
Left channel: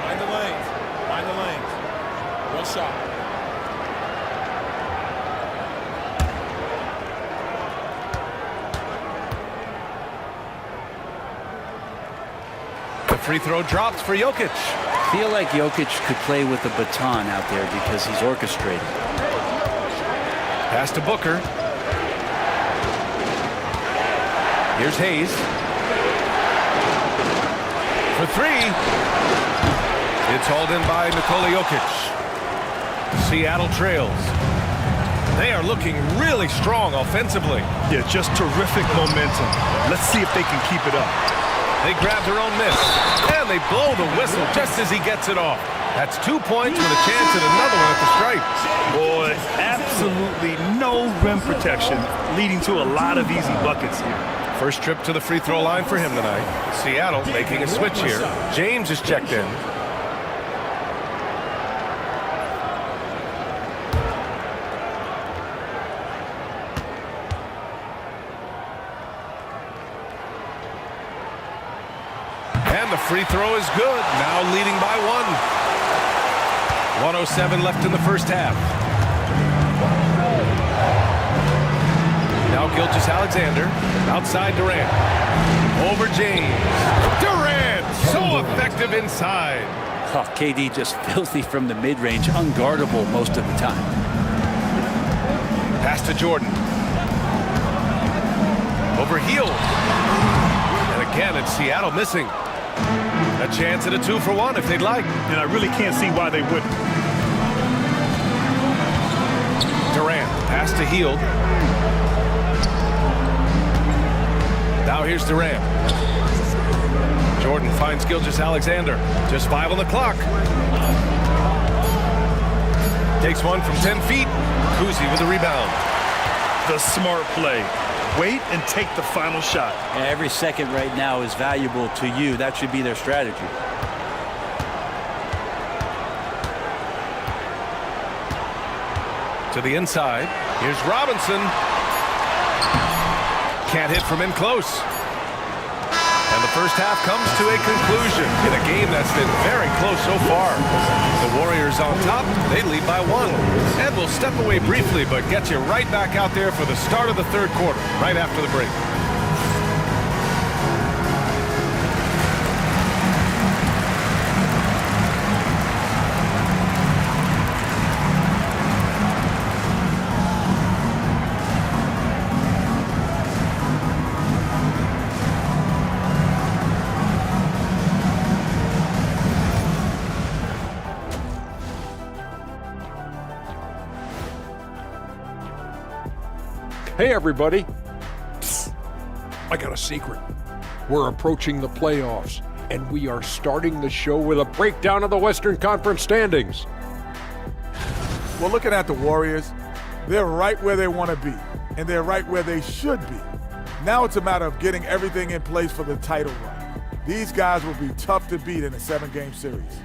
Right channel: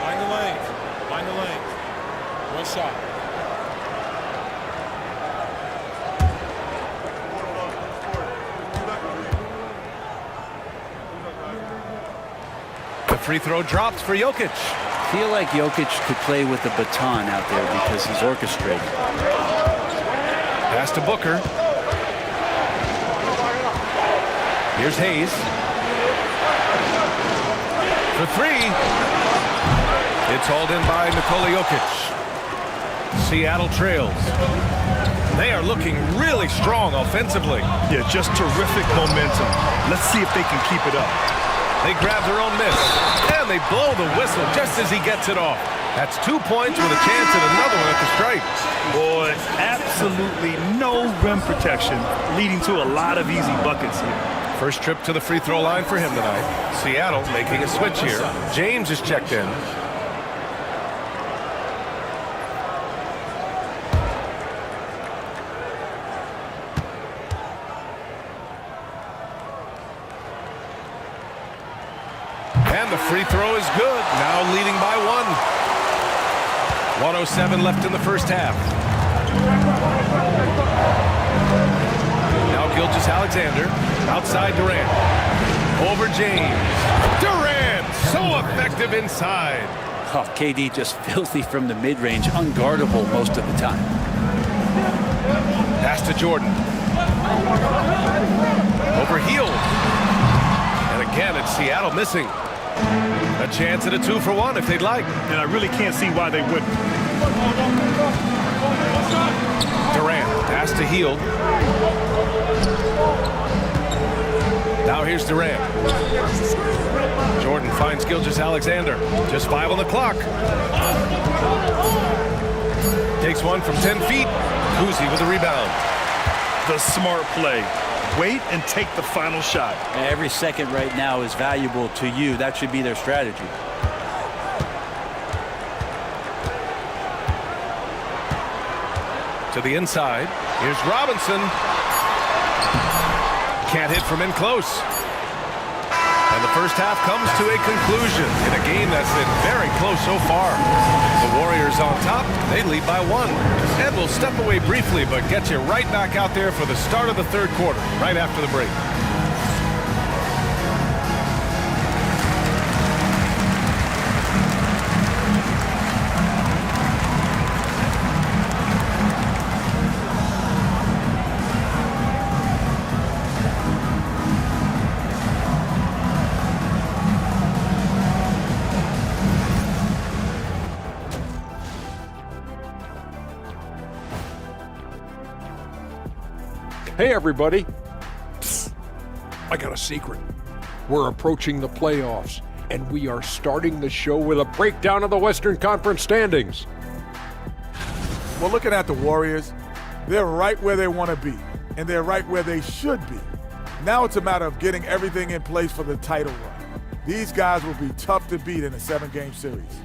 Mind the lanes. Mind the lanes. 1 shot. The free throw drops for Jokic. Feel like Jokic could play with a baton out there because he's orchestrated. Pass to Booker. Here's Hayes. For 3. It's hauled in by Nikola Jokic. Seattle trails. They are looking really strong offensively. Yeah, just terrific momentum. Let's see if they can keep it up. They grab their own miss, and they blow the whistle just as he gets it off. That's 2 points with a chance at another one at the stripe. Boy, absolutely no rim protection, leading to a lot of easy buckets here. First trip to the free throw line for him tonight. Seattle making a switch here. James is checked in. And the free throw is good. Now leading by 1. 1:07 left in the first half. Now Gilgeous-Alexander outside Durant. Over James. Durant so effective inside. Oh, KD just filthy from the mid-range, unguardable most of the time. Pass to Jordan. Over Hield. And again, it's Seattle missing. A chance at a 2-for-1 if they'd like. And I really can't see why they wouldn't. Durant, pass to Hield. Now here's Durant. Jordan finds Gilgeous-Alexander. Just 5 on the clock. Takes one from 10 feet. Kuzi with a rebound. The smart play. Wait and take the final shot. Every second right now is valuable to you. That should be their strategy. To the inside. Here's Robinson. Can't hit from in close. And the first half comes to a conclusion in a game that's been very close so far. The Warriors on top. They lead by 1. And we'll step away briefly, but get you right back out there for the start of the third quarter, right after the break. Hey, everybody. Psst. I got a secret. We're approaching the playoffs, and we are starting the show with a breakdown of the Western Conference standings. Well, looking at the Warriors, they're right where they want to be, and they're right where they should be. Now it's a matter of getting everything in place for the title run. These guys will be tough to beat in a 7-game series.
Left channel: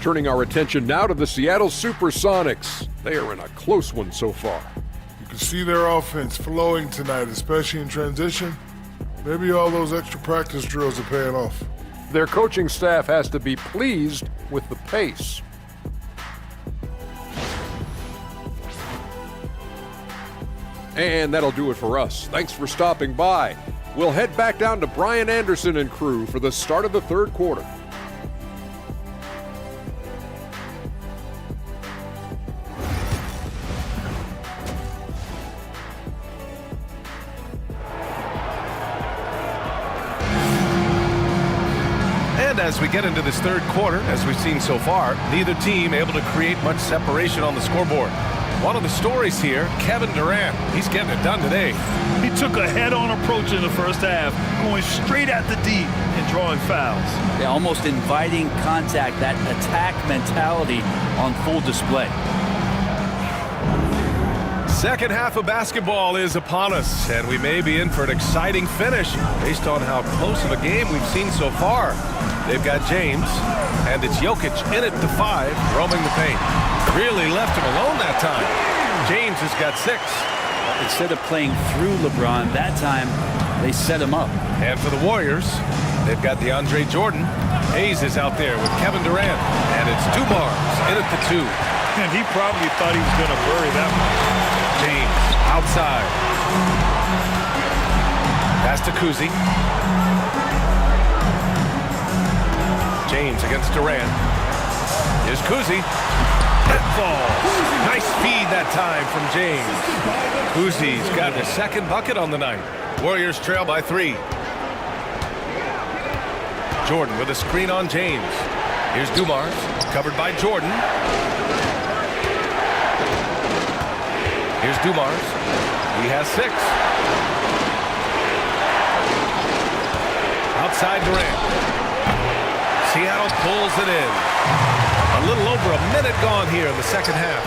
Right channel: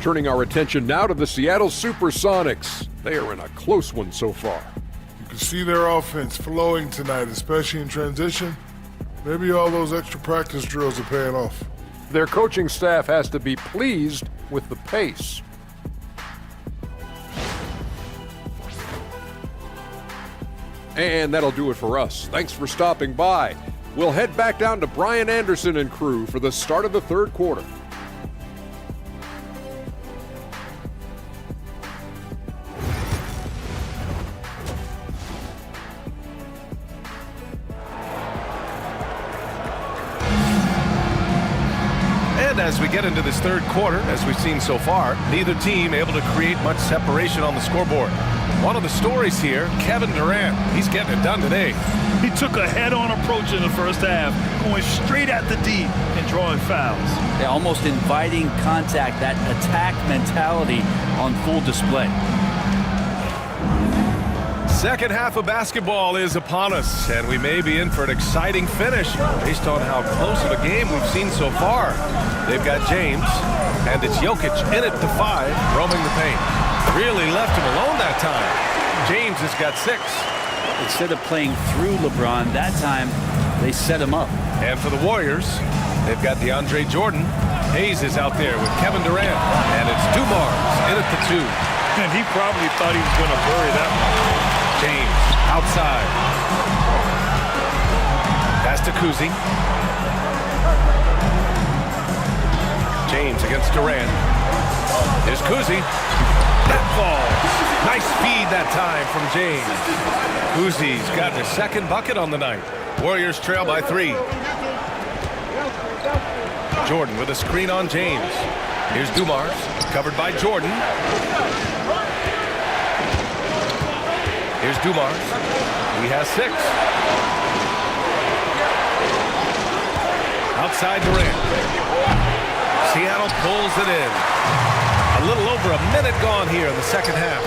Turning our attention now to the Seattle Supersonics. They are in a close one so far. You can see their offense flowing tonight, especially in transition. Maybe all those extra practice drills are paying off. Their coaching staff has to be pleased with the pace. And that'll do it for us. Thanks for stopping by. We'll head back down to Brian Anderson and crew for the start of the third quarter. And as we get into this third quarter, as we've seen so far, neither team able to create much separation on the scoreboard. One of the stories here, Kevin Durant. He's getting it done today. He took a head-on approach in the first half, going straight at the D and drawing fouls. Yeah, almost inviting contact, that attack mentality on full display. Second half of basketball is upon us, and we may be in for an exciting finish based on how close of a game we've seen so far. They've got James, and it's Jokic in it to 5, roaming the paint. Really left him alone that time. James has got 6. Instead of playing through LeBron, that time they set him up. And for the Warriors, they've got DeAndre Jordan. Hayes is out there with Kevin Durant, and it's Dumars in it to 2. And he probably thought he was going to bury that one. James outside. Pass to Kuzi. James against Durant. Here's Kuzi. That falls. Nice feed that time from James. Kuzi's got his second bucket on the night. Warriors trail by 3. Jordan with a screen on James. Here's Dumars, covered by Jordan. Here's Dumars. He has 6. Outside Durant. Seattle pulls it in. A little over a minute gone here in the second half.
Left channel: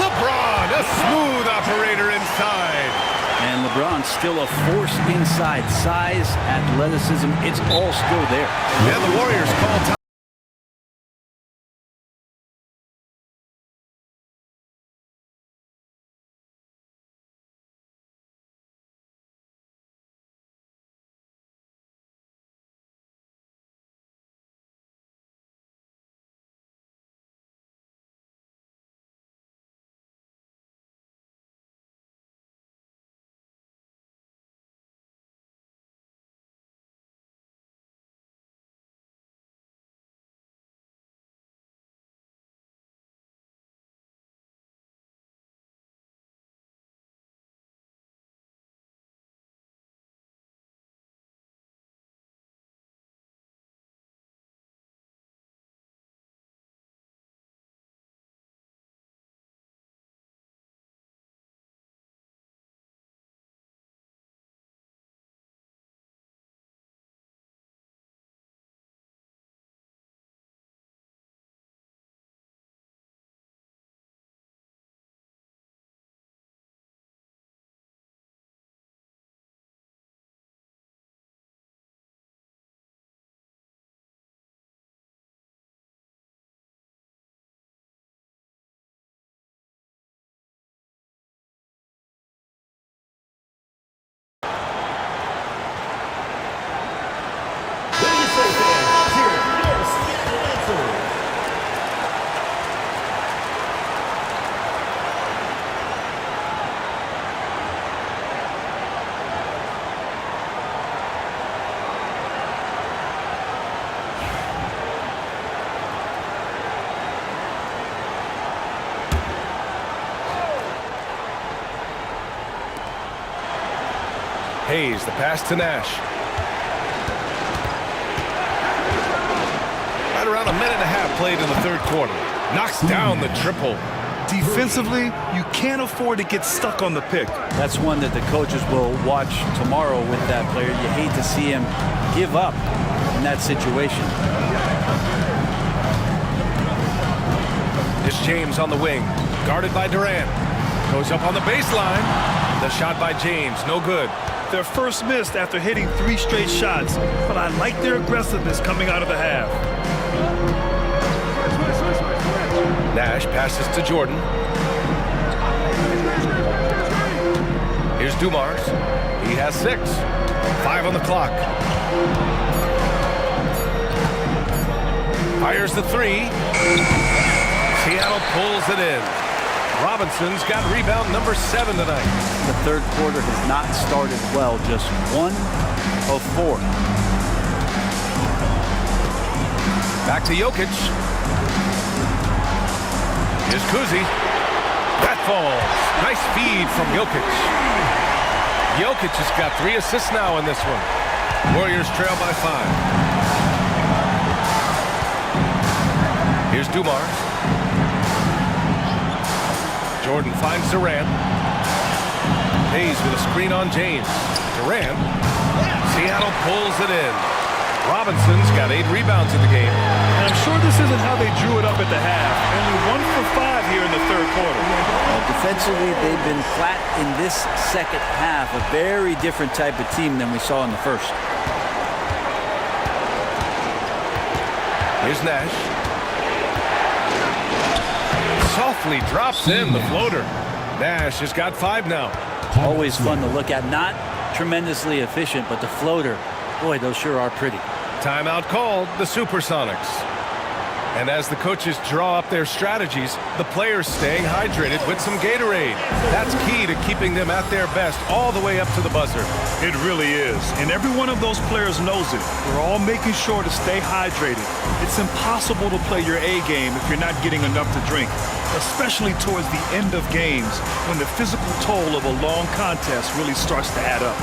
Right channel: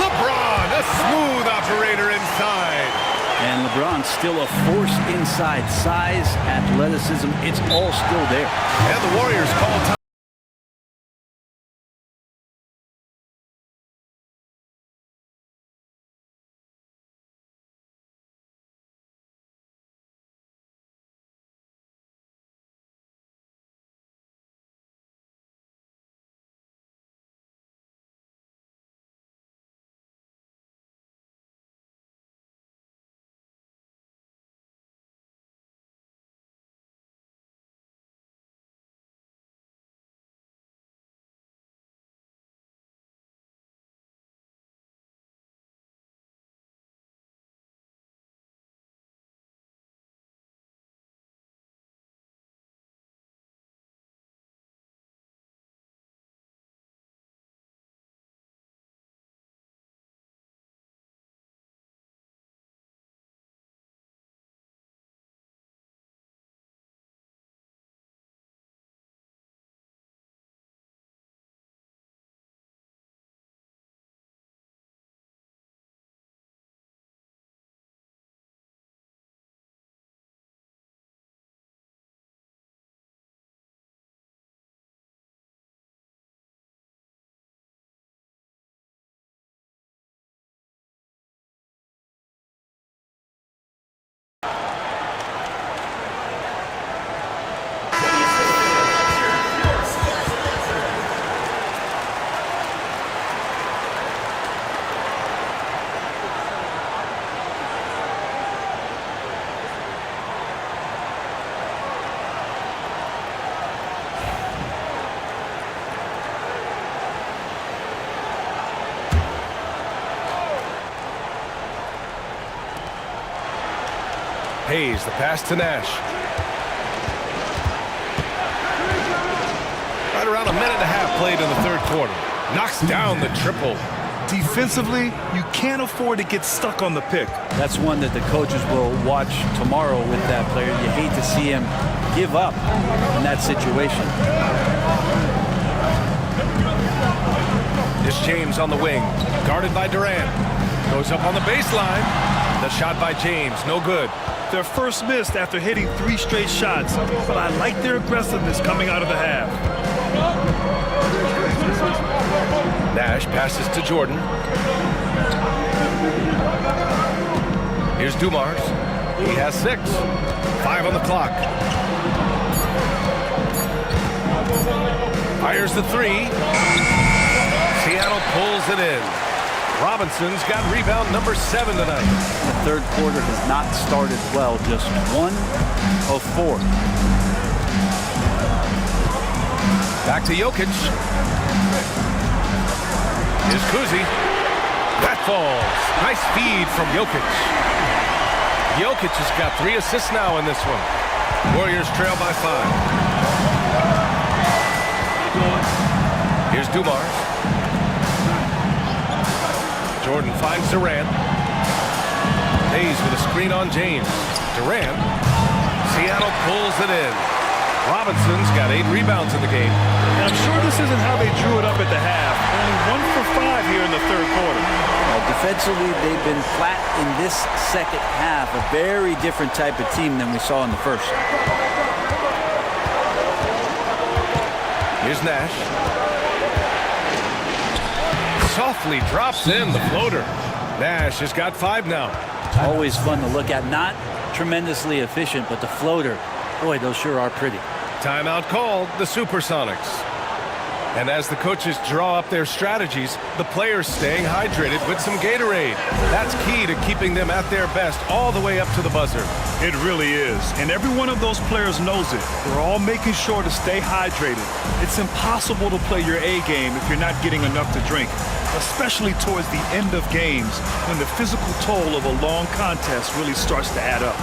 LeBron, a smooth operator inside. And LeBron's still a force inside. Size, athleticism, it's all still there. And the Warriors call time. Hayes, the pass to Nash. Right around a minute and a half played in the third quarter. Knocks down the triple. Defensively, you can't afford to get stuck on the pick. That's one that the coaches will watch tomorrow with that player. You hate to see him give up in that situation. It's James on the wing, guarded by Durant. Goes up on the baseline. The shot by James, no good. Their first missed after hitting 3 straight shots, but I like their aggressiveness coming out of the half. Nash passes to Jordan. Here's Dumars. He has 6. 5 on the clock. Fires the 3. Seattle pulls it in. Robinson's got rebound number 7 tonight. The third quarter has not started well, just 1 of 4. Back to Jokic. Here's Kuzi. That falls. Nice feed from Jokic. Jokic has got 3 assists now in this one. Warriors trail by 5. Here's Dumars. Jordan finds Durant. Hayes with a screen on James. Durant. Seattle pulls it in. Robinson's got 8 rebounds in the game. And I'm sure this isn't how they drew it up at the half. Only 1 for 5 here in the third quarter. Defensively, they've been flat in this second half. A very different type of team than we saw in the first. Here's Nash. Softly drops in the floater. Nash has got 5 now. Always fun to look at. Not tremendously efficient, but the floater, boy, those sure are pretty. Timeout called, the Supersonics. And as the coaches draw up their strategies, the players staying hydrated with some Gatorade. That's key to keeping them at their best all the way up to the buzzer. It really is. And every one of those players knows it. They're all making sure to stay hydrated. It's impossible to play your A game if you're not getting enough to drink, especially towards the end of games when the physical toll of a long contest really starts to add up.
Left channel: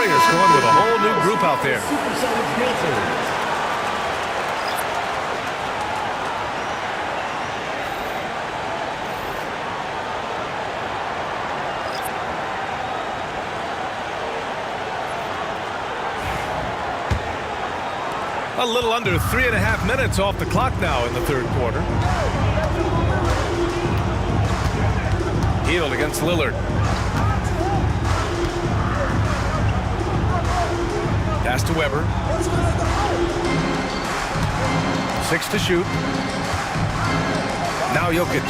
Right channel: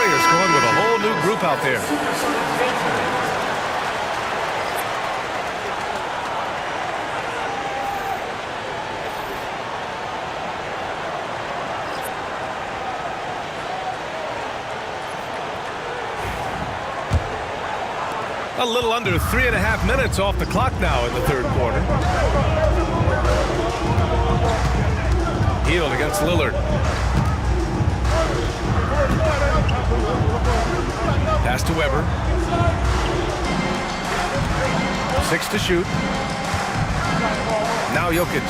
Warriors going with a whole new group out there. A little under 3.5 minutes off the clock now in the third quarter. Hield against Lillard. Pass to Weber. 6 to shoot. Now Jokic.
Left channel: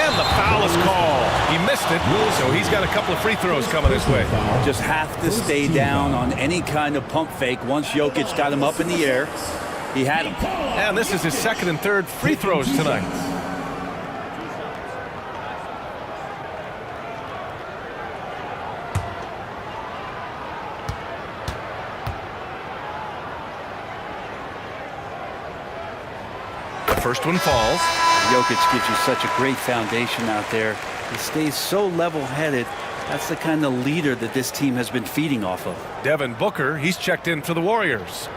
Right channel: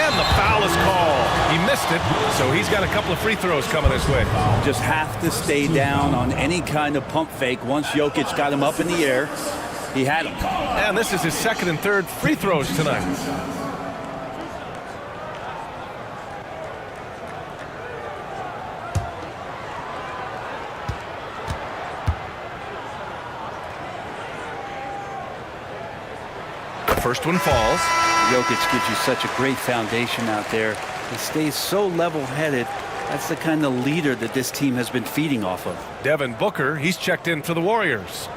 And the foul is called. He missed it, so he's got a couple of free throws coming his way. Just have to stay down on any kind of pump fake. Once Jokic got him up in the air, he had him. And this is his second and third free throws tonight. The first one falls. Jokic gives you such a great foundation out there. He stays so level-headed. That's the kind of leader that this team has been feeding off of. Devin Booker, he's checked in for the Warriors.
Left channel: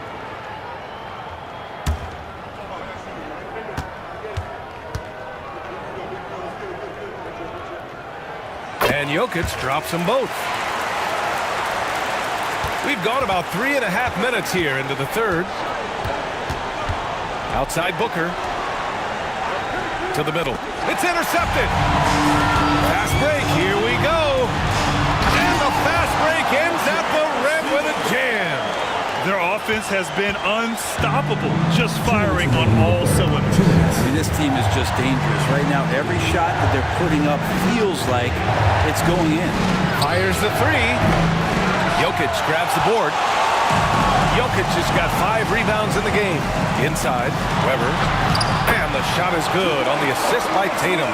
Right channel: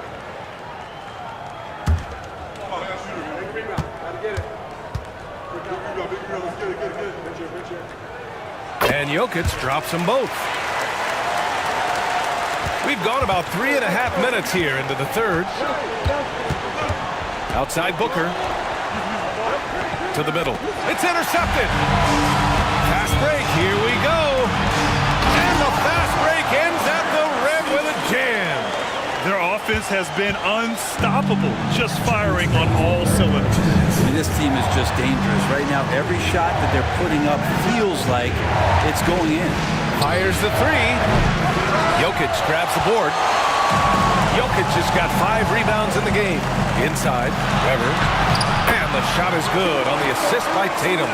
And Jokic drops them both. We've gone about 3.5 minutes here into the third. Outside Booker. To the middle. It's intercepted. Fast break. Here we go. And the fast break ends at the rim with a jam. Their offense has been unstoppable, just firing on all cylinders. I mean, this team is just dangerous. Right now, every shot that they're putting up feels like it's going in. Fires the three. Jokic grabs the board. Jokic has got 5 rebounds in the game. Inside, Weber. And the shot is good on the assist by Tatum.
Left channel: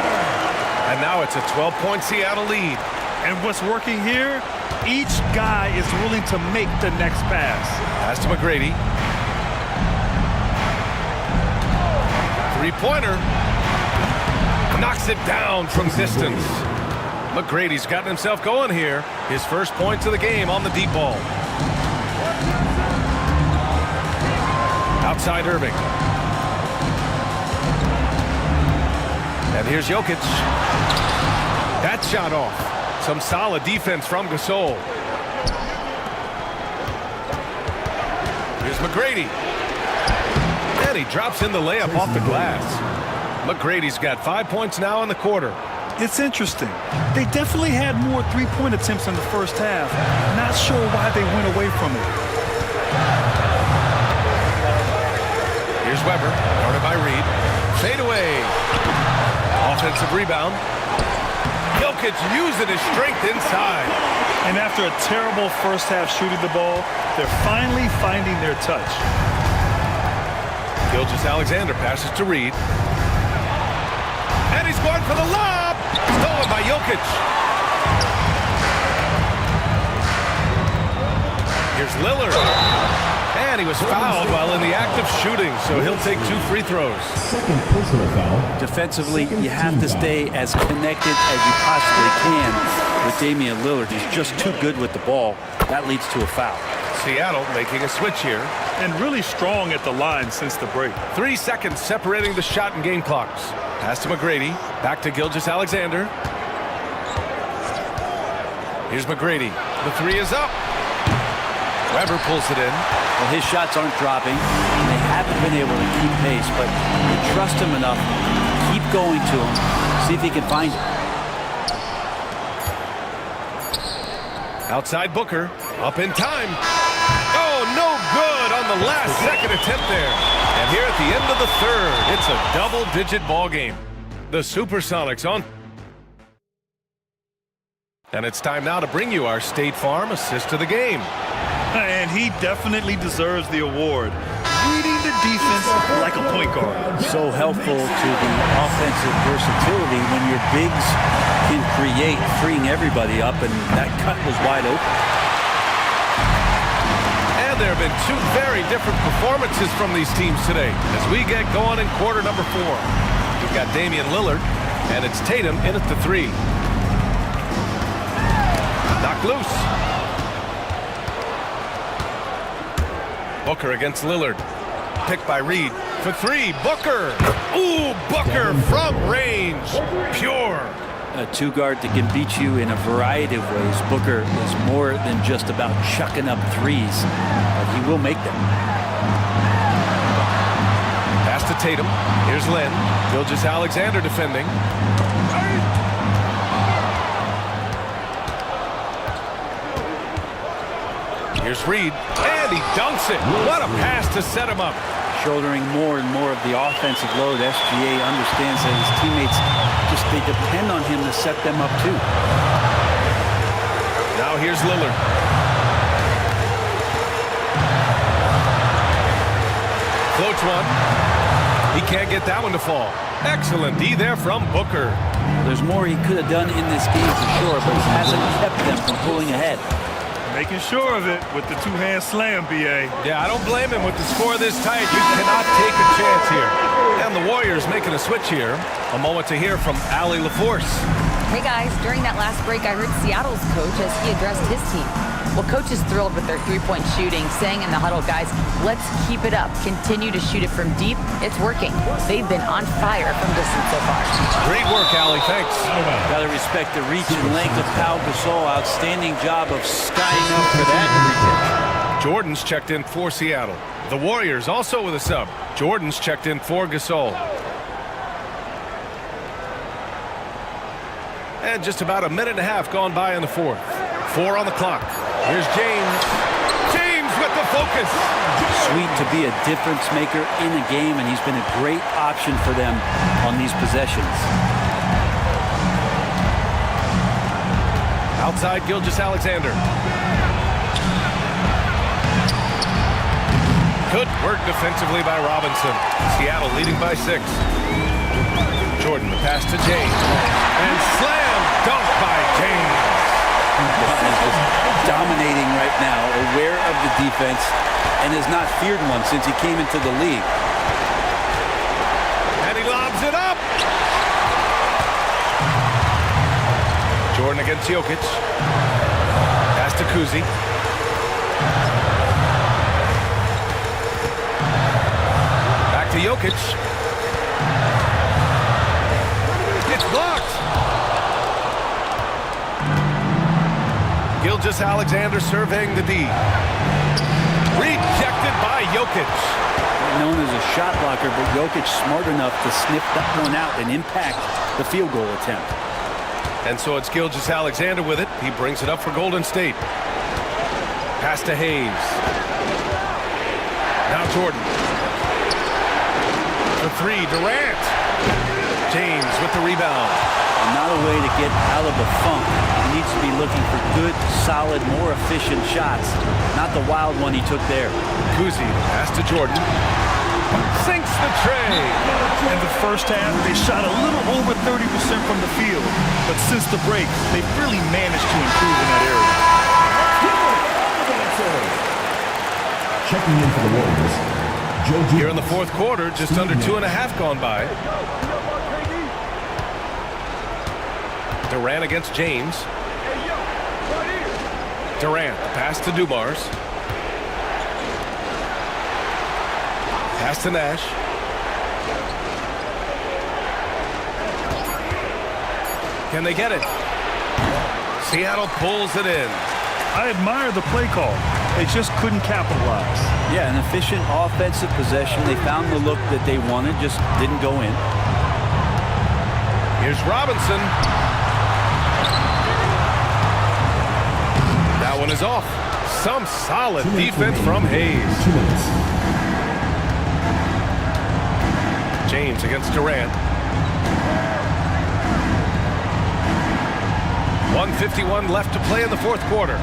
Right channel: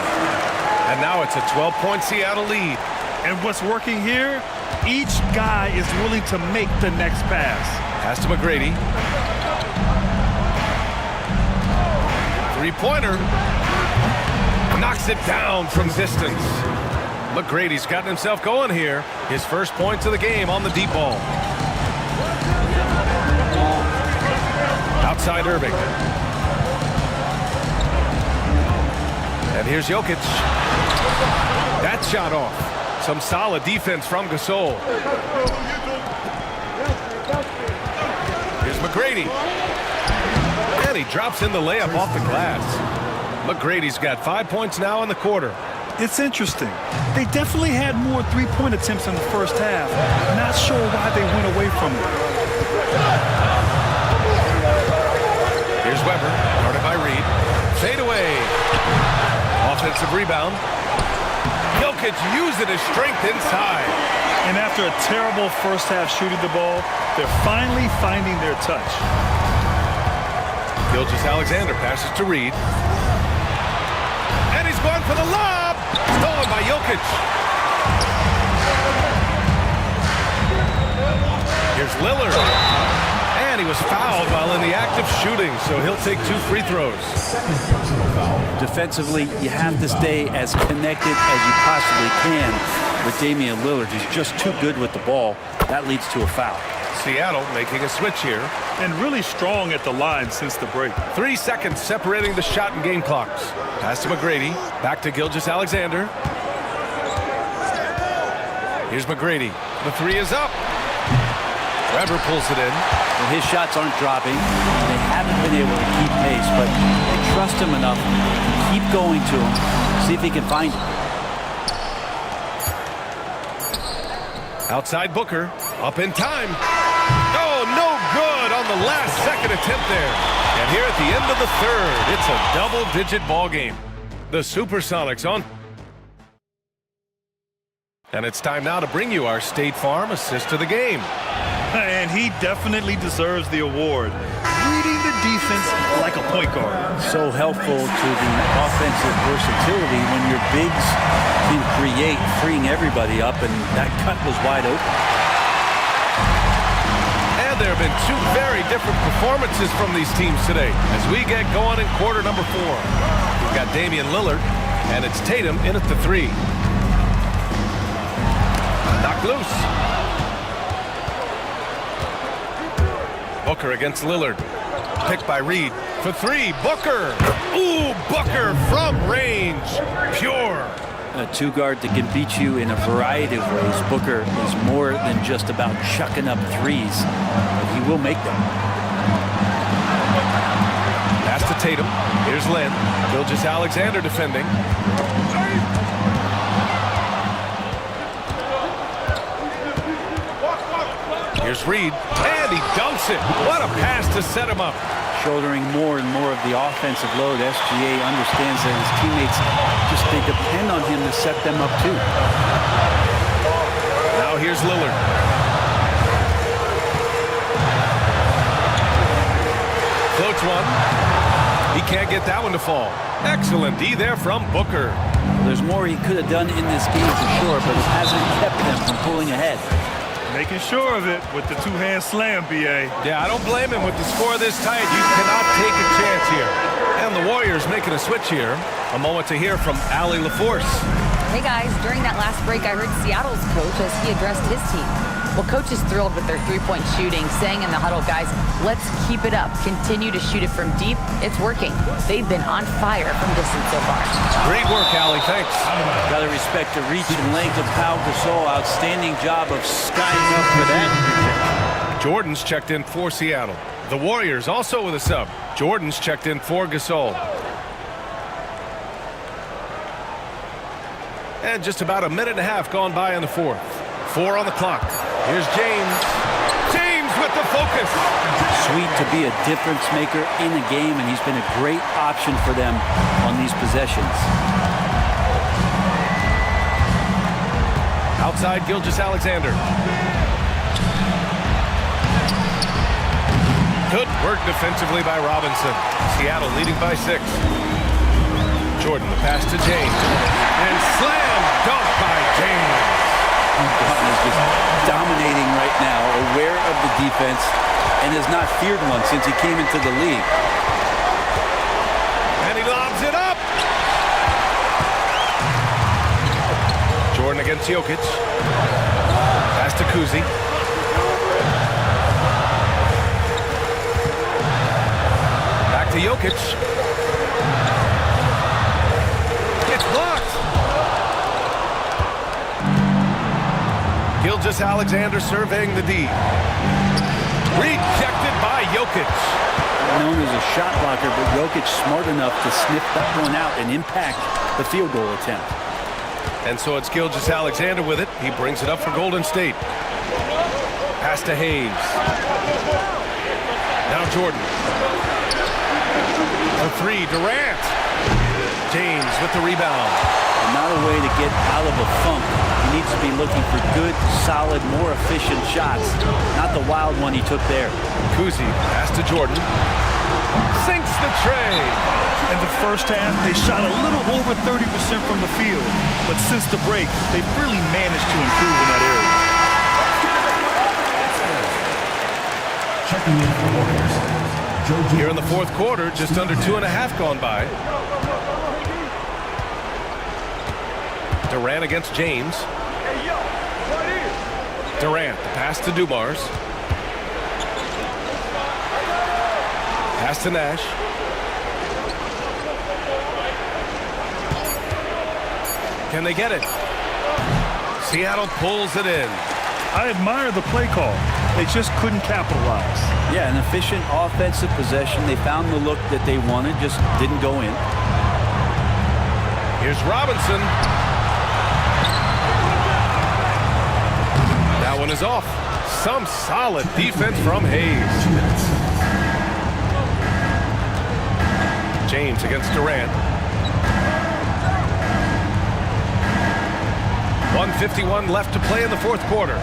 And now it's a 12-point Seattle lead. And what's working here? Each guy is willing to make the next pass. Pass to McGrady. Three-pointer. Knocks it down from distance. McGrady's gotten himself going here. His first points of the game on the deep ball. Outside Irving. And here's Jokic. That shot off. Some solid defense from Gasol. Here's McGrady. And he drops in the layup off the glass. McGrady's got 5 points now in the quarter. It's interesting. They definitely had more three-point attempts in the first half. Not sure why they went away from it. Here's Weber, guarded by Reed. Fade away. Offensive rebound. Jokic using his strength inside. And after a terrible first half shooting the ball, they're finally finding their touch. Gilgeous-Alexander passes to Reed. And he's going for the lob. Stolen by Jokic. Here's Lillard. And he was fouled while in the act of shooting, so he'll take 2 free throws. Second personal foul. Defensively, you have to stay as connected as you possibly can with Damian Lillard. He's just too good with the ball. That leads to a foul. Seattle making a switch here. And really strong at the line since the break. 3 seconds separating the shot and game clocks. Pass to McGrady. Back to Gilgeous-Alexander. Here's McGrady. The 3 is up. Weber pulls it in. Well, his shots aren't dropping. They haven't been able to keep pace, but they trust him enough to keep going to him, see if he can find it. Outside Booker. Up in time. Oh, no good on the last second attempt there. And here at the end of the third, it's a double-digit ball game. The Supersonics on. And it's time now to bring you our State Farm assist of the game. And he definitely deserves the award. Reading the defense like a point guard. So helpful to the offensive versatility when your bigs can create, freeing everybody up, and that cut was wide open. And there have been 2 very different performances from these teams today as we get going in quarter number 4. We've got Damian Lillard, and it's Tatum in at the 3. Knocked loose. Booker against Lillard. Picked by Reed for three. Booker. Ooh, Booker from range. Pure. A two-guard that can beat you in a variety of ways. Booker is more than just about chucking up threes, but he will make them. Pass to Tatum. Here's Len. Gilgeous-Alexander defending. Here's Reed, and he dunks it. What a pass to set him up. Shouldering more and more of the offensive load. SGA understands that his teammates they depend on him to set them up too. Now here's Lillard. Floats one. He can't get that one to fall. Excellent D there from Booker. Well, there's more he could have done in this game for sure, but it hasn't kept them from pulling ahead. Making sure of it with the two-hand slam, B.A. Yeah, I don't blame him with the score this tight. You cannot take a chance here. And the Warriors making a switch here. A moment to hear from Allie LaForce. Hey guys, during that last break, I heard Seattle's coach as he addressed his team. Well, coach is thrilled with their three-point shooting, saying in the huddle, guys, let's keep it up. Continue to shoot it from deep. It's working. They've been on fire from distance so far. Great work, Allie. Thanks. Got to respect the reach and length of Pau Gasol. Outstanding job of skying up for that free kick. Jordan's checked in for Seattle. The Warriors also with a sub. Jordan's checked in for Gasol. And just about a minute and a half gone by in the fourth. 4 on the clock. Here's James. James with the focus. Sweet to be a difference maker in a game, and he's been a great option for them on these possessions. Outside Gilgeous-Alexander. Good work defensively by Robinson. Seattle leading by 6. Jordan, the pass to James. And slam dunk by James. Dunn is just dominating right now, aware of the defense, and has not feared one since he came into the league. And he lobs it up. Jordan against Jokic. Pass to Kuzi. Back to Jokic. It's blocked. Gilgeous-Alexander surveying the D. Rejected by Jokic. Known as a shot blocker, but Jokic smart enough to sniff that one out and impact the field goal attempt. And so it's Gilgeous-Alexander with it. He brings it up for Golden State. Pass to Hayes. Now Jordan. The three, Durant. James with the rebound. And not a way to get out of a funk. He needs to be looking for good, solid, more efficient shots. Not the wild one he took there. Kuzi, pass to Jordan. Sinks the tray. In the first half, they shot a little over 30% from the field. But since the break, they've really managed to improve in that area. Checking in for the Warriors. Here in the fourth quarter, just under 2.5 gone by. Durant against James. Durant, the pass to Dumars. Pass to Nash. Can they get it? Seattle pulls it in. I admire the play call. They just couldn't capitalize. Yeah, an efficient offensive possession. They found the look that they wanted, just didn't go in. Here's Robinson. That one is off. Some solid defense from Hayes. James against Durant. 1:51 left to play in the fourth quarter.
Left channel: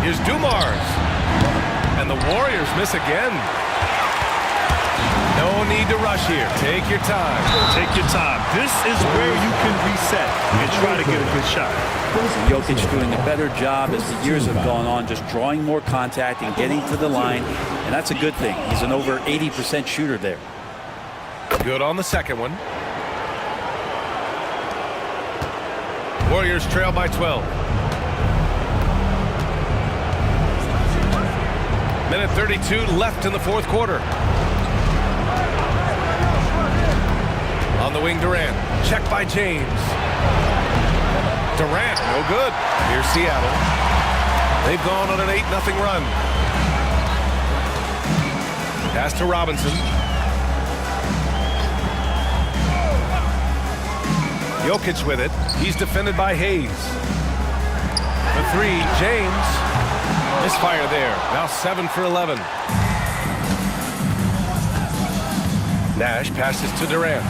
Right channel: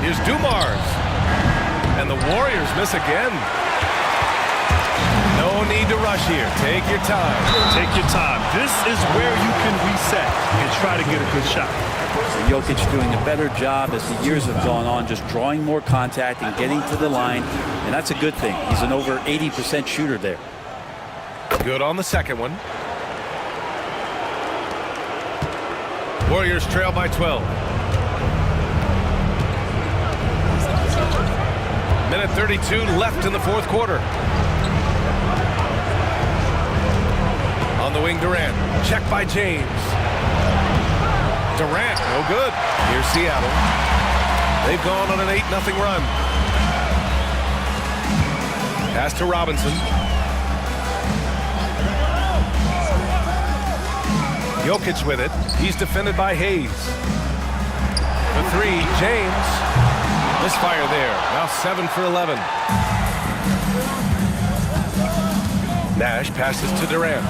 Here's Dumars. And the Warriors miss again. No need to rush here. Take your time. Take your time. This is where you can reset and try to get a good shot. And Jokic doing a better job as the years have gone on, just drawing more contact and getting to the line. And that's a good thing. He's an over 80% shooter there. Good on the second one. Warriors trail by 12. Minute 32 left in the fourth quarter. On the wing, Durant. Check by James. Durant, no good. Here's Seattle. They've gone on an 8-0 run. Pass to Robinson. Jokic with it. He's defended by Hayes. The three, James. Misfire there. Now 7 for 11. Nash passes to Durant.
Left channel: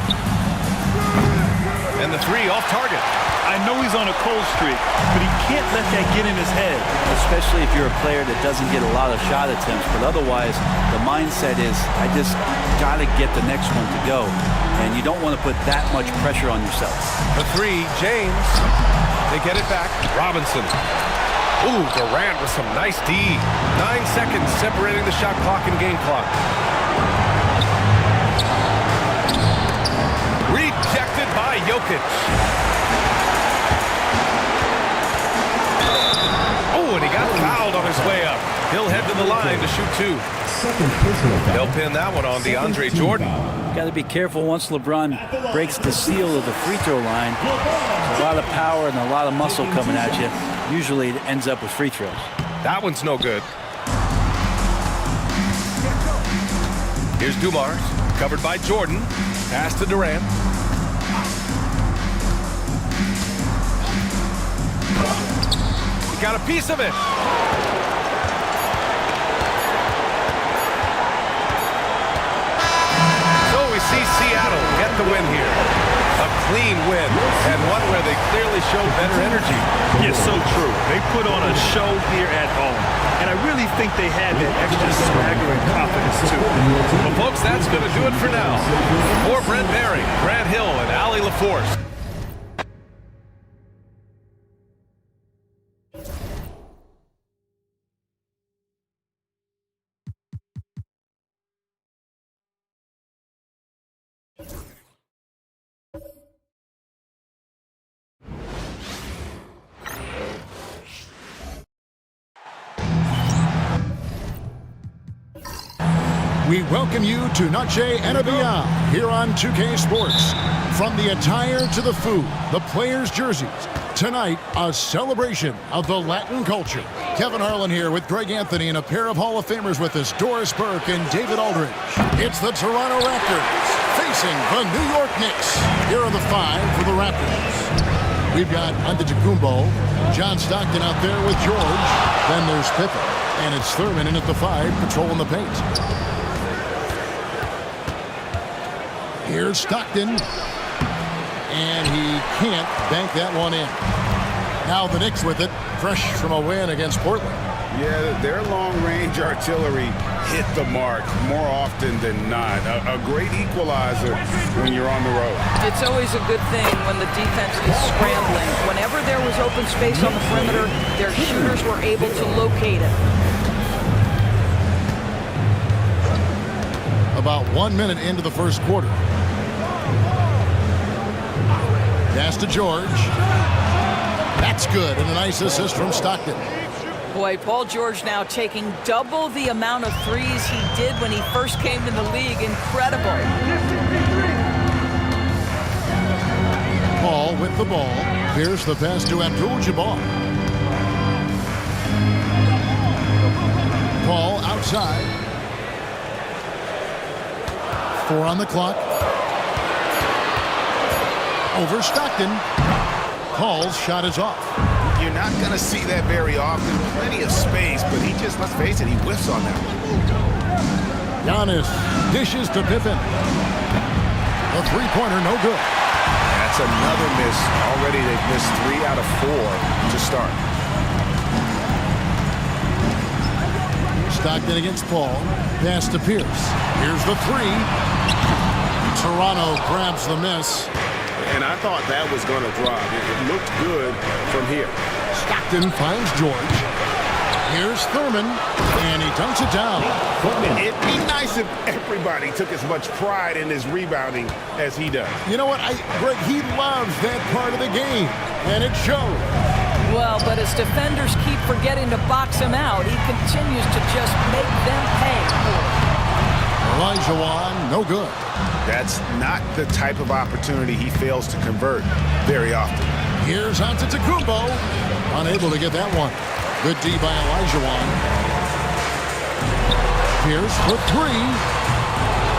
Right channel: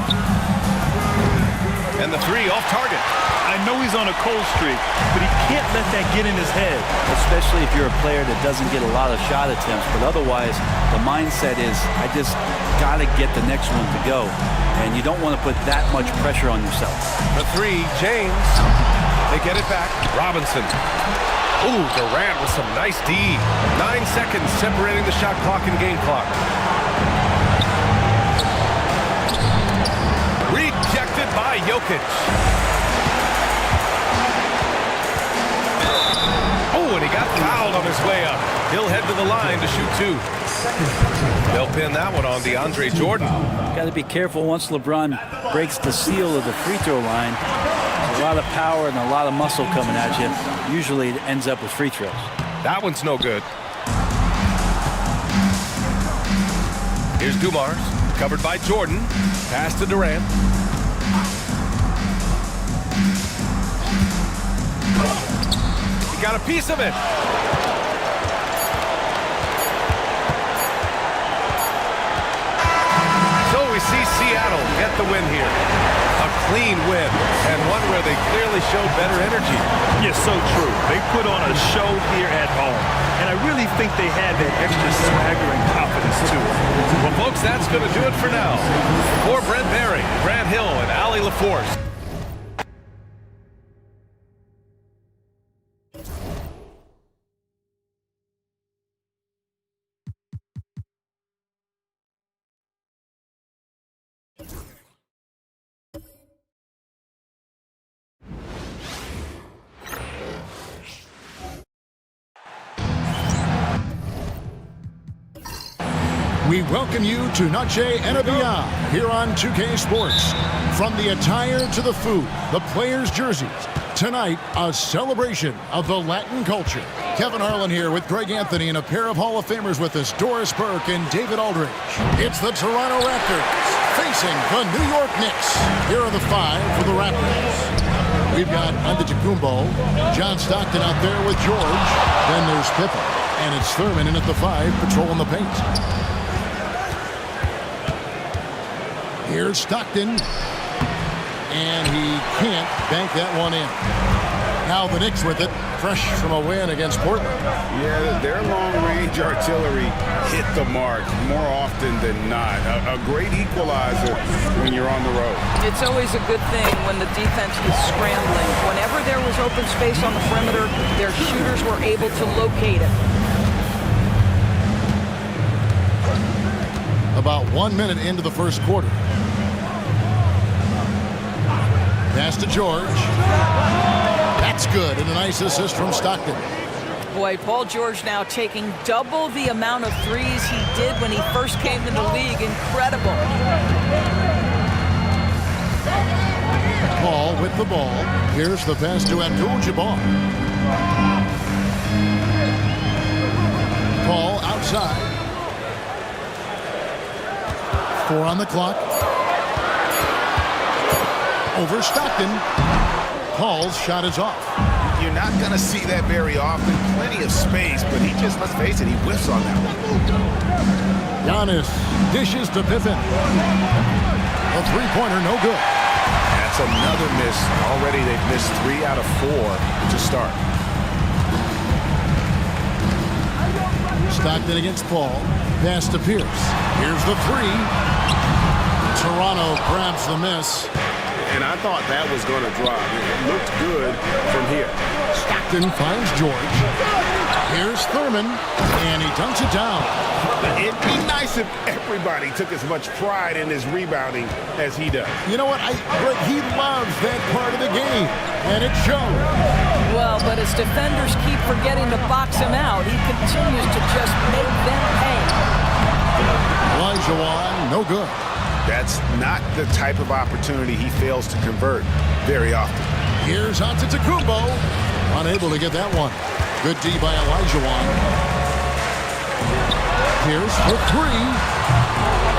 And the three off target. I know he's on a cold streak, but he can't let that get in his head. Especially if you're a player that doesn't get a lot of shot attempts. But otherwise, the mindset is, I just got to get the next one to go. And you don't want to put that much pressure on yourself. The three, James. They get it back. Robinson. Ooh, Durant with some nice D. 9 seconds separating the shot clock and game clock. Rejected by Jokic. Oh, and he got fouled on his way up. He'll head to the line to shoot 2. They'll pin that one on DeAndre Jordan. Got to be careful once LeBron breaks the seal of the free throw line. There's a lot of power and a lot of muscle coming at you. Usually it ends up with free throws. That one's no good. Here's Dumars, covered by Jordan. Pass to Durant. He got a piece of it. So we see Seattle get the win here. A clean win, and one where they clearly showed better energy. Yes, so true. They put on a show here at home, and I really think they had that extra swagger and confidence, too. Well, folks, that's going to do it for now. For Brent Barry, Grant Hill, and Allie LaForce. We welcome you to Noche NBA here on 2K Sports. From the attire to the food, the players' jerseys. Tonight, a celebration of the Latin culture. Kevin Harlan here with Greg Anthony and a pair of Hall of Famers with us, Doris Burke and David Aldridge. It's the Toronto Raptors facing the New York Knicks. Here are the 5 for the Raptors. We've got Antetokounmpo, John Stockton out there with George. Then there's Pippen. And it's Thurman in at the 5, patrolling the paint. Here's Stockton. And he can't bank that one in. Now the Knicks with it, fresh from a win against Portland. Yeah, their long-range artillery hit the mark more often than not. A great equalizer when you're on the road. It's always a good thing when the defense is scrambling. Whenever there was open space on the perimeter, their shooters were able to locate it. About 1 minute into the first quarter. Pass to George. That's good, and a nice assist from Stockton. Boy, Paul George now taking double the amount of threes he did when he first came in the league. Incredible. Paul with the ball. Here's the pass to Abdul-Jabbar. Paul outside. 4 on the clock. Over Stockton. Paul's shot is off. You're not going to see that very often. Plenty of space, but he just, let's face it, he whiffs on that one. Giannis dishes to Pippen. A three-pointer, no good. That's another miss. Already they've missed 3 out of 4 to start. Stockton against Paul. Pass to Pierce. Here's the 3. Toronto grabs the miss. And I thought that was going to drop. It looked good from here. Stockton finds George. Here's Thurman, and he dunks it down. It'd be nice if everybody took as much pride in his rebounding as he does. You know what, Greg, he loves that part of the game, and it shows. Well, but as defenders keep forgetting to box him out, he continues to just make them pay. Olajuwon, no good. That's not the type of opportunity he fails to convert very often. Here's Antetokounmpo. Unable to get that one. Good D by Olajuwon. Pierce for three.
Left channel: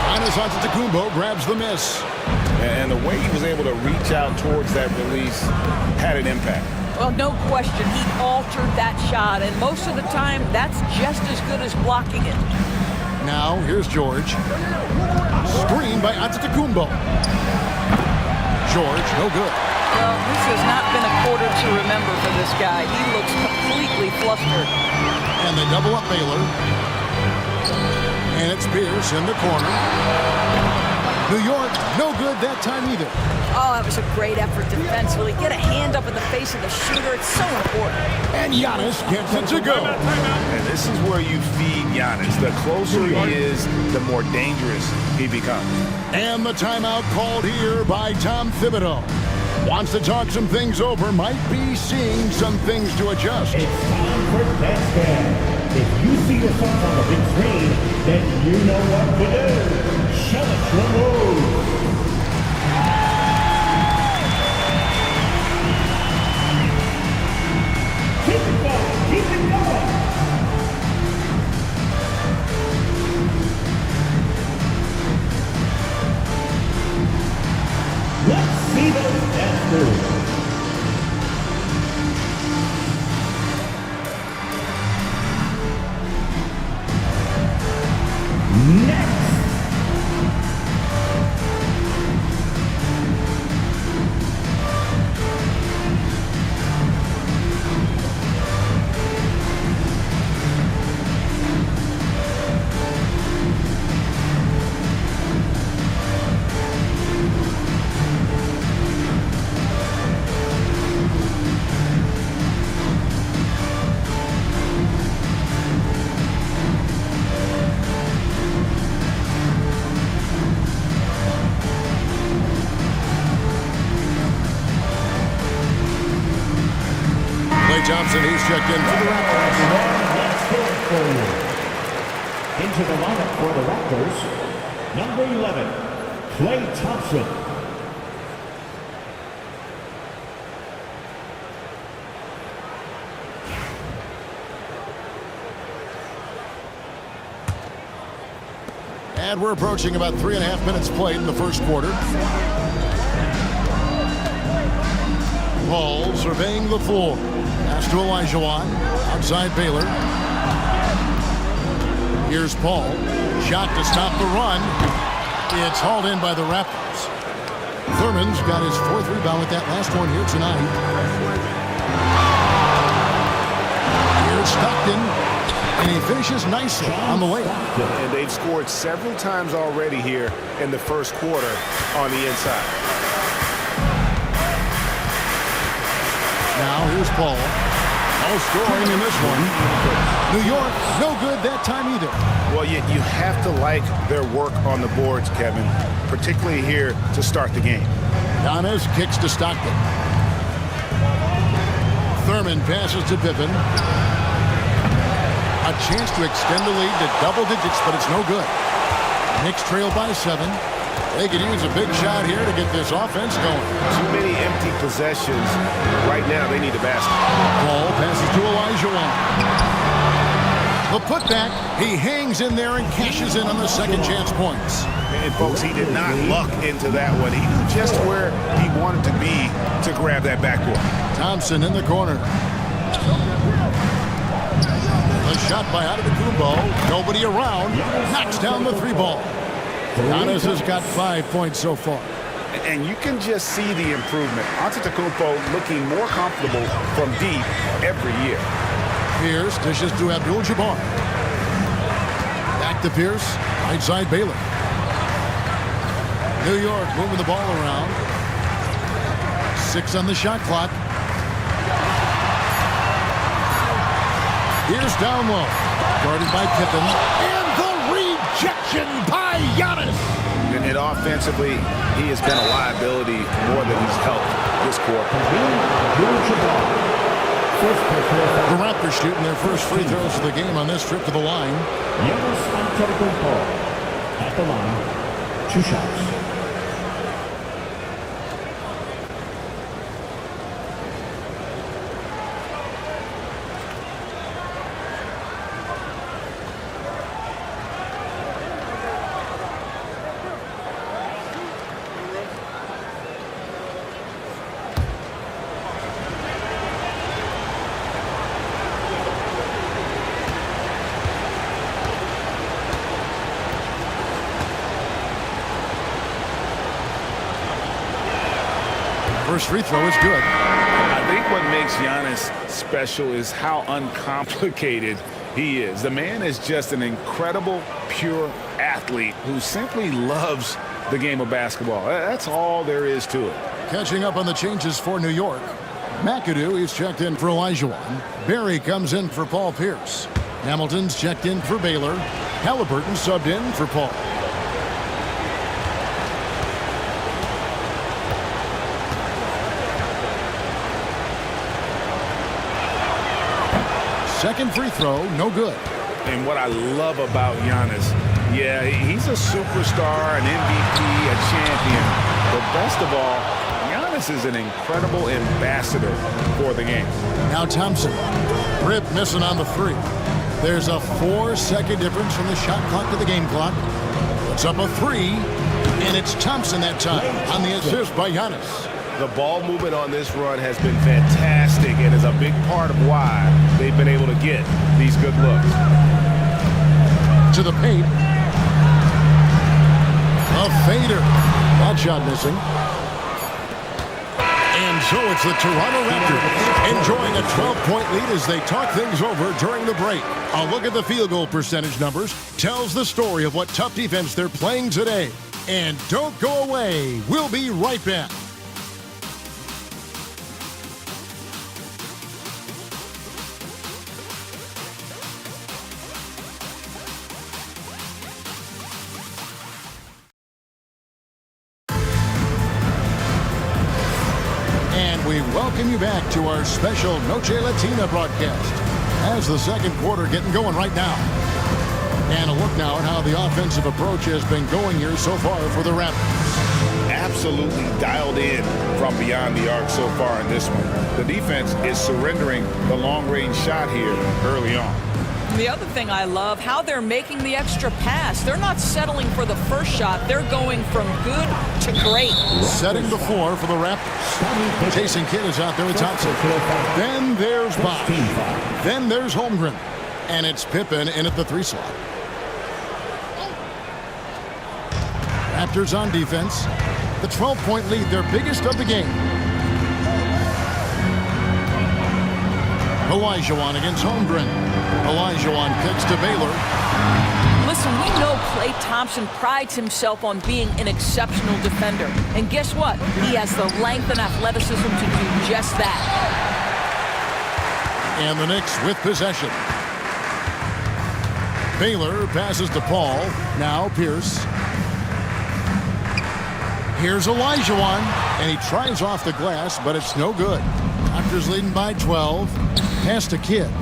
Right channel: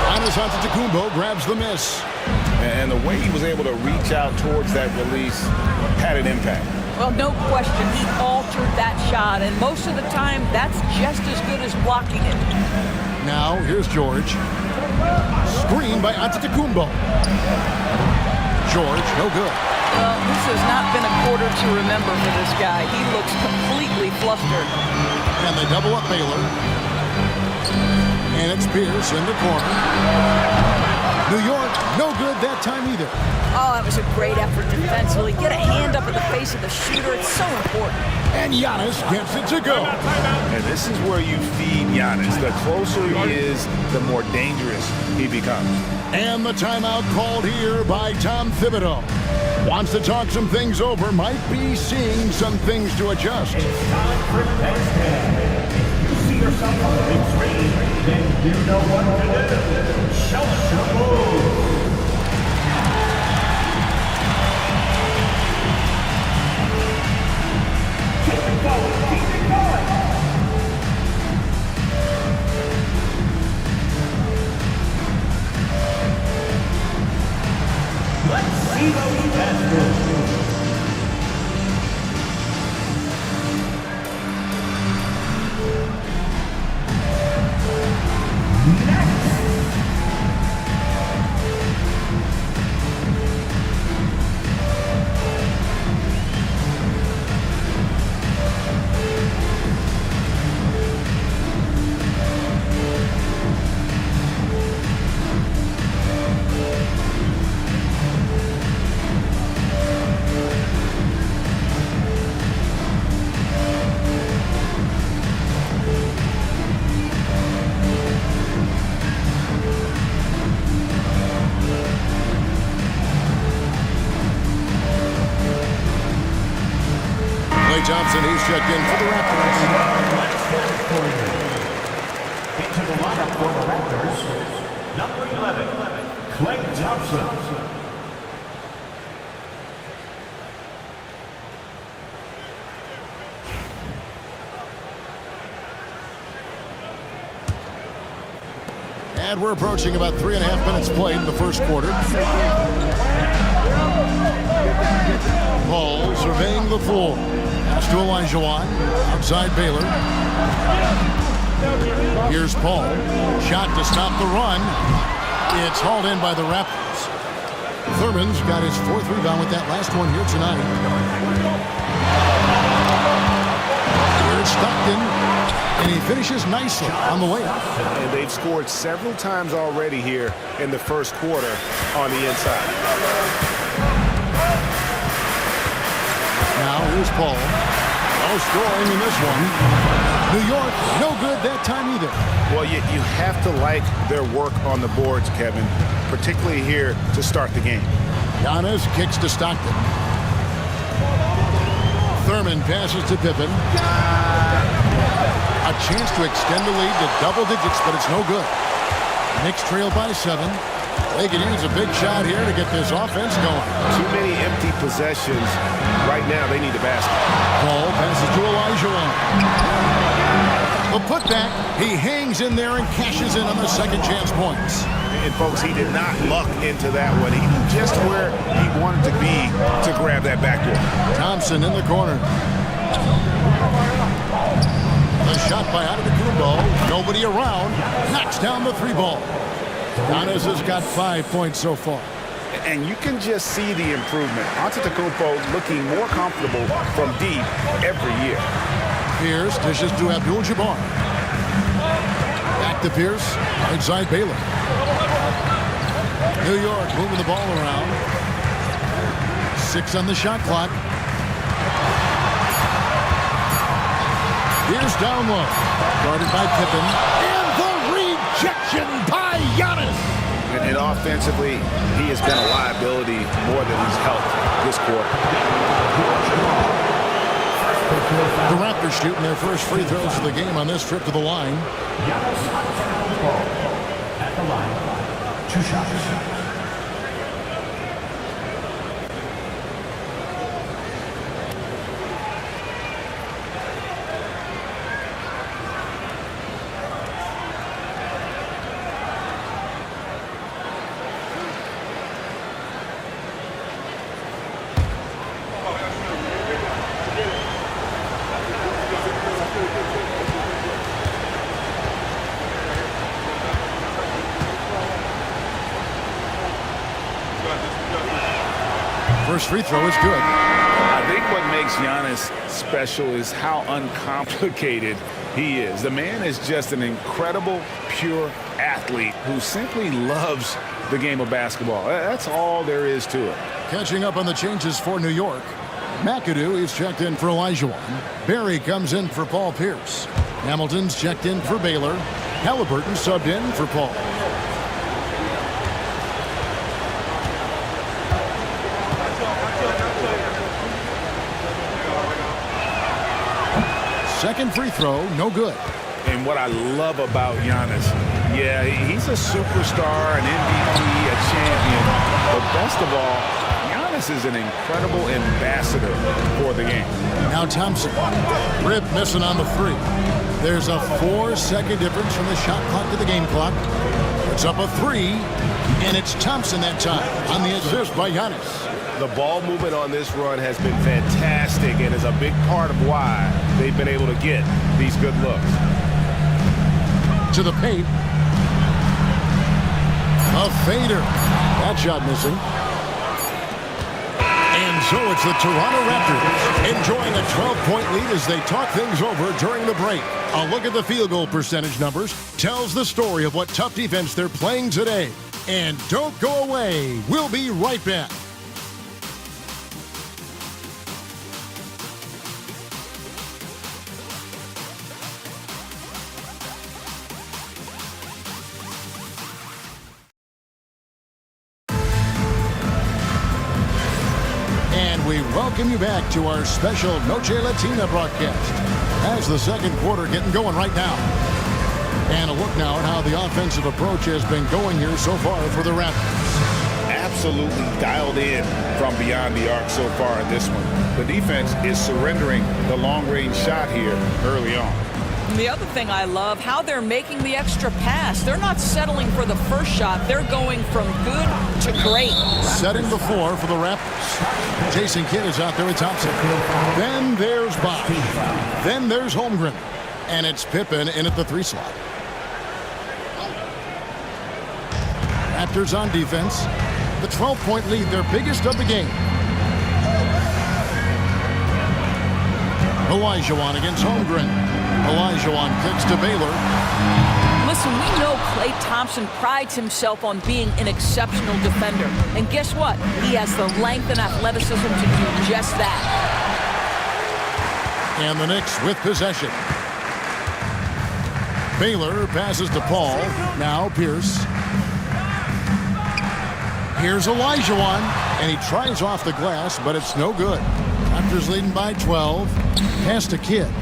Giannis Antetokounmpo grabs the miss. And the way he was able to reach out towards that release had an impact. Well, no question. He altered that shot, and most of the time, that's just as good as blocking it. Now, here's George. Screen by Antetokounmpo. George, no good. Well, this has not been a quarter to remember for this guy. He looks completely flustered. And they double up Baylor. And it's Pierce in the corner. New York, no good that time either. Oh, that was a great effort defensively. Get a hand up in the face of the shooter. It's so important. And Giannis gets it to go. And this is where you feed Giannis. The closer he is, the more dangerous he becomes. And the timeout called here by Tom Thibodeau. Wants to talk some things over, might be seeing some things to adjust. It's time for next man. If you see yourself on the big screen, then you know what to do. Show us your moves. Keep it going. Keep it going. Let's see those dance moves. Next. Klay Thompson, he's checked in for the Raptors. Let's hear it for you. Into the lineup for the Raptors, number 11, Klay Thompson. And we're approaching about 3.5 minutes played in the first quarter. Paul surveying the floor. Pass to Olajuwon. Outside Baylor. Here's Paul. Shot to stop the run. It's hauled in by the Raptors. Thurman's got his 4th rebound with that last one here tonight. Here's Stockton. And he finishes nicely on the way up. And they've scored several times already here in the first quarter on the inside. Now here's Paul. No scoring in this one. New York, no good that time either. Well, you have to like their work on the boards, Kevin, particularly here to start the game. Giannis kicks to Stockton. Thurman passes to Pippen. A chance to extend the lead to double digits, but it's no good. Knicks trail by 7. They could use a big shot here to get this offense going. Too many empty possessions. Right now, they need a basket. Paul passes to Olajuwon. The putback, he hangs in there and cashes in on the second chance points. And, folks, he did not luck into that one. He knew just where he wanted to be to grab that backboard. Thompson in the corner. The shot by Antetokounmpo. Nobody around. Knocks down the 3 ball. Giannis has got 5 points so far. And you can just see the improvement. Antetokounmpo looking more comfortable from deep every year. Pierce dishes to Abdul-Jabbar. Back to Pierce. Right side Baylor. New York moving the ball around. 6 on the shot clock. Here's down low. Guarded by Pippen. And the rejection by Giannis. And offensively, he has been a liability more than he's helped this quarter. The Raptors shooting their first free throws of the game on this trip to the line. Giannis Antetokounmpo at the line. 2 shots. First free throw is good. I think what makes Giannis special is how uncomplicated he is. The man is just an incredible, pure athlete who simply loves the game of basketball. That's all there is to it. Catching up on the changes for New York. McAdoo is checked in for Olajuwon. Barry comes in for Paul Pierce. Hamilton's checked in for Baylor. Halliburton subbed in for Paul. Second free throw, no good. And what I love about Giannis, yeah, he's a superstar, an MVP, a champion. But best of all, Giannis is an incredible ambassador for the game. Now Thompson. Rip missing on the 3. There's a 4-second difference from the shot clock to the game clock. Puts up a 3, and it's Thompson that time on the assist by Giannis. The ball movement on this run has been fantastic and is a big part of why they've been able to get these good looks. To the paint. A fader. That shot missing. And so it's the Toronto Raptors enjoying a 12-point lead as they talk things over during the break. A look at the field goal percentage numbers tells the story of what tough defense they're playing today. And don't go away. We'll be right back. And we welcome you back to our special Noche Latina broadcast as the second quarter getting going right now. And a look now at how the offensive approach has been going here so far for the Raptors. Absolutely dialed in from beyond the arc so far in this one. The defense is surrendering the long-range shot here early on. And the other thing I love, how they're making the extra pass. They're not settling for the first shot. They're going from good to great. Setting the floor for the Raptors. Jason Kidd is out there with Thompson. Then there's Bosh. Then there's Holmgren. And it's Pippen in at the 3 slot. Raptors on defense. The 12-point lead, their biggest of the game. Olajuwon against Holmgren. Olajuwon kicks to Baylor. Listen, we know Klay Thompson prides himself on being an exceptional defender. And guess what? He has the length and athleticism to do just that. And the Knicks with possession. Baylor passes to Paul. Now Pierce. Here's Olajuwon. And he tries off the glass, but it's no good. Raptors leading by 12. Pass to Kidd.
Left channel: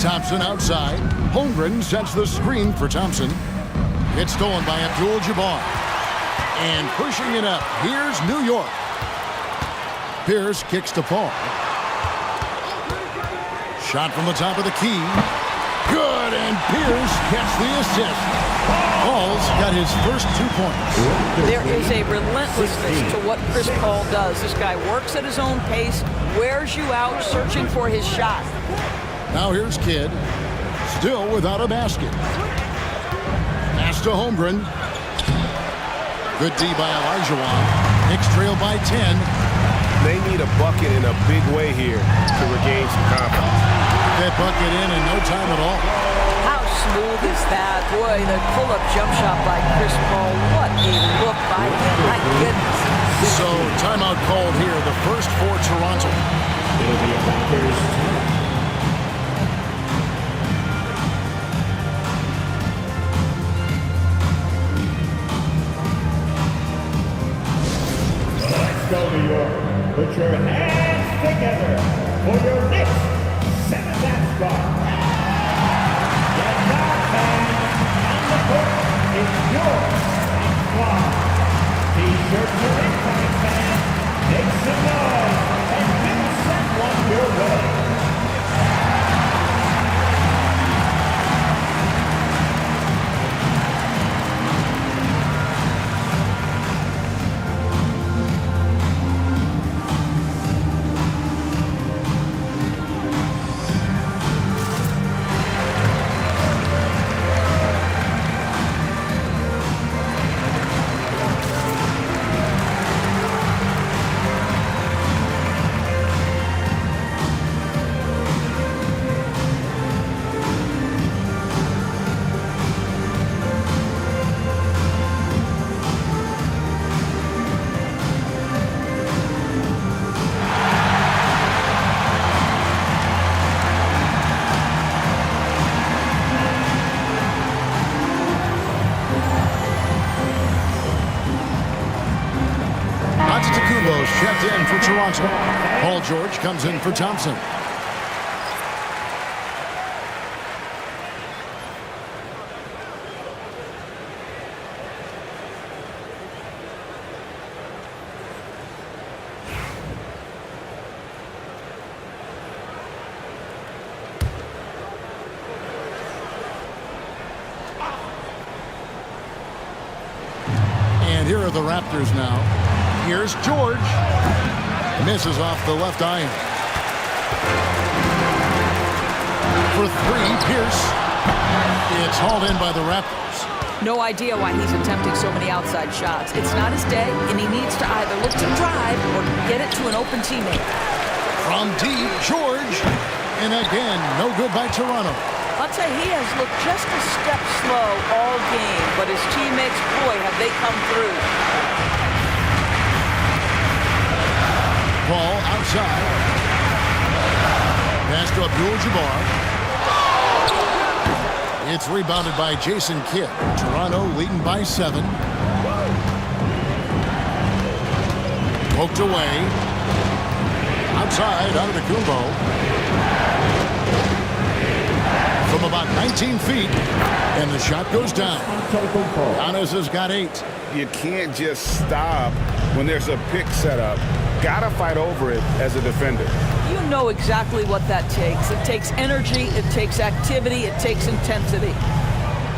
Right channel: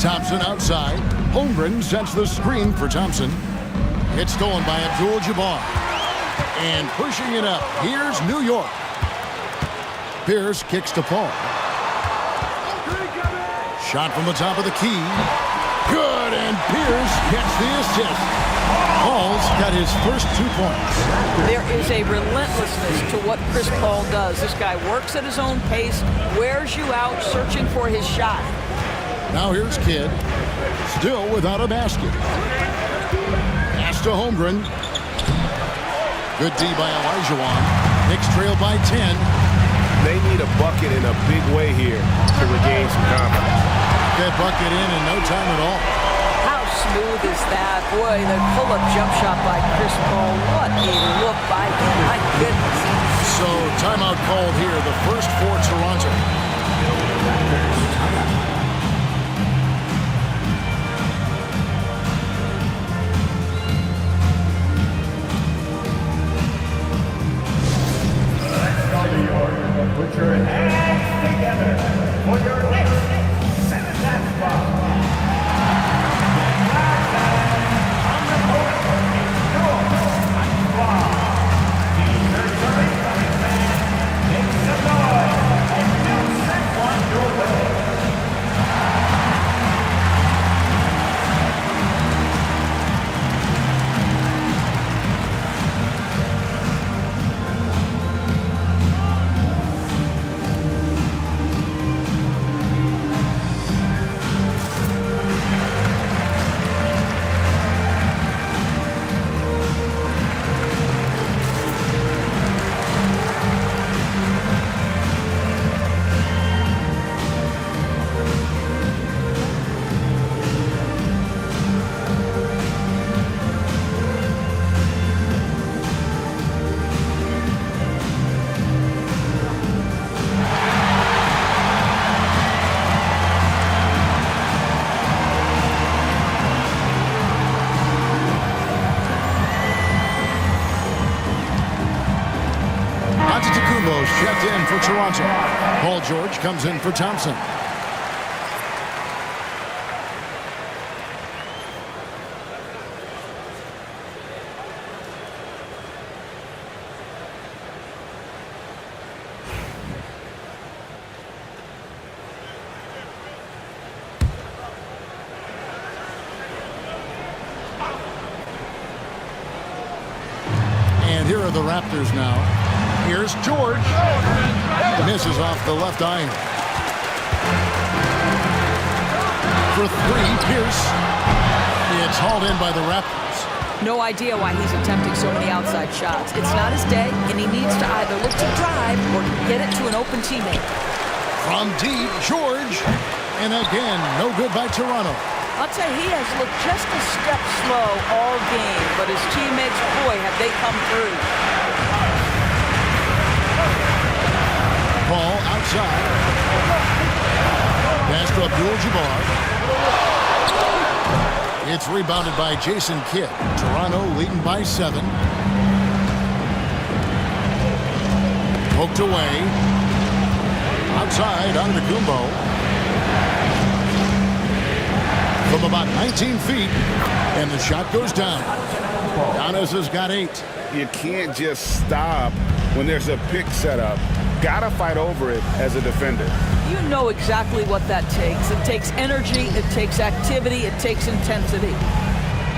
Thompson outside. Holmgren sets the screen for Thompson. It's stolen by Abdul-Jabbar. And pushing it up, here's New York. Pierce kicks to Paul. Shot from the top of the key. Good, and Pierce gets the assist. Paul's got his first 2 points. There is a relentlessness to what Chris Paul does. This guy works at his own pace, wears you out, searching for his shot. Now here's Kidd, still without a basket. Pass to Holmgren. Good D by Olajuwon. Knicks trail by 10. They need a bucket in a big way here to regain some confidence. That bucket in no time at all. How smooth is that? Boy, the pull-up jump shot by Chris Paul. What a look by him. My goodness. So timeout called here, the first for Toronto. Let's go, New York. put your hands together for your next 7-match spot. And now, fans, on the court is your squad. T-shirts are incoming, fans. Make some noise, and we'll send one your way. Antetokounmpo's checked in for Toronto. Paul George comes in for Thompson. And here are the Raptors now. Here's George. Misses off the left iron. For three, Pierce. It's hauled in by the Raptors. No idea why he's attempting so many outside shots. It's not his day, and he needs to either look to drive or get it to an open teammate. From deep, George. And again, no good by Toronto. I'll tell you, he has looked just a step slow all game, but his teammates, boy, have they come through. Paul outside. Pass to Abdul-Jabbar. It's rebounded by Jason Kidd. Toronto leading by 7. Poked away. Outside, Antetokounmpo. From about 19 feet. And the shot goes down. Giannis has got 8. You can't just stop when there's a pick set up. Gotta fight over it as a defender. You know exactly what that takes. It takes energy, it takes activity, it takes intensity.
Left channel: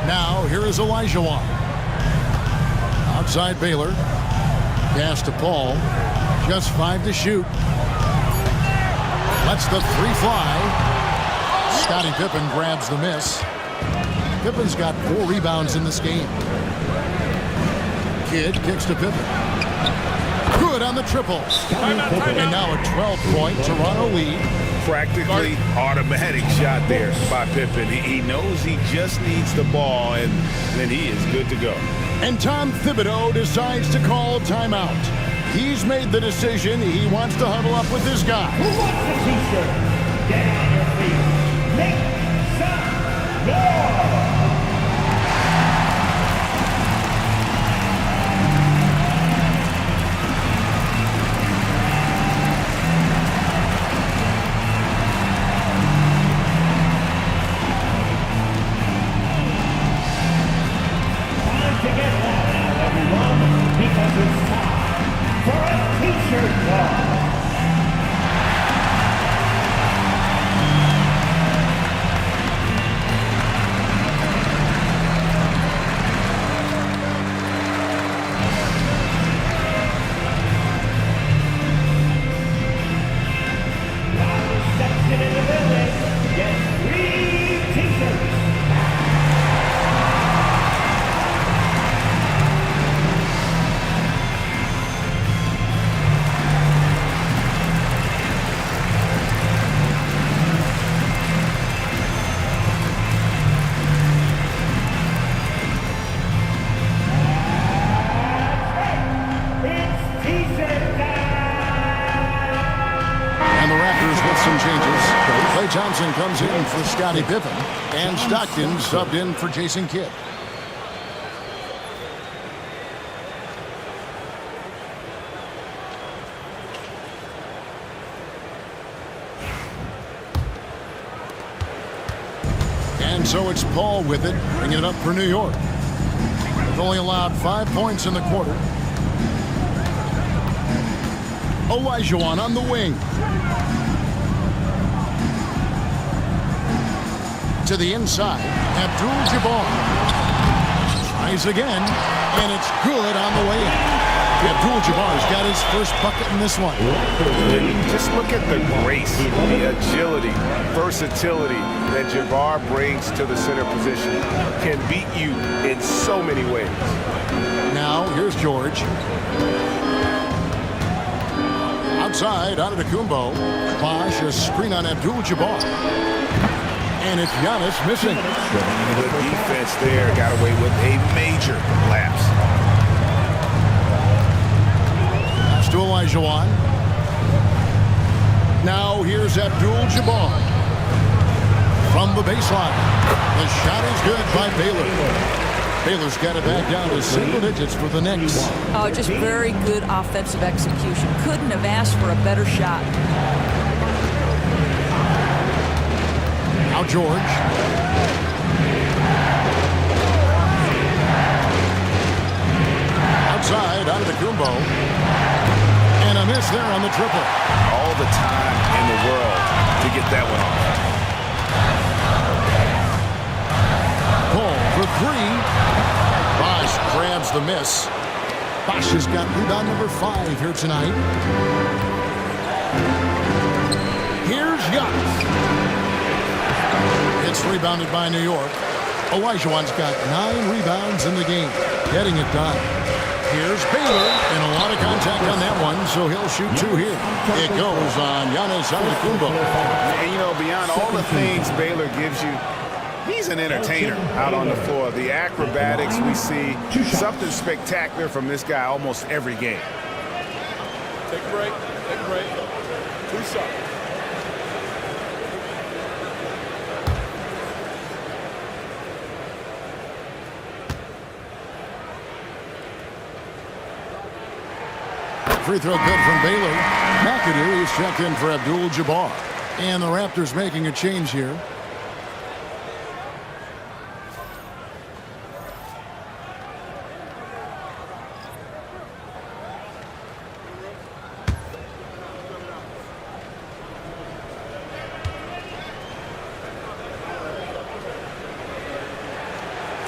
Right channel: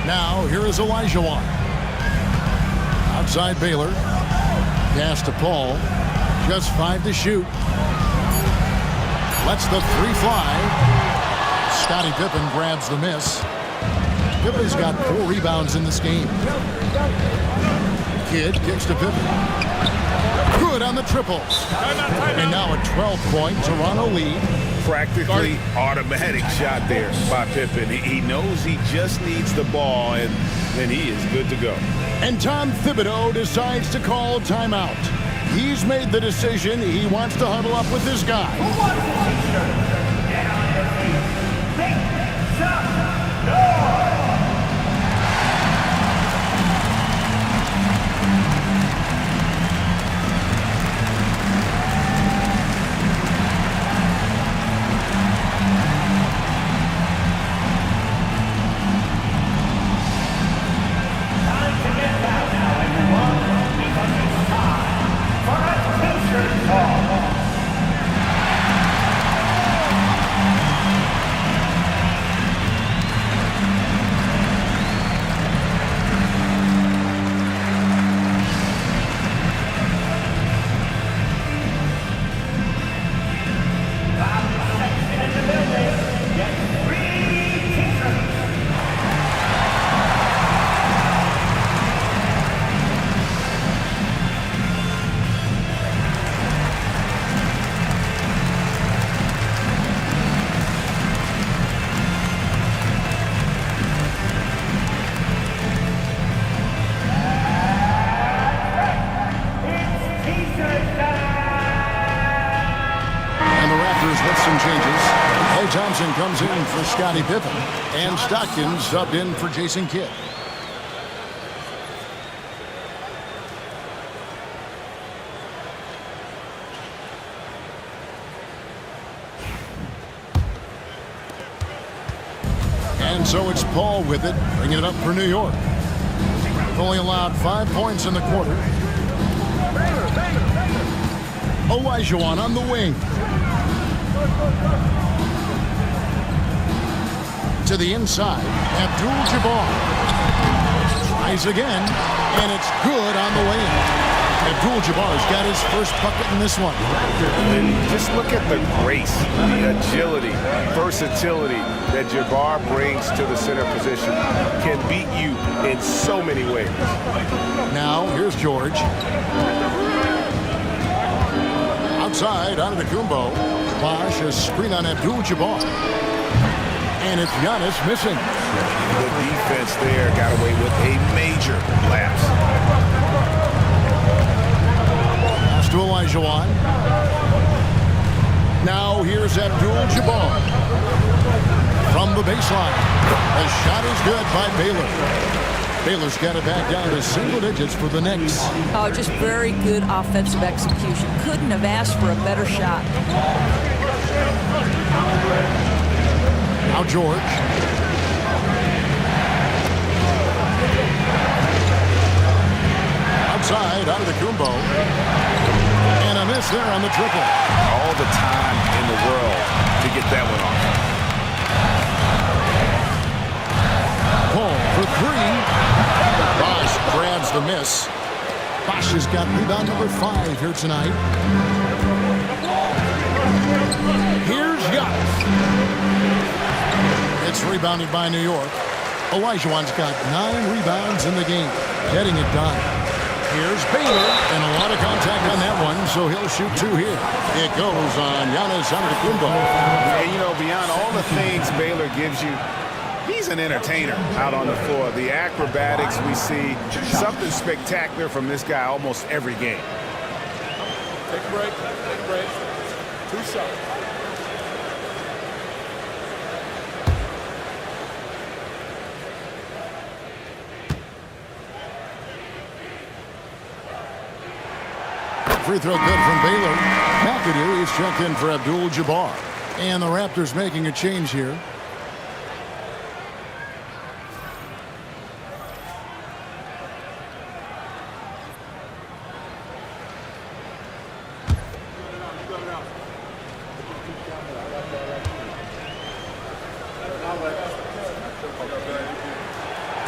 Now, here is Olajuwon. Outside Baylor. Pass to Paul. Just 5 to shoot. Lets the 3 fly. Scottie Pippen grabs the miss. Pippen's got 4 rebounds in this game. Kidd kicks to Pippen. Good on the triple. And now a 12-point Toronto lead. Practically automatic shot there by Pippen. He knows he just needs the ball, and then he is good to go. And Tom Thibodeau decides to call timeout. He's made the decision. He wants to huddle up with his guy. Who wants a t-shirt? Get on your feet. Make some noise. With some changes. Klay Thompson comes in for Scottie Pippen, and Stockton subbed in for Jason Kidd. And so it's Paul with it, bringing it up for New York. They've only allowed 5 points in the quarter. Olajuwon on the wing. To the inside, Abdul-Jabbar. Tries again, and it's good on the way in. Abdul-Jabbar's got his first bucket in this one. And just look at the grace, the agility, versatility that Jabbar brings to the center position. Can beat you in so many ways. Now, here's George. Outside, Antetokounmpo. Bosh, a screen on Abdul-Jabbar. And it's Giannis missing. The defense there got away with a major lapse. Pass to Olajuwon. Now here's Abdul-Jabbar. From the baseline. The shot is good by Baylor. Baylor's got it back down to single digits for the Knicks. Oh, just very good offensive execution. Couldn't have asked for a better shot. Now George. Outside, Antetokounmpo. And a miss there on the triple. All the time in the world to get that one off. Paul for three. Bosh grabs the miss. Bosh has got rebound number 5 here tonight. Here's Giannis. It's rebounded by New York. Olajuwon's got 9 rebounds in the game, getting it done. Here's Baylor, and a lot of contact on that one, so he'll shoot 2 here. It goes on Giannis Antetokounmpo. And, you know, beyond all the things Baylor gives you, he's an entertainer out on the floor. The acrobatics we see, something spectacular from this guy almost every game. Take a break. Take a break. 2 shots. Free throw good from Baylor. McAdoo is checked in for Abdul-Jabbar. And the Raptors making a change here.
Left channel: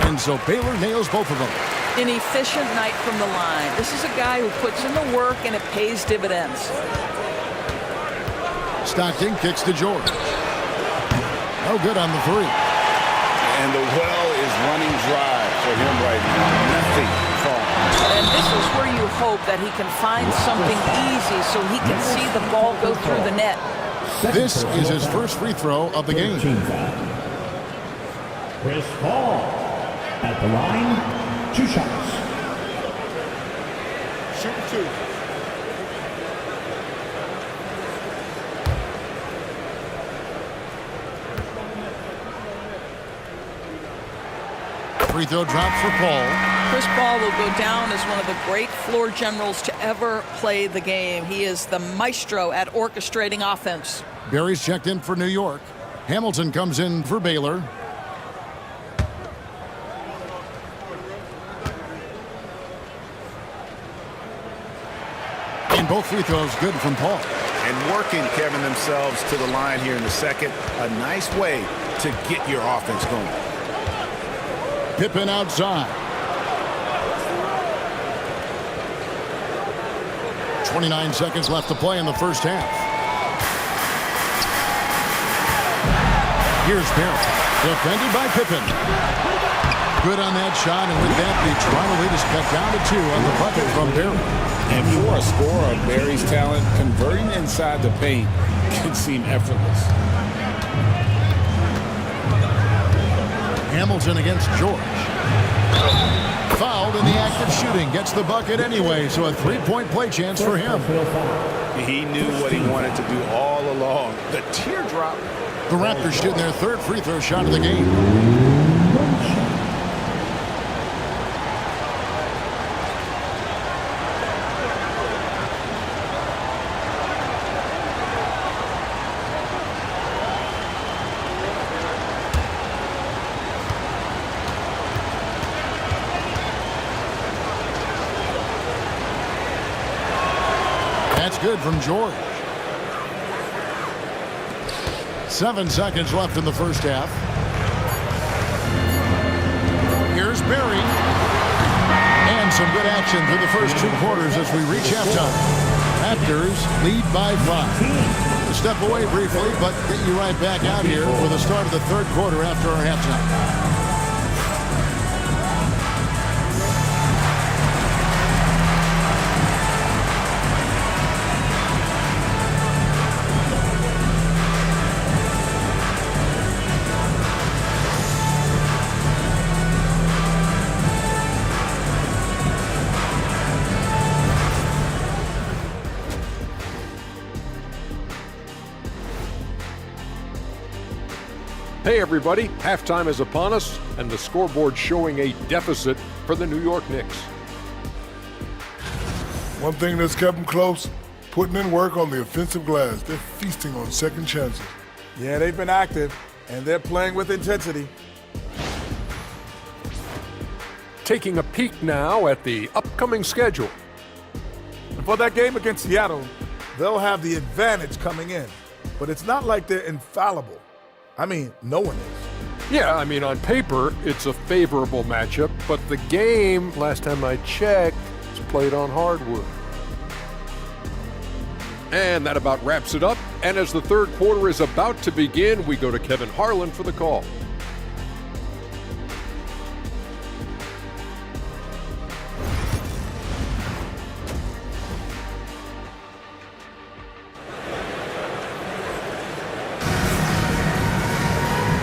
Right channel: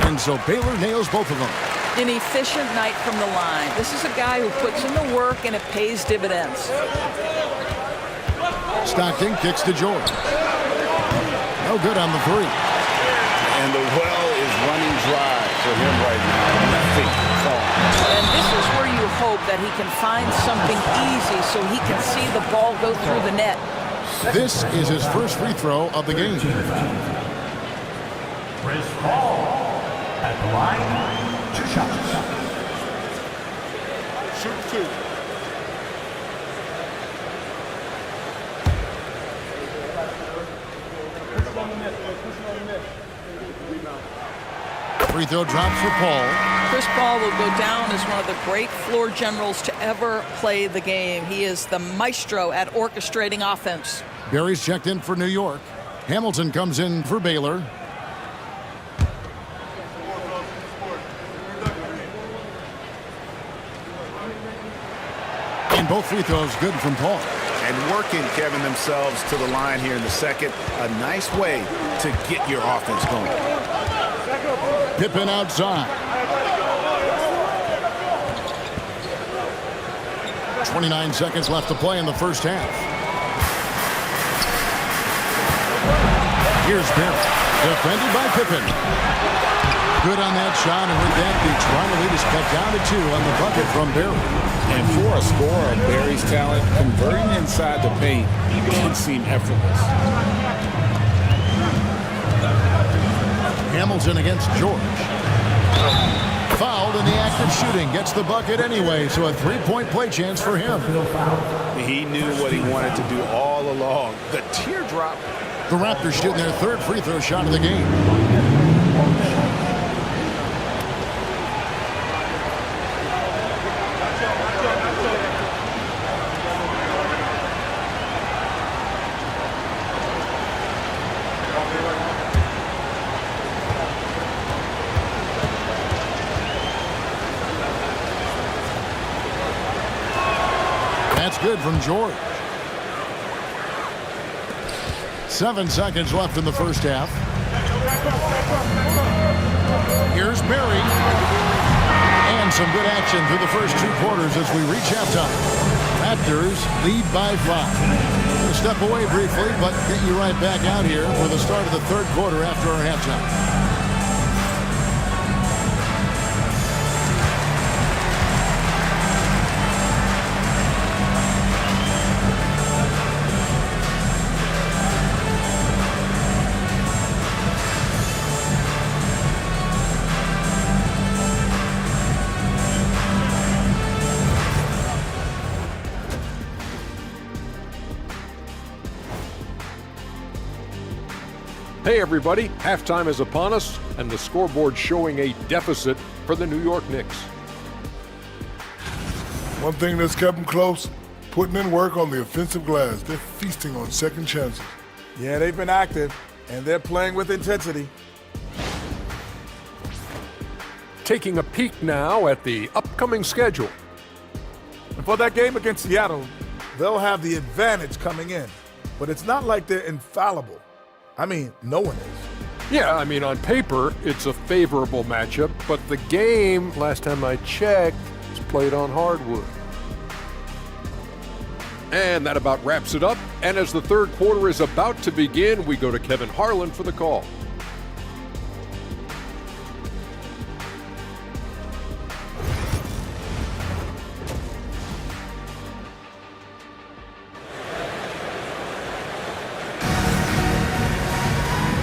And so Baylor nails both of them. An efficient night from the line. This is a guy who puts in the work and it pays dividends. Stockton kicks to George. No good on the 3. And the well is running dry for him right now. Nothing falling. And this is where you hope that he can find something easy so he can see the ball go through the net. This is his first free throw of the game. Chris Paul at the line. 2 shots. Shoot 2. Free throw drops for Paul. Chris Paul will go down as one of the great floor generals to ever play the game. He is the maestro at orchestrating offense. Barry's checked in for New York. Hamilton comes in for Baylor. And both free throws good from Paul. And working, Kevin, themselves to the line here in the second. A nice way to get your offense going. Pippen outside. 29 seconds left to play in the first half. Here's Barrett. Defended by Pippen. Good on that shot, and with that, the Toronto lead is cut down to 2 on the bucket from Barrett. And for a scorer of Barry's talent, converting inside the paint can seem effortless. Hamilton against George. Fouled in the act of shooting. Gets the bucket anyway, so a 3-point play chance for him. He knew what he wanted to do all along. The teardrop. The Raptors shooting their 3rd free throw shot of the game. That's good from George. 7 seconds left in the first half. Here's Barry. And some good action through the first 2 quarters as we reach halftime. Raptors lead by 5. We're going to step away briefly, but get you right back out here for the start of the third quarter after our halftime. Hey everybody, halftime is upon us, and the scoreboard showing a deficit for the New York Knicks. One thing that's kept them close, putting in work on the offensive glass. They're feasting on second chances. Yeah, they've been active, and they're playing with intensity. Taking a peek now at the upcoming schedule. And for that game against Seattle, they'll have the advantage coming in. But it's not like they're infallible. I mean, no one is. Yeah, I mean, on paper, it's a favorable matchup, but the game, last time I checked, is played on hardwood. And that about wraps it up. And as the third quarter is about to begin, we go to Kevin Harlan for the call.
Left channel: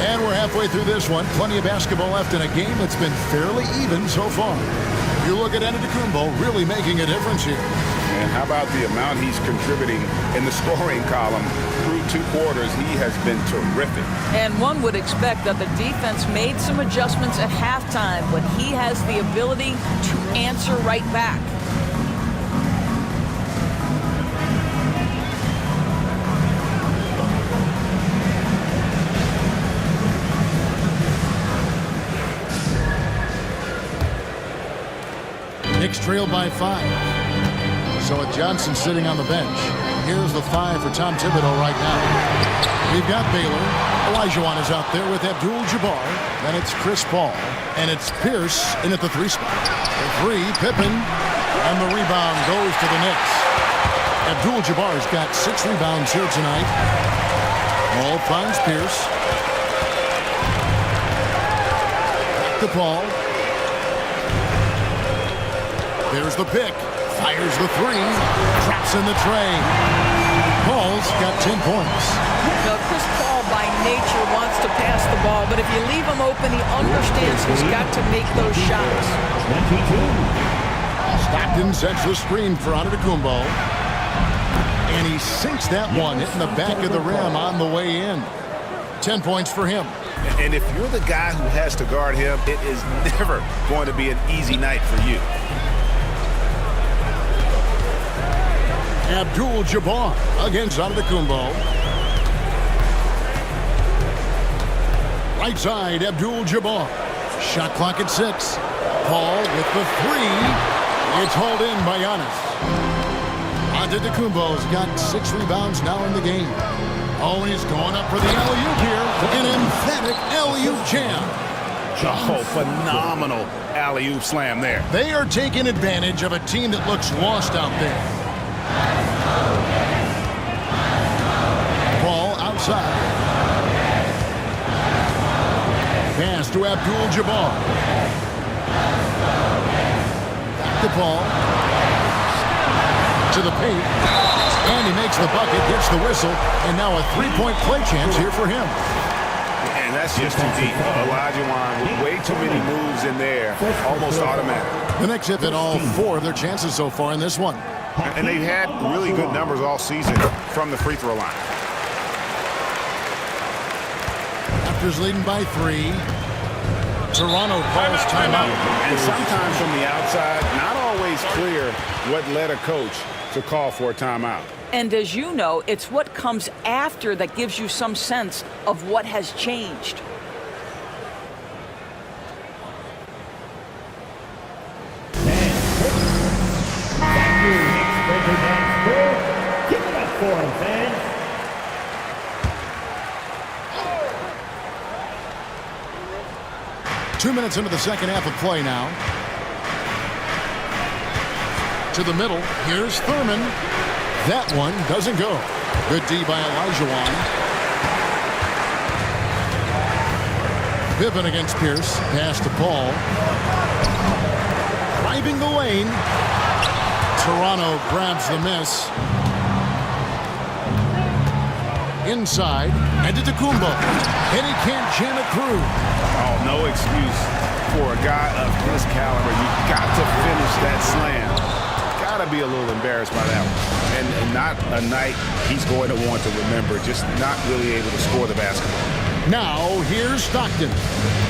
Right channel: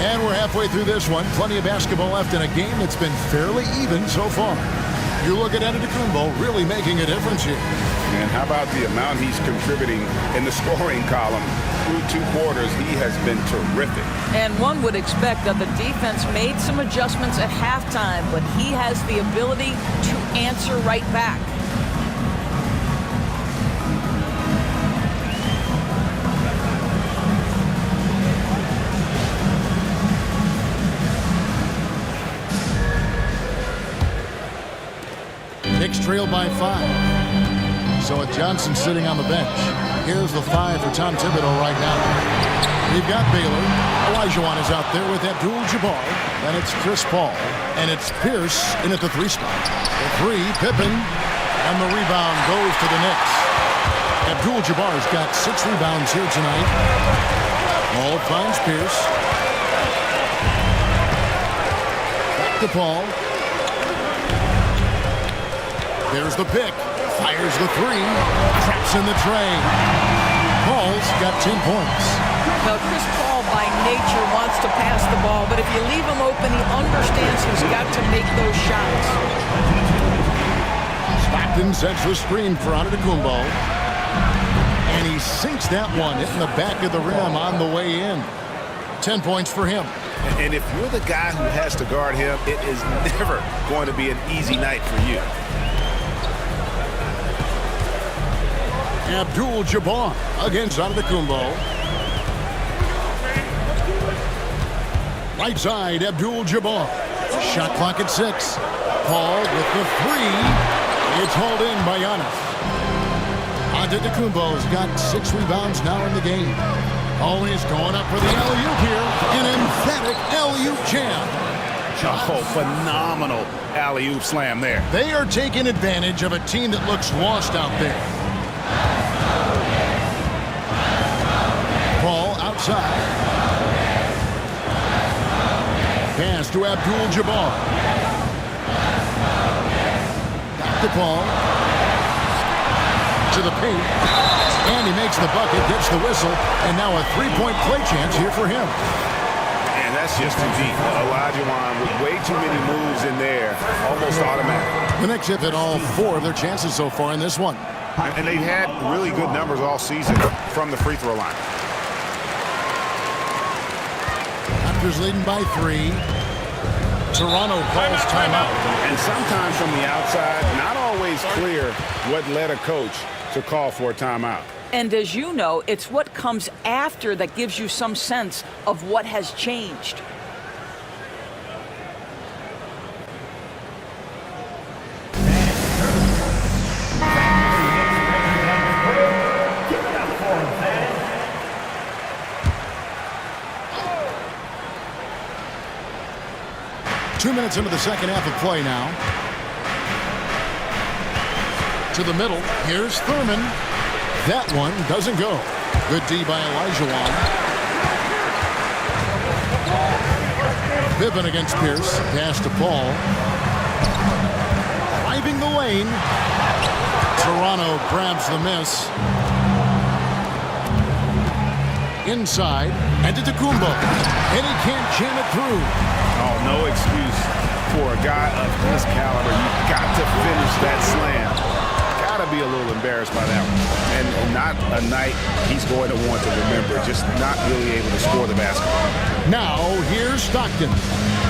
And we're halfway through this one. Plenty of basketball left in a game that's been fairly even so far. You look at Antetokounmpo really making a difference here. And how about the amount he's contributing in the scoring column? Through 2 quarters, he has been terrific. And one would expect that the defense made some adjustments at halftime, but he has the ability to answer right back. Knicks trail by 5. So with Johnson sitting on the bench, here's the 5 for Tom Thibodeau right now. We've got Baylor. Olajuwon is out there with Abdul-Jabbar. Then it's Chris Paul. And it's Pierce in at the 3 spot. The 3, Pippen. And the rebound goes to the Knicks. Abdul-Jabbar's got 6 rebounds here tonight. Paul finds Pierce. Back to Paul. There's the pick. Fires the 3. Traps in the tray. Paul's got 10 points. Now, Chris Paul by nature wants to pass the ball, but if you leave him open, he understands he's got to make those shots. Stockton sets the screen for Antetokounmpo. And he sinks that one, hitting the back of the rim on the way in. 10 points for him. And if you're the guy who has to guard him, it is never going to be an easy night for you. Abdul-Jabbar against Antetokounmpo. Right side, Abdul-Jabbar. Shot clock at 6. Paul with the 3. It's hauled in by Giannis. Antetokounmpo's got 6 rebounds now in the game. Oh, and he's going up for the alley-oop here. An emphatic alley-oop jam. Oh, phenomenal alley-oop slam there. They are taking advantage of a team that looks lost out there. Paul outside. Pass to Abdul-Jabbar. Back to Paul. To the paint. And he makes the bucket, gets the whistle, and now a 3-point play chance here for him. And that's just too deep. Olajuwon with way too many moves in there, almost automatic. The Knicks have hit all 4 of their chances so far in this one. And they've had really good numbers all season from the free throw line. Raptors leading by 3. Toronto calls timeout. And sometimes from the outside, not always clear what led a coach to call for a timeout. And as you know, it's what comes after that gives you some sense of what has changed. scoring, fans. Two minutes into the second half of play now. To the middle. Here's Thurman. That one doesn't go. Good D by Olajuwon. Pippen against Pierce. Pass to Paul. Driving the lane. Toronto grabs the miss. Inside. And to Tacumbo. And he can't jam it through. Oh, no excuse for a guy of his caliber. You've got to finish that slam. Got to be a little embarrassed by that one. And not a night he's going to want to remember, just not really able to score the basketball. Now, here's Stockton.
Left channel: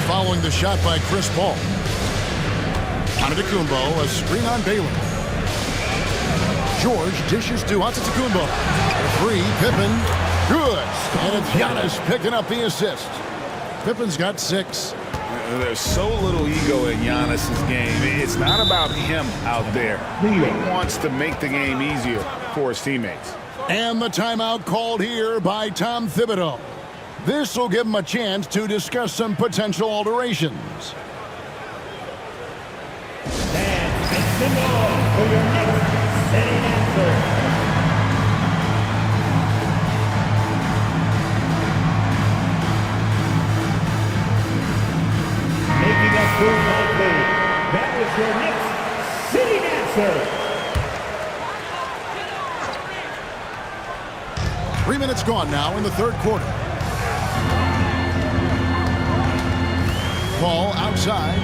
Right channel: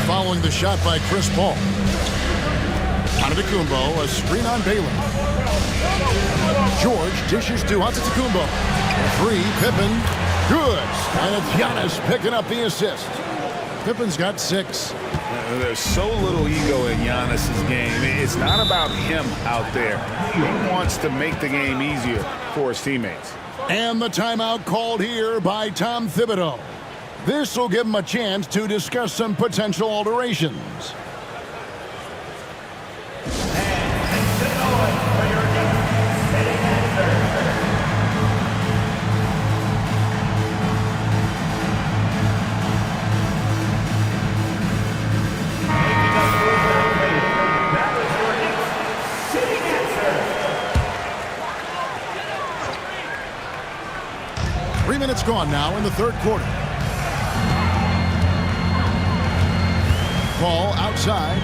Following the shot by Chris Paul. Antetokounmpo, a screen on Baylor. George dishes to Antetokounmpo. A three, Pippen. Good. And it's Giannis picking up the assist. Pippen's got 6. There's so little ego in Giannis's game. It's not about him out there. He wants to make the game easier for his teammates. And the timeout called here by Tom Thibodeau. This will give him a chance to discuss some potential alterations. That is your Knicks sitting answer. 3 minutes gone now in the third quarter. Paul outside.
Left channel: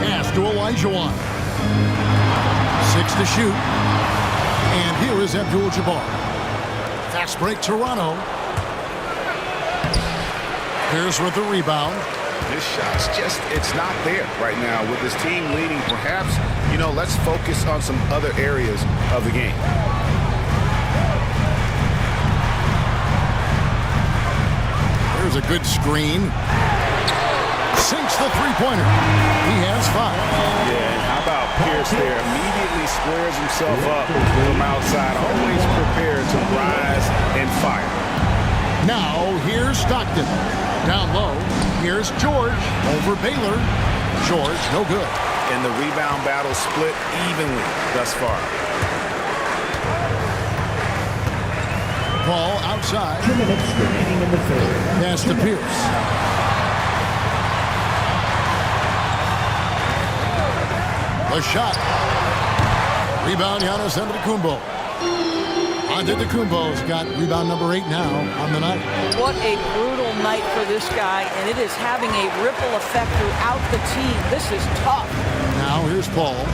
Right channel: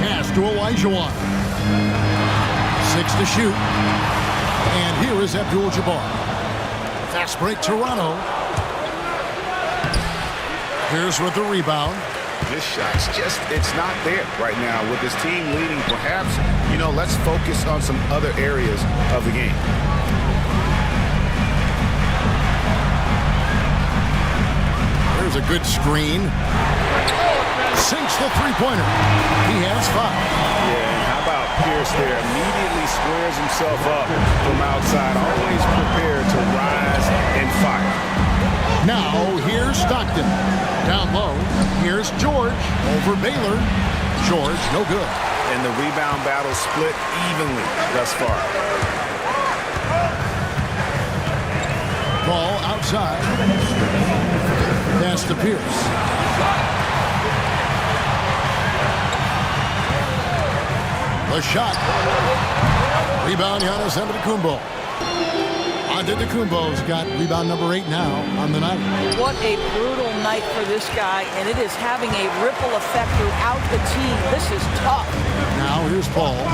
Pass to Olajuwon. 6 to shoot. And here is Abdul-Jabbar. Fast break Toronto. Here's with the rebound. This shot's just, it's not there right now. With this team leading, perhaps, let's focus on some other areas of the game. There's a good screen. Sinks the three-pointer. He has 5. Yeah, and how about Pierce there? Immediately squares himself up from outside. Always prepared to rise and fire. Now, here's Stockton. Down low, here's George over Baylor. George, no good. And the rebound battle split evenly thus far. Ball outside. Pass to Pierce. The shot. Rebound, Giannis Antetokounmpo. Antetokounmpo's got rebound number 8 now on the night. What a brutal night for this guy, and it is having a ripple effect throughout the team. This is tough. Now here's Paul.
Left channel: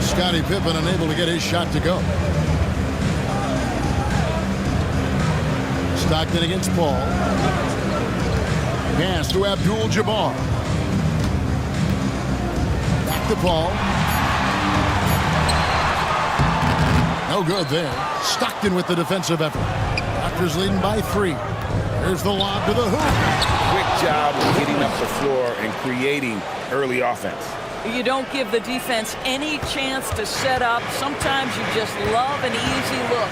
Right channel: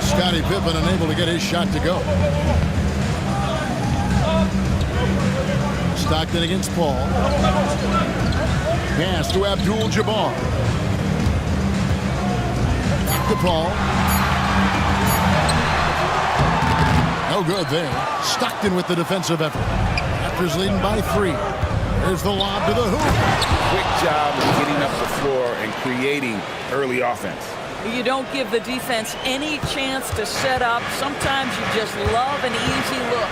Scottie Pippen unable to get his shot to go. Stockton against Paul. Pass to Abdul-Jabbar. Back to Paul. No good there. Stockton with the defensive effort. Raptors leading by 3. There's the lob to the hoop. Quick job of getting up the floor and creating early offense. You don't give the defense any chance to set up. Sometimes you just love an easy look.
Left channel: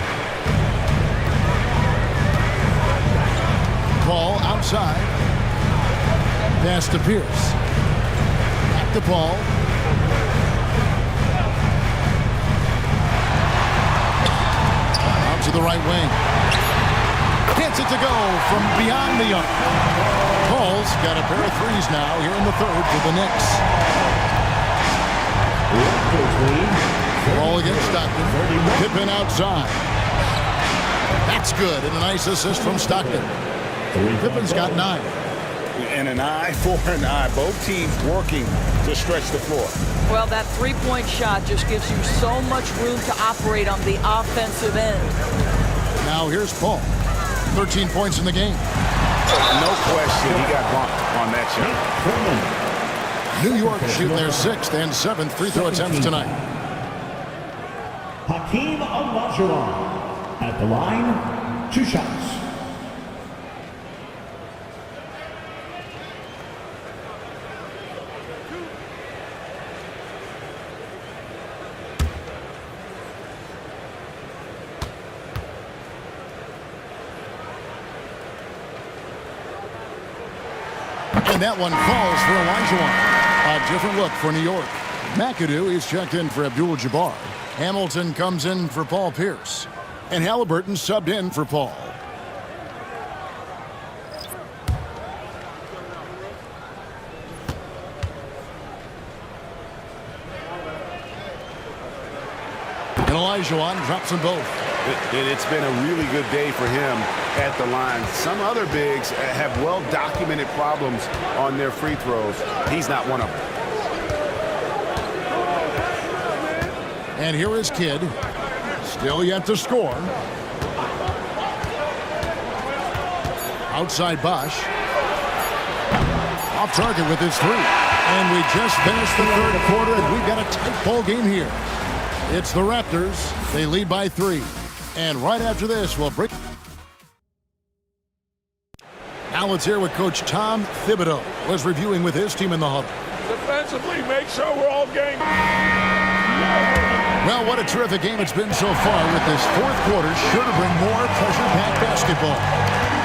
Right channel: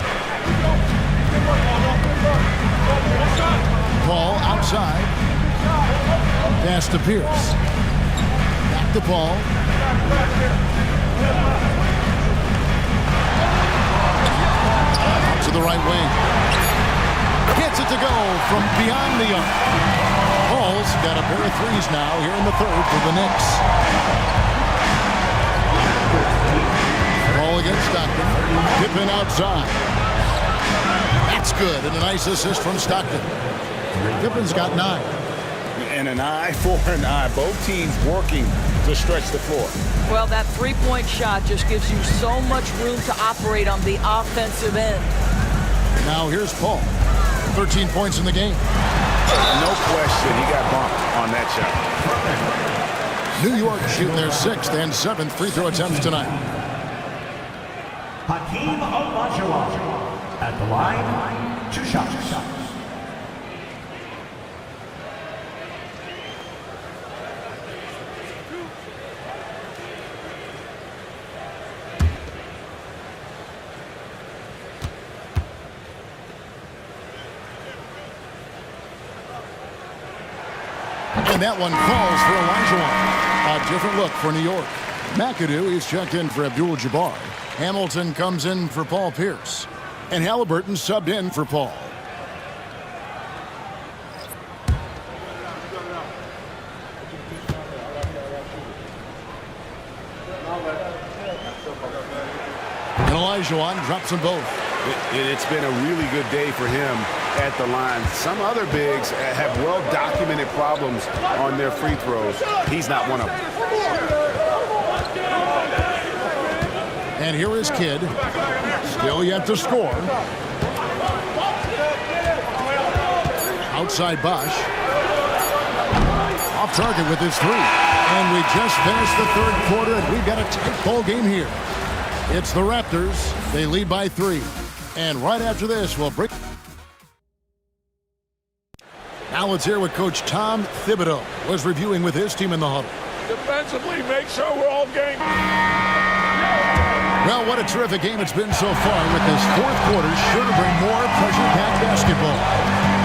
Paul outside. Pass to Pierce. Back to Paul. Out to the right wing. Gets it to go from beyond the arc. Paul's got a pair of threes now here in the third for the Knicks. Ball against Stockton. Pippen outside. That's good, and a nice assist from Stockton. Pippen's got 9. And an eye for an eye. Both teams working to stretch the floor. Well, that three-point shot just gives you so much room to operate on the offensive end. Now here's Paul. 13 points in the game. No question, he got bumped on that shot. New York shooting their 6th and 7th free throw attempts tonight. Hakeem Olajuwon at the line, 2 shots. And that one falls for Olajuwon. A different look for New York. McAdoo is checked in for Abdul-Jabbar. Hamilton comes in for Paul Pierce. And Halliburton subbed in for Paul. And Olajuwon drops them both. It's been a really good day for him at the line. Some other bigs have well-documented problems on their free throws. He's not one of them. And here is Kidd. Still yet to score. Outside Bosch. Off target with his three. And we just finished the third quarter, and we've got a tight ball game here. It's the Raptors. They lead by 3. And right after this, we'll break. Now let's hear what Coach Tom Thibodeau was reviewing with his team in the huddle. Defensively, make sure we're all game. Well, what a terrific game it's been so far, with this fourth quarter sure to bring more pressure-packed basketball.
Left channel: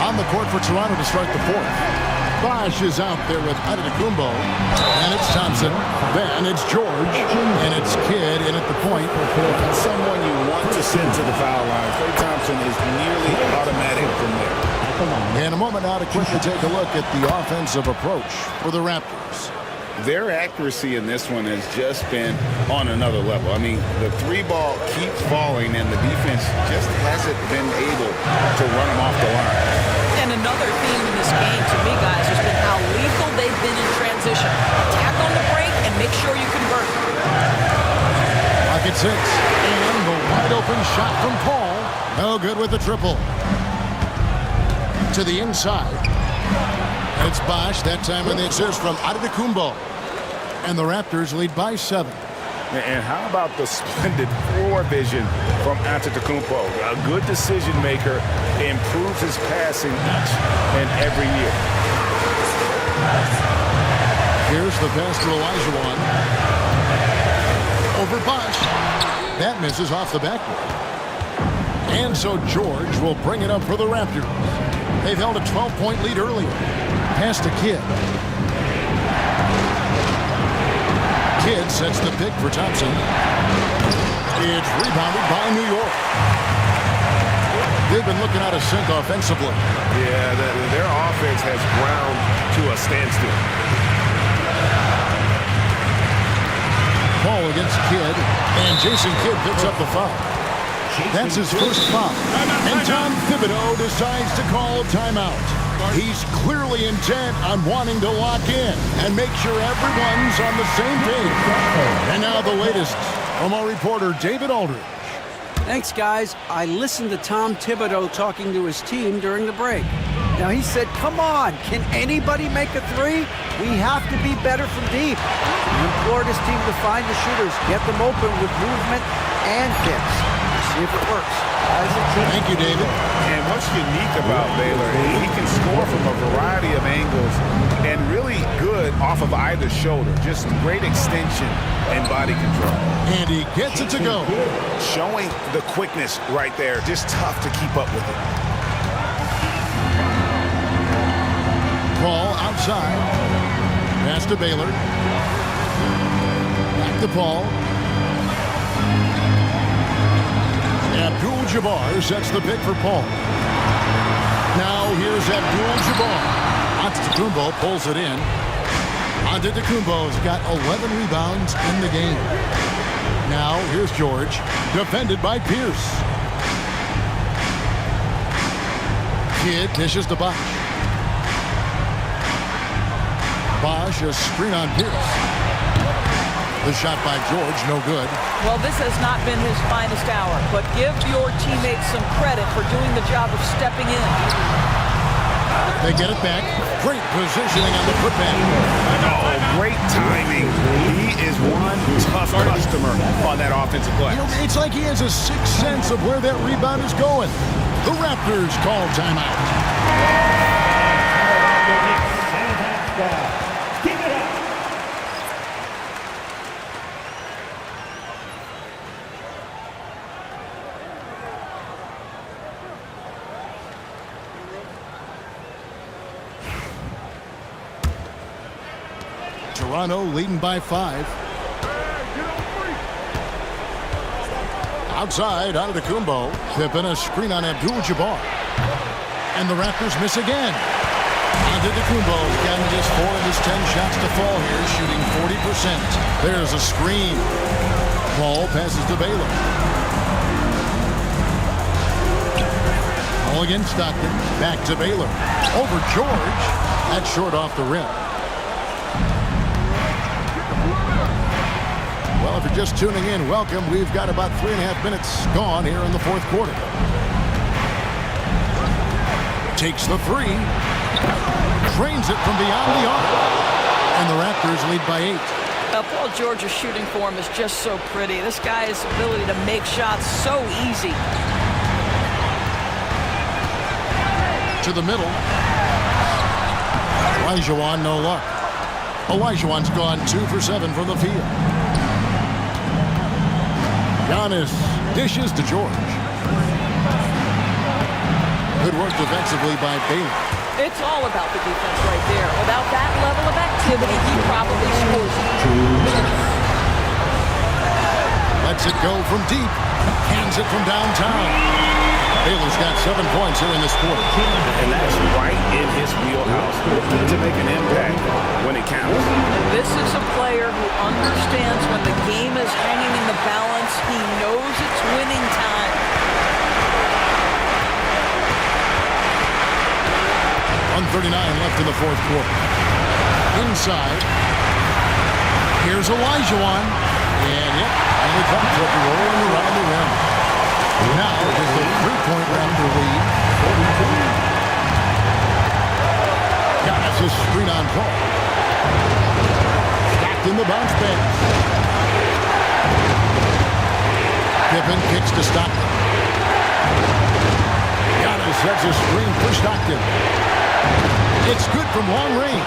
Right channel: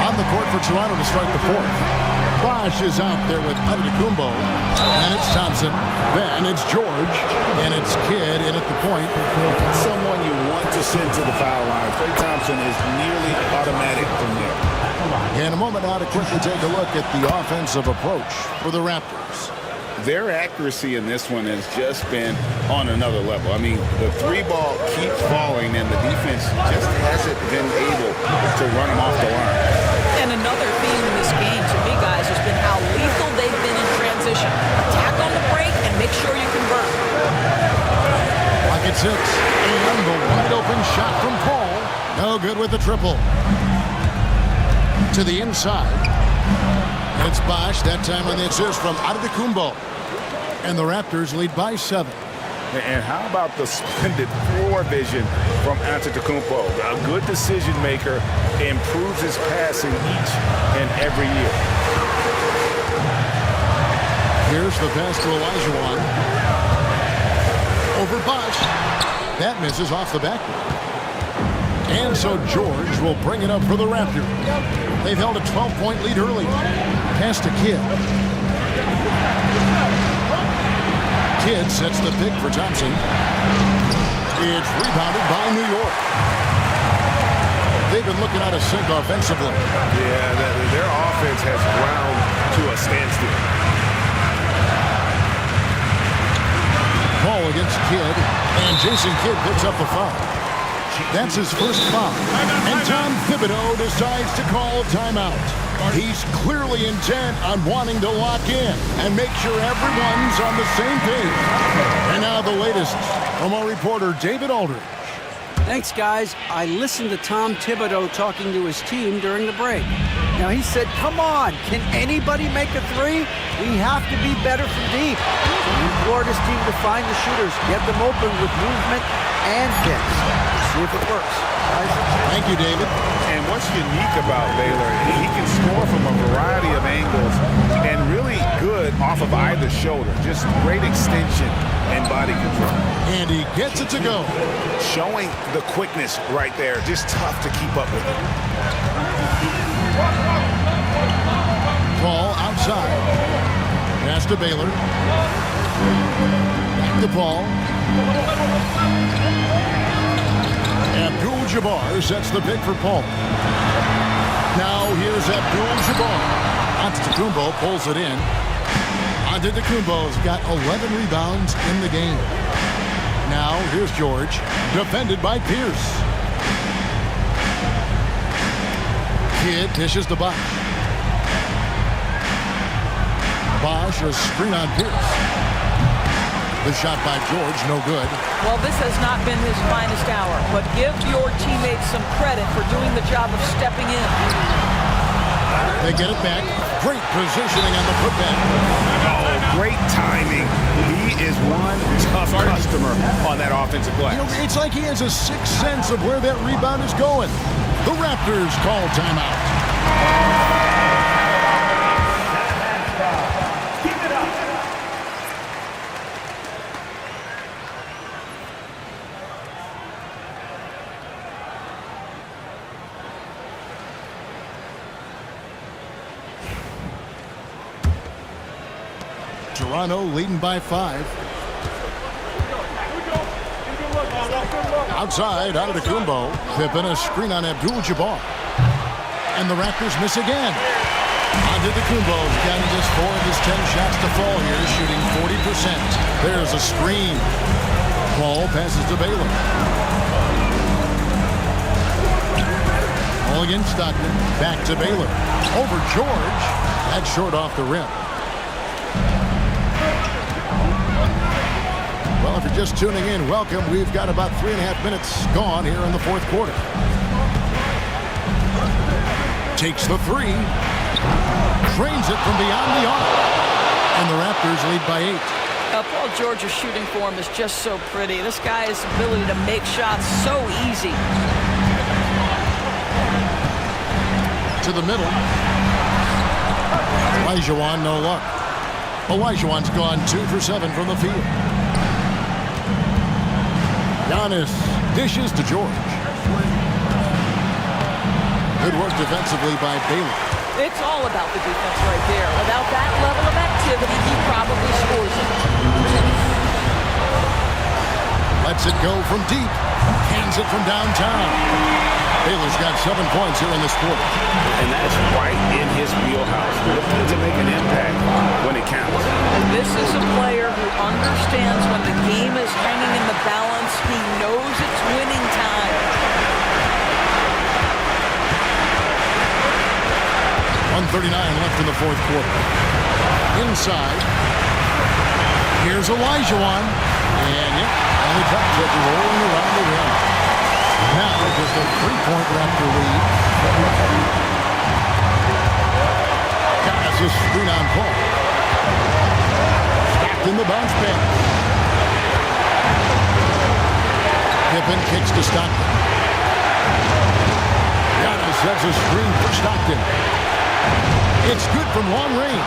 On the court for Toronto to start the fourth. Bosch is out there with Antetokounmpo. And it's Thompson. Then it's George. And it's Kidd in at the point. That's someone you want to send to the foul line. Klay Thompson is nearly automatic from there. In a moment now to quickly take a look at the offensive approach for the Raptors. Their accuracy in this one has just been on another level. I mean, the three ball keeps falling, and the defense just hasn't been able to run them off the line. And another theme in this game, to me, guys, has been how lethal they've been in transition. Attack on the break and make sure you convert. Clock at 6. And the wide-open shot from Paul. No good with the triple. To the inside. It's Bosch, that time on the assist from Antetokounmpo. And the Raptors lead by 7. And how about the splendid floor vision from Antetokounmpo? A good decision maker, improves his passing each and every year. Here's the pass to Olajuwon. Over Bosch. That misses off the backboard. And so George will bring it up for the Raptors. They've held a 12-point lead earlier. Pass to Kidd. Kidd sets the pick for Thompson. It's rebounded by New York. They've been looking out of sync offensively. Yeah, their offense has ground to a standstill. Paul against Kidd, and Jason Kidd picks up the foul. That's his first foul. And Tom Thibodeau decides to call timeout. He's clearly intent on wanting to lock in and make sure everyone's on the same page. And now the latest from our reporter, David Aldridge. Thanks, guys. I listened to Tom Thibodeau talking to his team during the break. Now, he said, come on, can anybody make a three? We have to be better from deep. He implored his team to find the shooters, get them open with movement and kicks. We'll see if it works. Guys, thank you, David. And what's unique about Baylor, he can score from a variety of angles and really good off of either shoulder. Just great extension and body control. And he gets it to go. Showing the quickness right there. Just tough to keep up with it. Paul outside. Pass to Baylor. Back to Paul. Abdul-Jabbar sets the pick for Paul. Now here's Abdul-Jabbar. Antetokounmpo pulls it in. Antetokounmpo's got 11 rebounds in the game. Now here's George, defended by Pierce. Kidd dishes to Bosch. Bosch, a screen on Pierce. The shot by George, no good. Well, this has not been his finest hour, but give your teammates some credit for doing the job of stepping in. They get it back. Great positioning on the putback. Oh, great timing. He is one tough customer on that offensive glass. You know, it's like he has a sixth sense of where that rebound is going. The Raptors call timeout. Toronto leading by 5. Outside, Antetokounmpo. Pippen, a screen on Abdul-Jabbar. And the Raptors miss again. Antetokounmpo's gotten just 4 of his 10 shots to fall here, shooting 40%. There's a screen. Paul passes to Baylor. All against Stockton. Back to Baylor. Over George. That's short off the rim. Well, if you're just tuning in, welcome. We've got about 3.5 minutes gone here in the fourth quarter. Takes the 3. Drains it from beyond the arc. And the Raptors lead by 8. Paul George's shooting form is just so pretty. This guy's ability to make shots so easy. To the middle. Olajuwon, no luck. Olajuwon's gone 2 for 7 from the field. Giannis dishes to George. Good work defensively by Baylor. It's all about the defense right there. Without that level of activity, he probably scores it. Lets it go from deep. Hands it from downtown. Baylor's got 7 points here in this quarter. And that's right in his wheelhouse. Looking to make an impact when it counts. And this is a player who understands when the game is hanging in the balance. He knows it's winning time. 1:39 left in the fourth quarter. Inside. Here's Olajuwon. And yep, finally drops it, rolling around the rim. Now just a 3-point Raptor lead. Giannis a screen on Paul. Stockton the bounce pass. Pippen kicks to Stockton. Giannis sets a screen for Stockton. It's good from long range.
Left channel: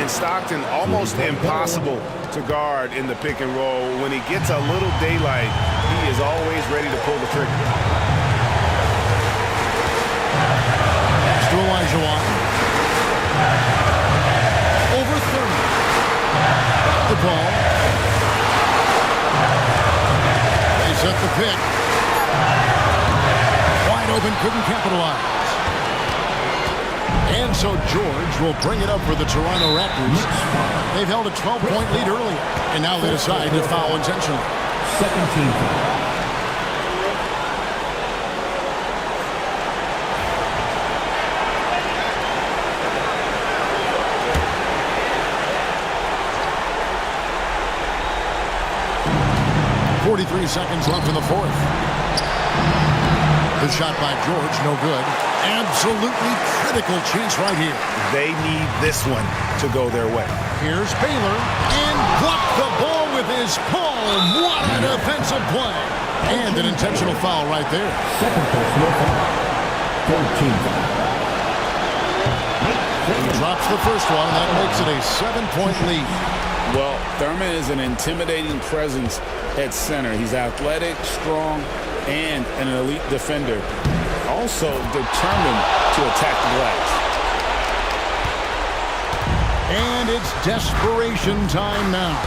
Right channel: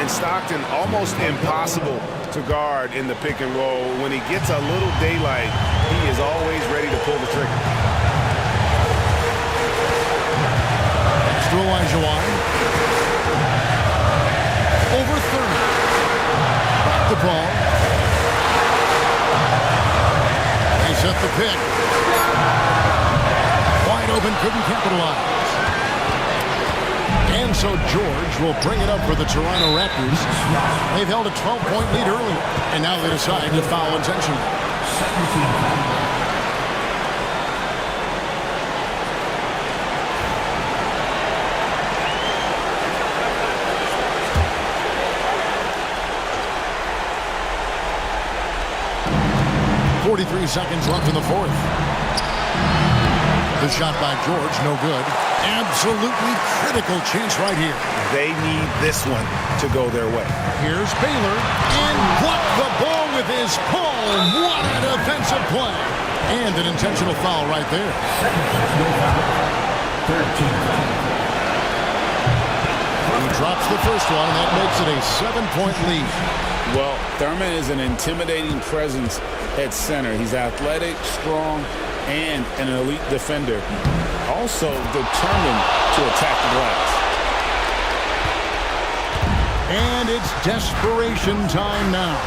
And Stockton almost impossible to guard in the pick and roll. When he gets a little daylight, he is always ready to pull the trigger. Pass to Olajuwon. Over Thurman. Back the ball. They set the pick. Wide open, couldn't capitalize. And so George will bring it up for the Toronto Raptors. They've held a 12-point lead earlier, and now they decide to foul intentionally. Second team foul. .43 seconds left in the fourth. The shot by George, no good. Absolutely critical chance right here. They need this one to go their way. Here's Baylor, and blocked the ball with his palm. What a defensive play. And an intentional foul right there. Second personal foul. Third team foul. He drops the first one, and that makes it a 7-point lead. Well, Thurman is an intimidating presence at center. He's athletic, strong, and an elite defender. Also determined to attack the glass. And it's desperation time now.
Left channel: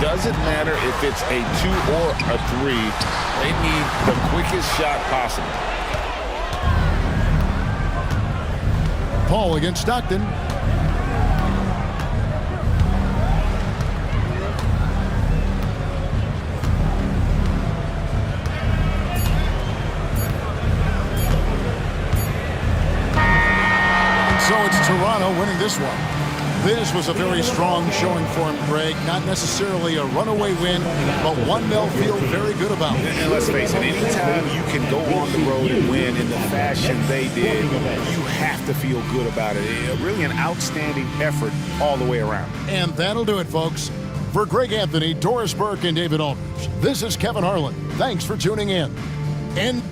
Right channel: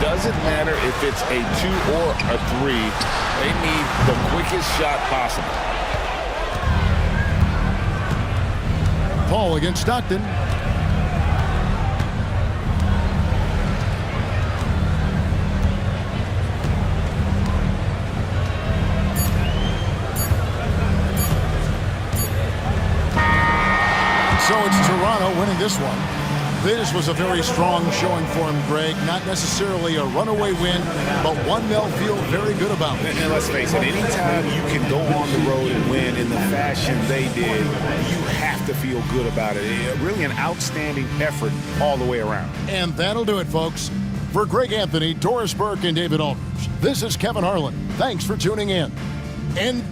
Doesn't matter if it's a 2 or a 3. They need the quickest shot possible. Paul against Stockton. So it's Toronto winning this one. This was a very strong showing for him, Greg. Not necessarily a runaway win, but one they'll feel very good about. And let's face it, anytime you can go on the road and win in the fashion they did, you have to feel good about it. Really an outstanding effort all the way around. And that'll do it, folks. For Greg Anthony, Doris Burke, and David Aldridge, this is Kevin Harlan. Thanks for tuning in. And